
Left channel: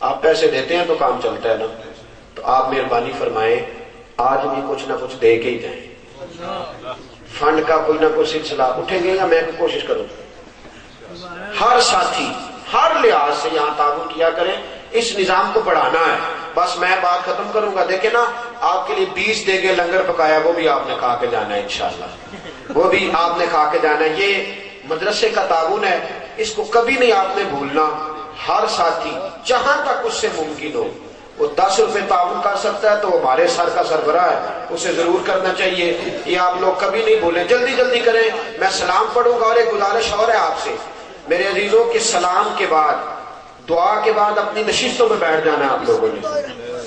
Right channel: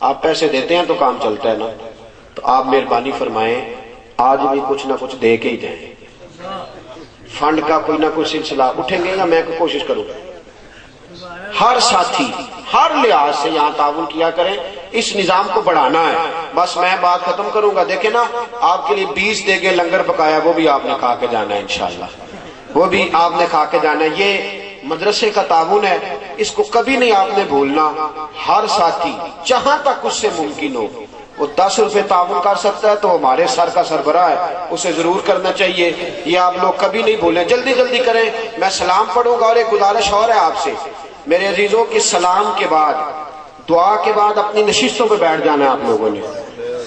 آپ پیسے دیتے ہیں تو کام چلتا ہے نا. تو آپ مہربانی فرمائیں آج بھی کچھ نہ کچھ دے کے ہی جائیں. فنڈ کا کوئی نہ کوئی سلسلہ اٹھے گا یا میں کوشش کروں. ہر ساتھی ہر لحاظ سے یہاں تعاون کیا کریں. اس نظام کو بڑھانا ہے. بس میں بات ختم کروں گا. دیکھیں نا، آپ کے لیے 20 دے کے لنگر پکایا، وہ بھی آپ نے کھا کے جانا ہے انشاءاللہ. وہ بھی آپ نے کھا کے جانا ہے. یہ مدرسے کا تعاون ہے، اس کو کبھی نہیں آپ نے بھولنا. ہر ساتھی جہاں تک اس سے ممکن ہو وہ 10 روپے تعاون کر سکتا ہے تو ہمارے سر کا سربراہ ہے، اسے ضرور کرنا چاہیے. یہ آپ لوگ کبھی نہیں بھولیں، جلدی جلدی کریں. میں سلام پڑھوں گا اور ایک گزارش اور ہے آپ سے میرے عزیزوں کی، سلام کے بعد دعا کے بعد اپنی نشستوں پہ بیٹھ جانا ہے. آپ لوگوں نے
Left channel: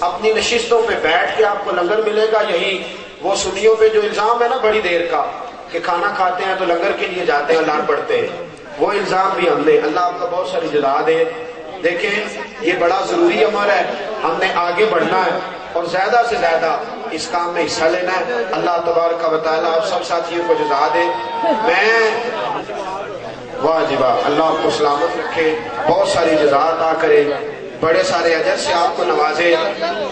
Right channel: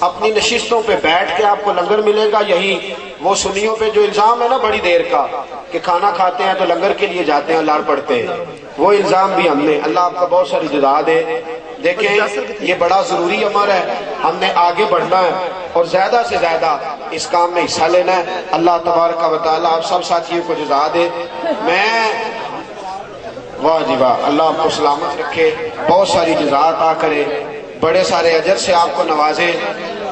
اپنی نشستوں پہ بیٹھ کے آپ کو لنگر ملے گا. یہی وہ سنیوں پہ جو الزام ہے نا بڑی دیر کا کہ کھانا کھاتے ہیں تو لنگر کے لیے جاتے ہیں، لڑ پڑتے ہیں، وہ الزام بھی ہم نے. اللہ آپ کا بہت ساری جزا دے. دیکھیں یہ بڑا ضروری عمل ہے، ہم نے آگے بڑھنا ہے اور زیادہ سے زیادہ اس کام میں حصہ لینا ہے. اللہ تبارک و تعالیٰ آپ سب ساتھیوں کو جزا دے. میں واہ جی واہ، اللہ آپ کو سلامت رکھے، بہت ساری جزا عطا کرے، بڑے سارے اجر سے آپ کو نوازے.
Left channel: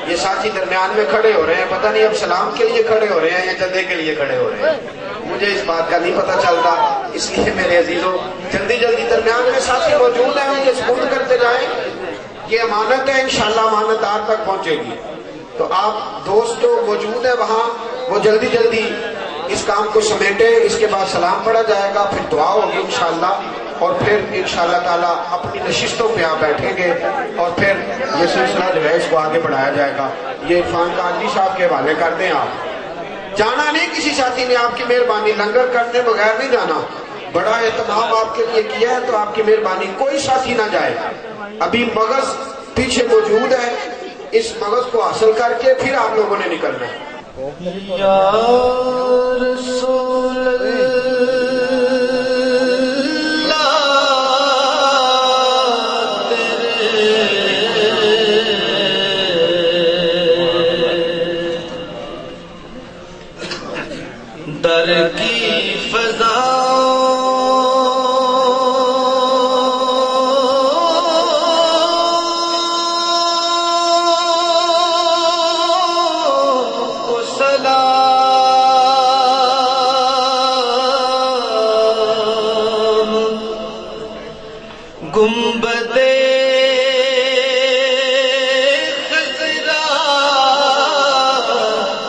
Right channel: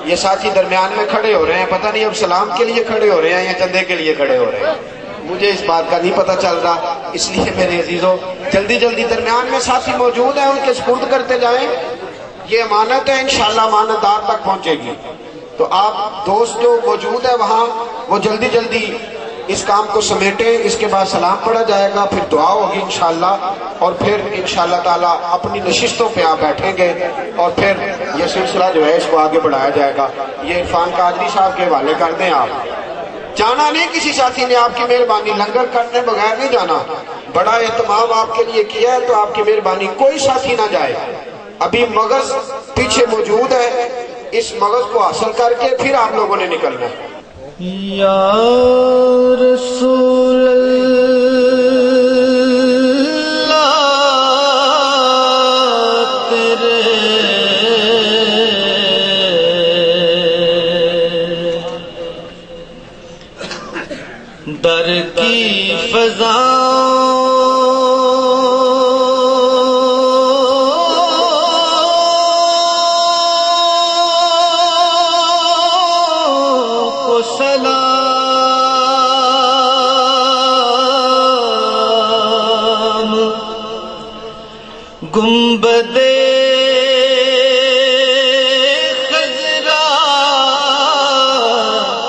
یہ ساتھی درمیان میں کھڑے ہو رہے ہیں، پتہ نہیں اب سلام کے لیے کھڑے ہو رہے ہیں یا چندے کے لیے کھڑے ہو رہے ہیں، مجھے اس بات کا نہیں پتہ چل رہا. اس لیے میرے عزیزوں جلدی جلدی درمیان میں ساتھی موجود ہیں، ان کے سپرد کرتے جائیں. یہ امانت ہے، انشاءاللہ امانت دار تک پہنچے گی. تو آپ دوست جو موجود ہیں وہاں وہ جلدی جلدی اس کام کو سمیٹیں. اس کے بعد سلام پڑھا جائے گا، پھر دعا ہوگی انشاءاللہ، اور پھر انشاءاللہ تعالیٰ اپنی نشستوں پہ آپ بیٹھیں گے اور پھر یہ سلسلہ جو ہے اس کو آگے بڑھایا جائے گا. یہ عرفان قادری صاحب کے حوالے کر دیں. آپ جانا نہیں، کسی ساتھی نے آپ کی مہربانی، لنگر کرنے بغیر نہیں جانا. بڑا اہتمام آپ کے لیے کیا ہے تو آپ کی مہربانی، کوئی ساتھی نہ جائے. ابھی مغز پیچھے موجود ہے، اس مغز کو حاصل کر کے پھر آپ لوگوں نے نکلنا ہے. یا رسول در کی فضا کو سلام، گنبد خضرا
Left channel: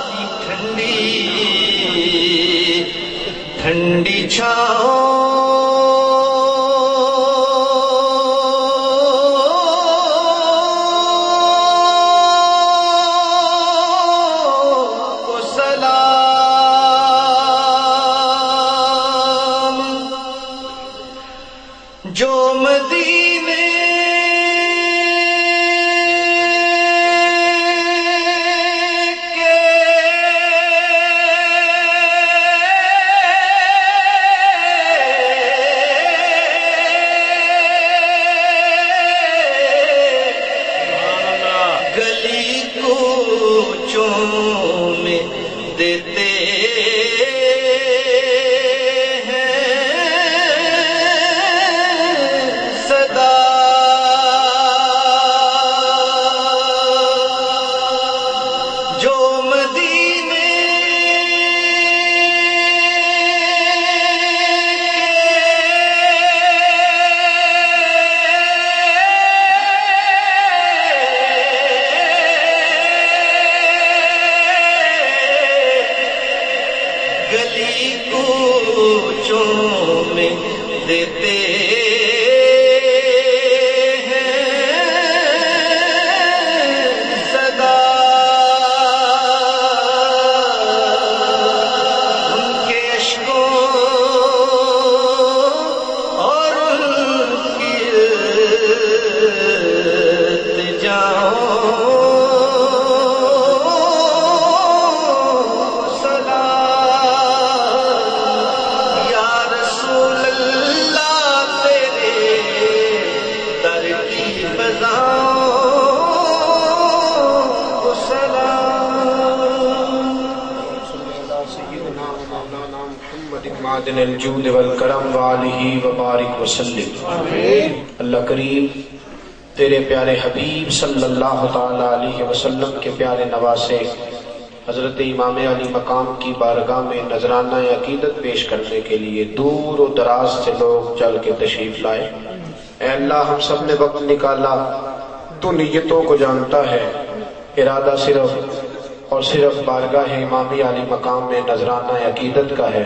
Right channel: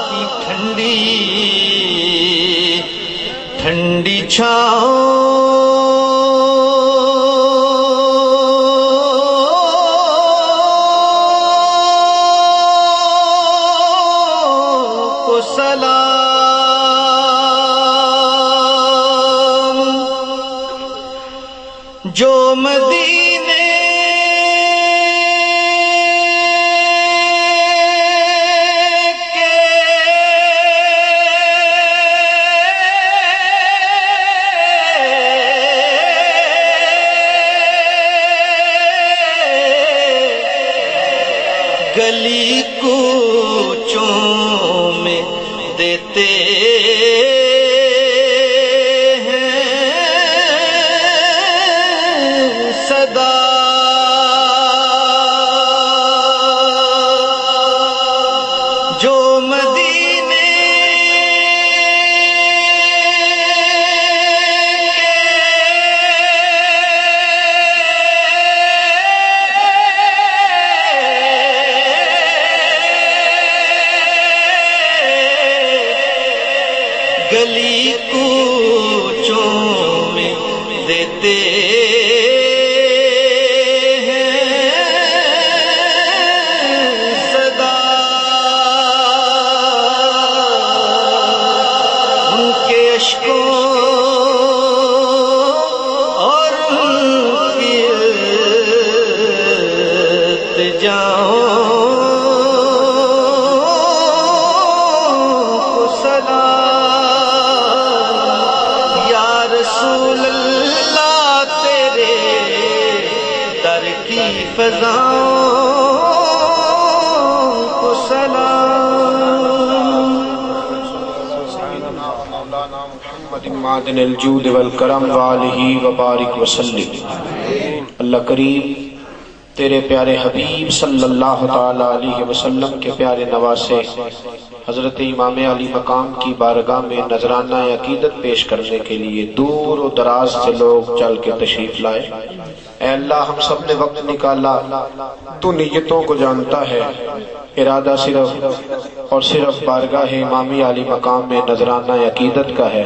کی ٹھنڈی چھاؤں کو سلام. جو مدینے گلی کوچوں میں دیتے ہیں صدا، جو مدینے گلی کوچوں میں دیتے ہیں صدا، ان کے عشقوں اور ان کی التجاؤں معدن الجود والکرم وآلہ وبارک وسلم. اللہ کریم تیرے پیارے حبیب صلی اللہ تعالی علیہ وسلم کے پیارے نواسے حضرت امام علی مقام کی بارگاہ میں نذرانہ عقیدت پیش کرنے کے لیے دور و دراز سے لوگ چل کے تشریف لائے. اے اللہ ہم سب نے وقت نکالا، تو نیتوں کو جانتا ہے. ارادہ صرف اور صرف بارگاہ امامی علی مقام میں نذرانہ عقیدت کا ہے۔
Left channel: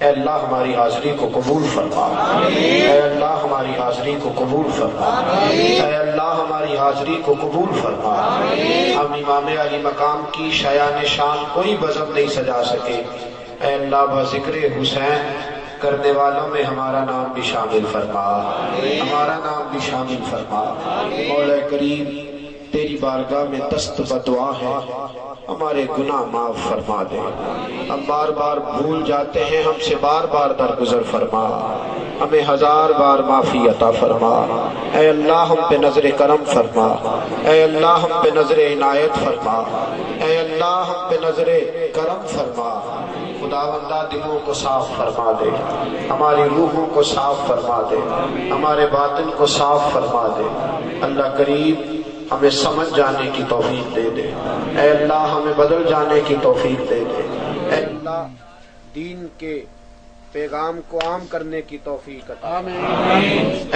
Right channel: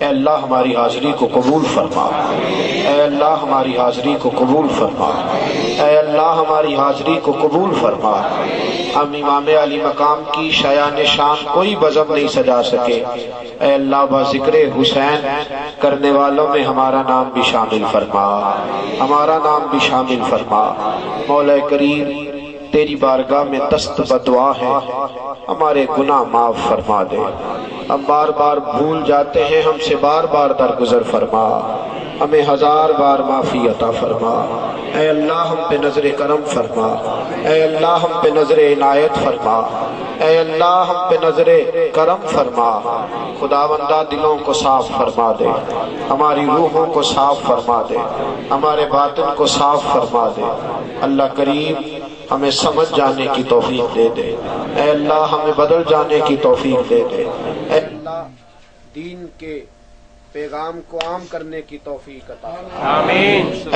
اے اللہ ہماری حاضری کو قبول فرما، اے اللہ ہماری حاضری کو قبول فرما، اے اللہ ہماری حاضری کو قبول فرما۔ ہم امام علی مقام کی شایان شان کوئی بزم نہیں سجا سکے، اے اللہ بذکر حسین کرنے والوں میں ہمارا نام بھی شامل فرما، ہمارا نام بھی شامل فرما۔ مولا کریم تیری بارگاہ میں دست بدعا ہے، ہمارے گناہ معاف فرما دے۔ ہم بار بار بھول جاتے ہیں، ہم سے بار بار درگزر فرما، ہمیں 1000 بار معافی عطا فرما۔ اے اللہ ہم پہ نظر کرم فرما، اے اللہ ہم پہ نظر عنایت فرما، اے اللہ ہم پہ نظر کرم فرما۔ خداوندہ دلوں کو صاف فرما دے، ہماری روحوں کو صاف فرما دے، ہمارے باطن کو صاف فرما دے۔ اللہ کریم ہمیں سمجھ جانے کی توفیق دے دے، اے اللہ ہمیں بدل جانے کی توفیق دے دے، اے اللہ دین کے پیغام کو عام کرنے کی توفیق عطا فرما،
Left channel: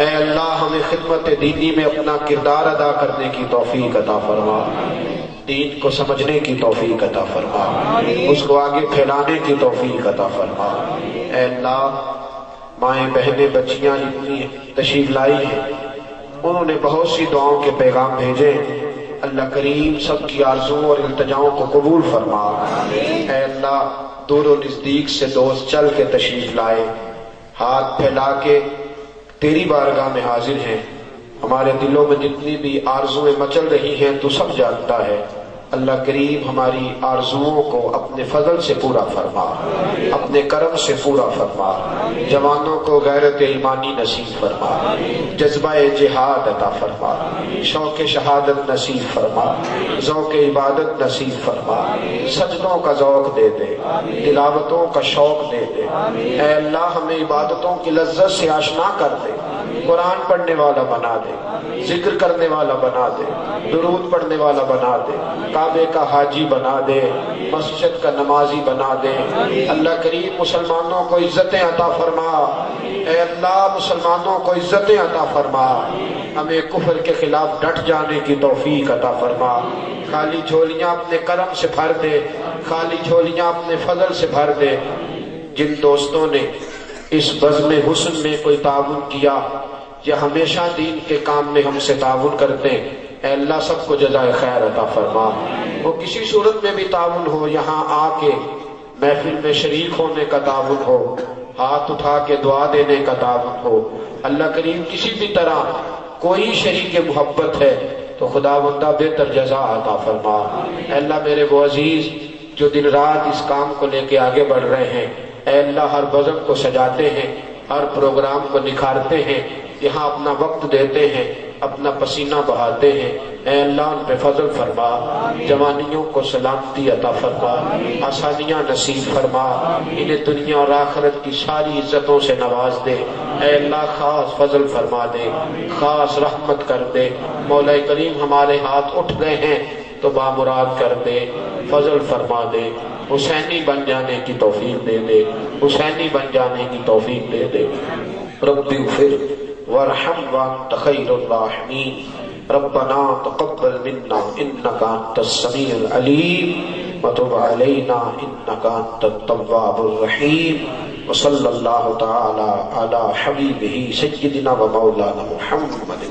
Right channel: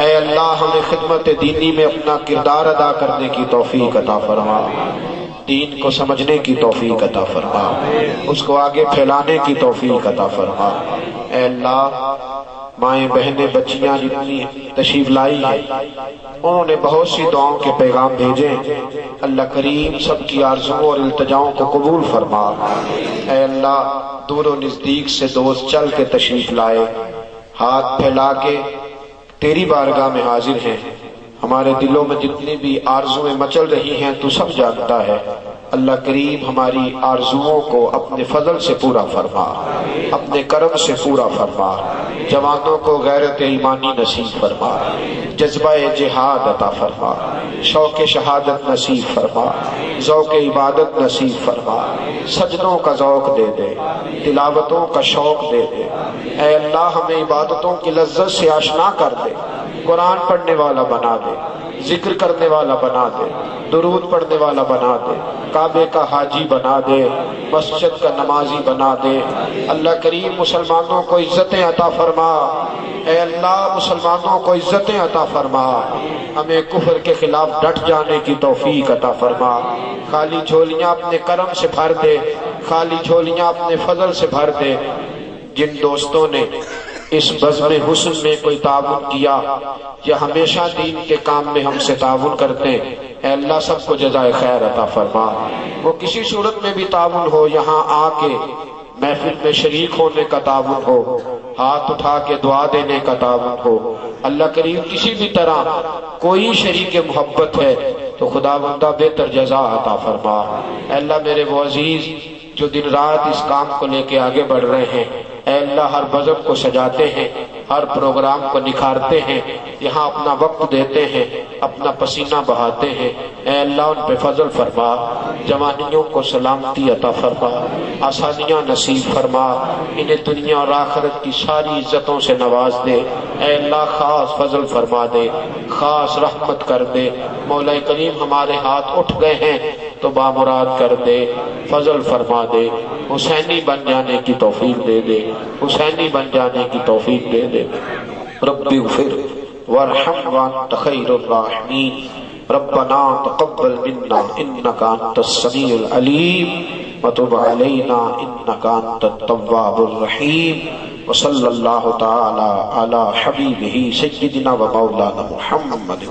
اے اللہ ہمیں خدمت دینی میں اپنا کردار ادا کرنے کی توفیق عطا فرما، دین کو سمجھنے کی توفیق عطا فرما، اس کو آگے پھیلانے کی توفیق عطا فرما۔ اے اللہ مائیں بہنیں بچیاں جتنی تشریف لائی ہیں، انہوں نے بہت سی دعاؤں کے پیغام بھیجے، اللہ کریم سب کی آرزوؤں اور التجاؤں کو قبول فرما۔ اے اللہ دور و نزدیک سے دوست چل کے تشریف لائے، ہاتھ پھیلا کے تیری بارگاہ میں حاضر ہیں، ہمارے دلوں میں جتنی بھی آرزویں مچل رہی ہیں تو سب جانتا ہے۔ اللہ کریم ہماری آرزوؤں کو اپنے فضل سے پورا فرما، اپنے کرم سے پورا فرما، جوانوں کو غیرت ایمانی نصیب فرما، جذبہ جہاد عطا فرما، شوق شہادت نصیب فرما، ذوق عبادت نصیب فرما، سجدوں کا ذوق دے دے، تلاوتوں کا شوق دے دے۔ اے اللہ ہمیں عبادتوں کی لذت سے آشنا کر دے، قرآن پڑھنے والا بنا دے، ذکر کرنے والا بنا دے، درود پڑھنے والا بنا دے، کعبے کا حاجی بنا دے، مسجد کا نمازی بنا دے۔ اللہ کریم مسلمانوں کو عزتیں عطا فرما، اے اللہ مسلمانوں کو عزتیں عطا فرما، ہمیں کفر کے خلاف ڈٹ جانے کی توفیق عطا فرما۔ خالی جھولیاں اپنے کرم سے بھر دے، خالی جھولیاں اپنے فضل سے بھر دے۔ جن دوستوں نے اس بزم حسن میں کوئی تعاون کیا یا ہمیشہ دین کے کام میں ہم سے تعاون کرتے، اے اللہ سب کو جزائے خیر عطا فرما۔ وہ کسی صورت میں بھی تعاون ہو، یہاں آ کے محفل میں شریک ہونے کا تعاون ہو، ہاتھ اٹھا کے دعا دینے کا تعاون ہو، اللہ کریم کسی بھی طرح کوئی شریک محبت ہے تو خداوندہ بہتر جزا عطا فرما۔ اے اللہ میرے وہ عزیز جو دن رات اس کام کو لے کے آگے بڑھ رہے ہیں، اے اللہ ہر بزم کو سجاتے ہیں، ہر پروگرام کو نکھارتے ہیں، یہاں اپنا وقت دیتے ہیں، اپنا پسینہ بہاتے ہیں، اے اللہ ان پہ فضل فرما، جوانیوں کو سلامتی عطا فرما، آسانیاں نصیب فرما، انہیں دنیا اور آخرت کی ساری عزتوں سے نواز دے۔ اے اللہ خاص فضل فرما دے، خاص رحمت کر دے۔ مولا کریم ہمارے ہاتھ اٹھ گئے ہیں تو بامراد کر دے، فضل فرما دے، حسینی بن جانے کی توفیق دے دے، حسینی بن جانے کی توفیق دے دے۔ ربی اغفر وارحم وانت خیر الراحمین، ربنا تقبل منا انک انت السمیع العلیم وتب علینا انک انت التواب الرحیم، وصلی اللہ تعالی علی حبیبہ سیدنا و مولانا محمد۔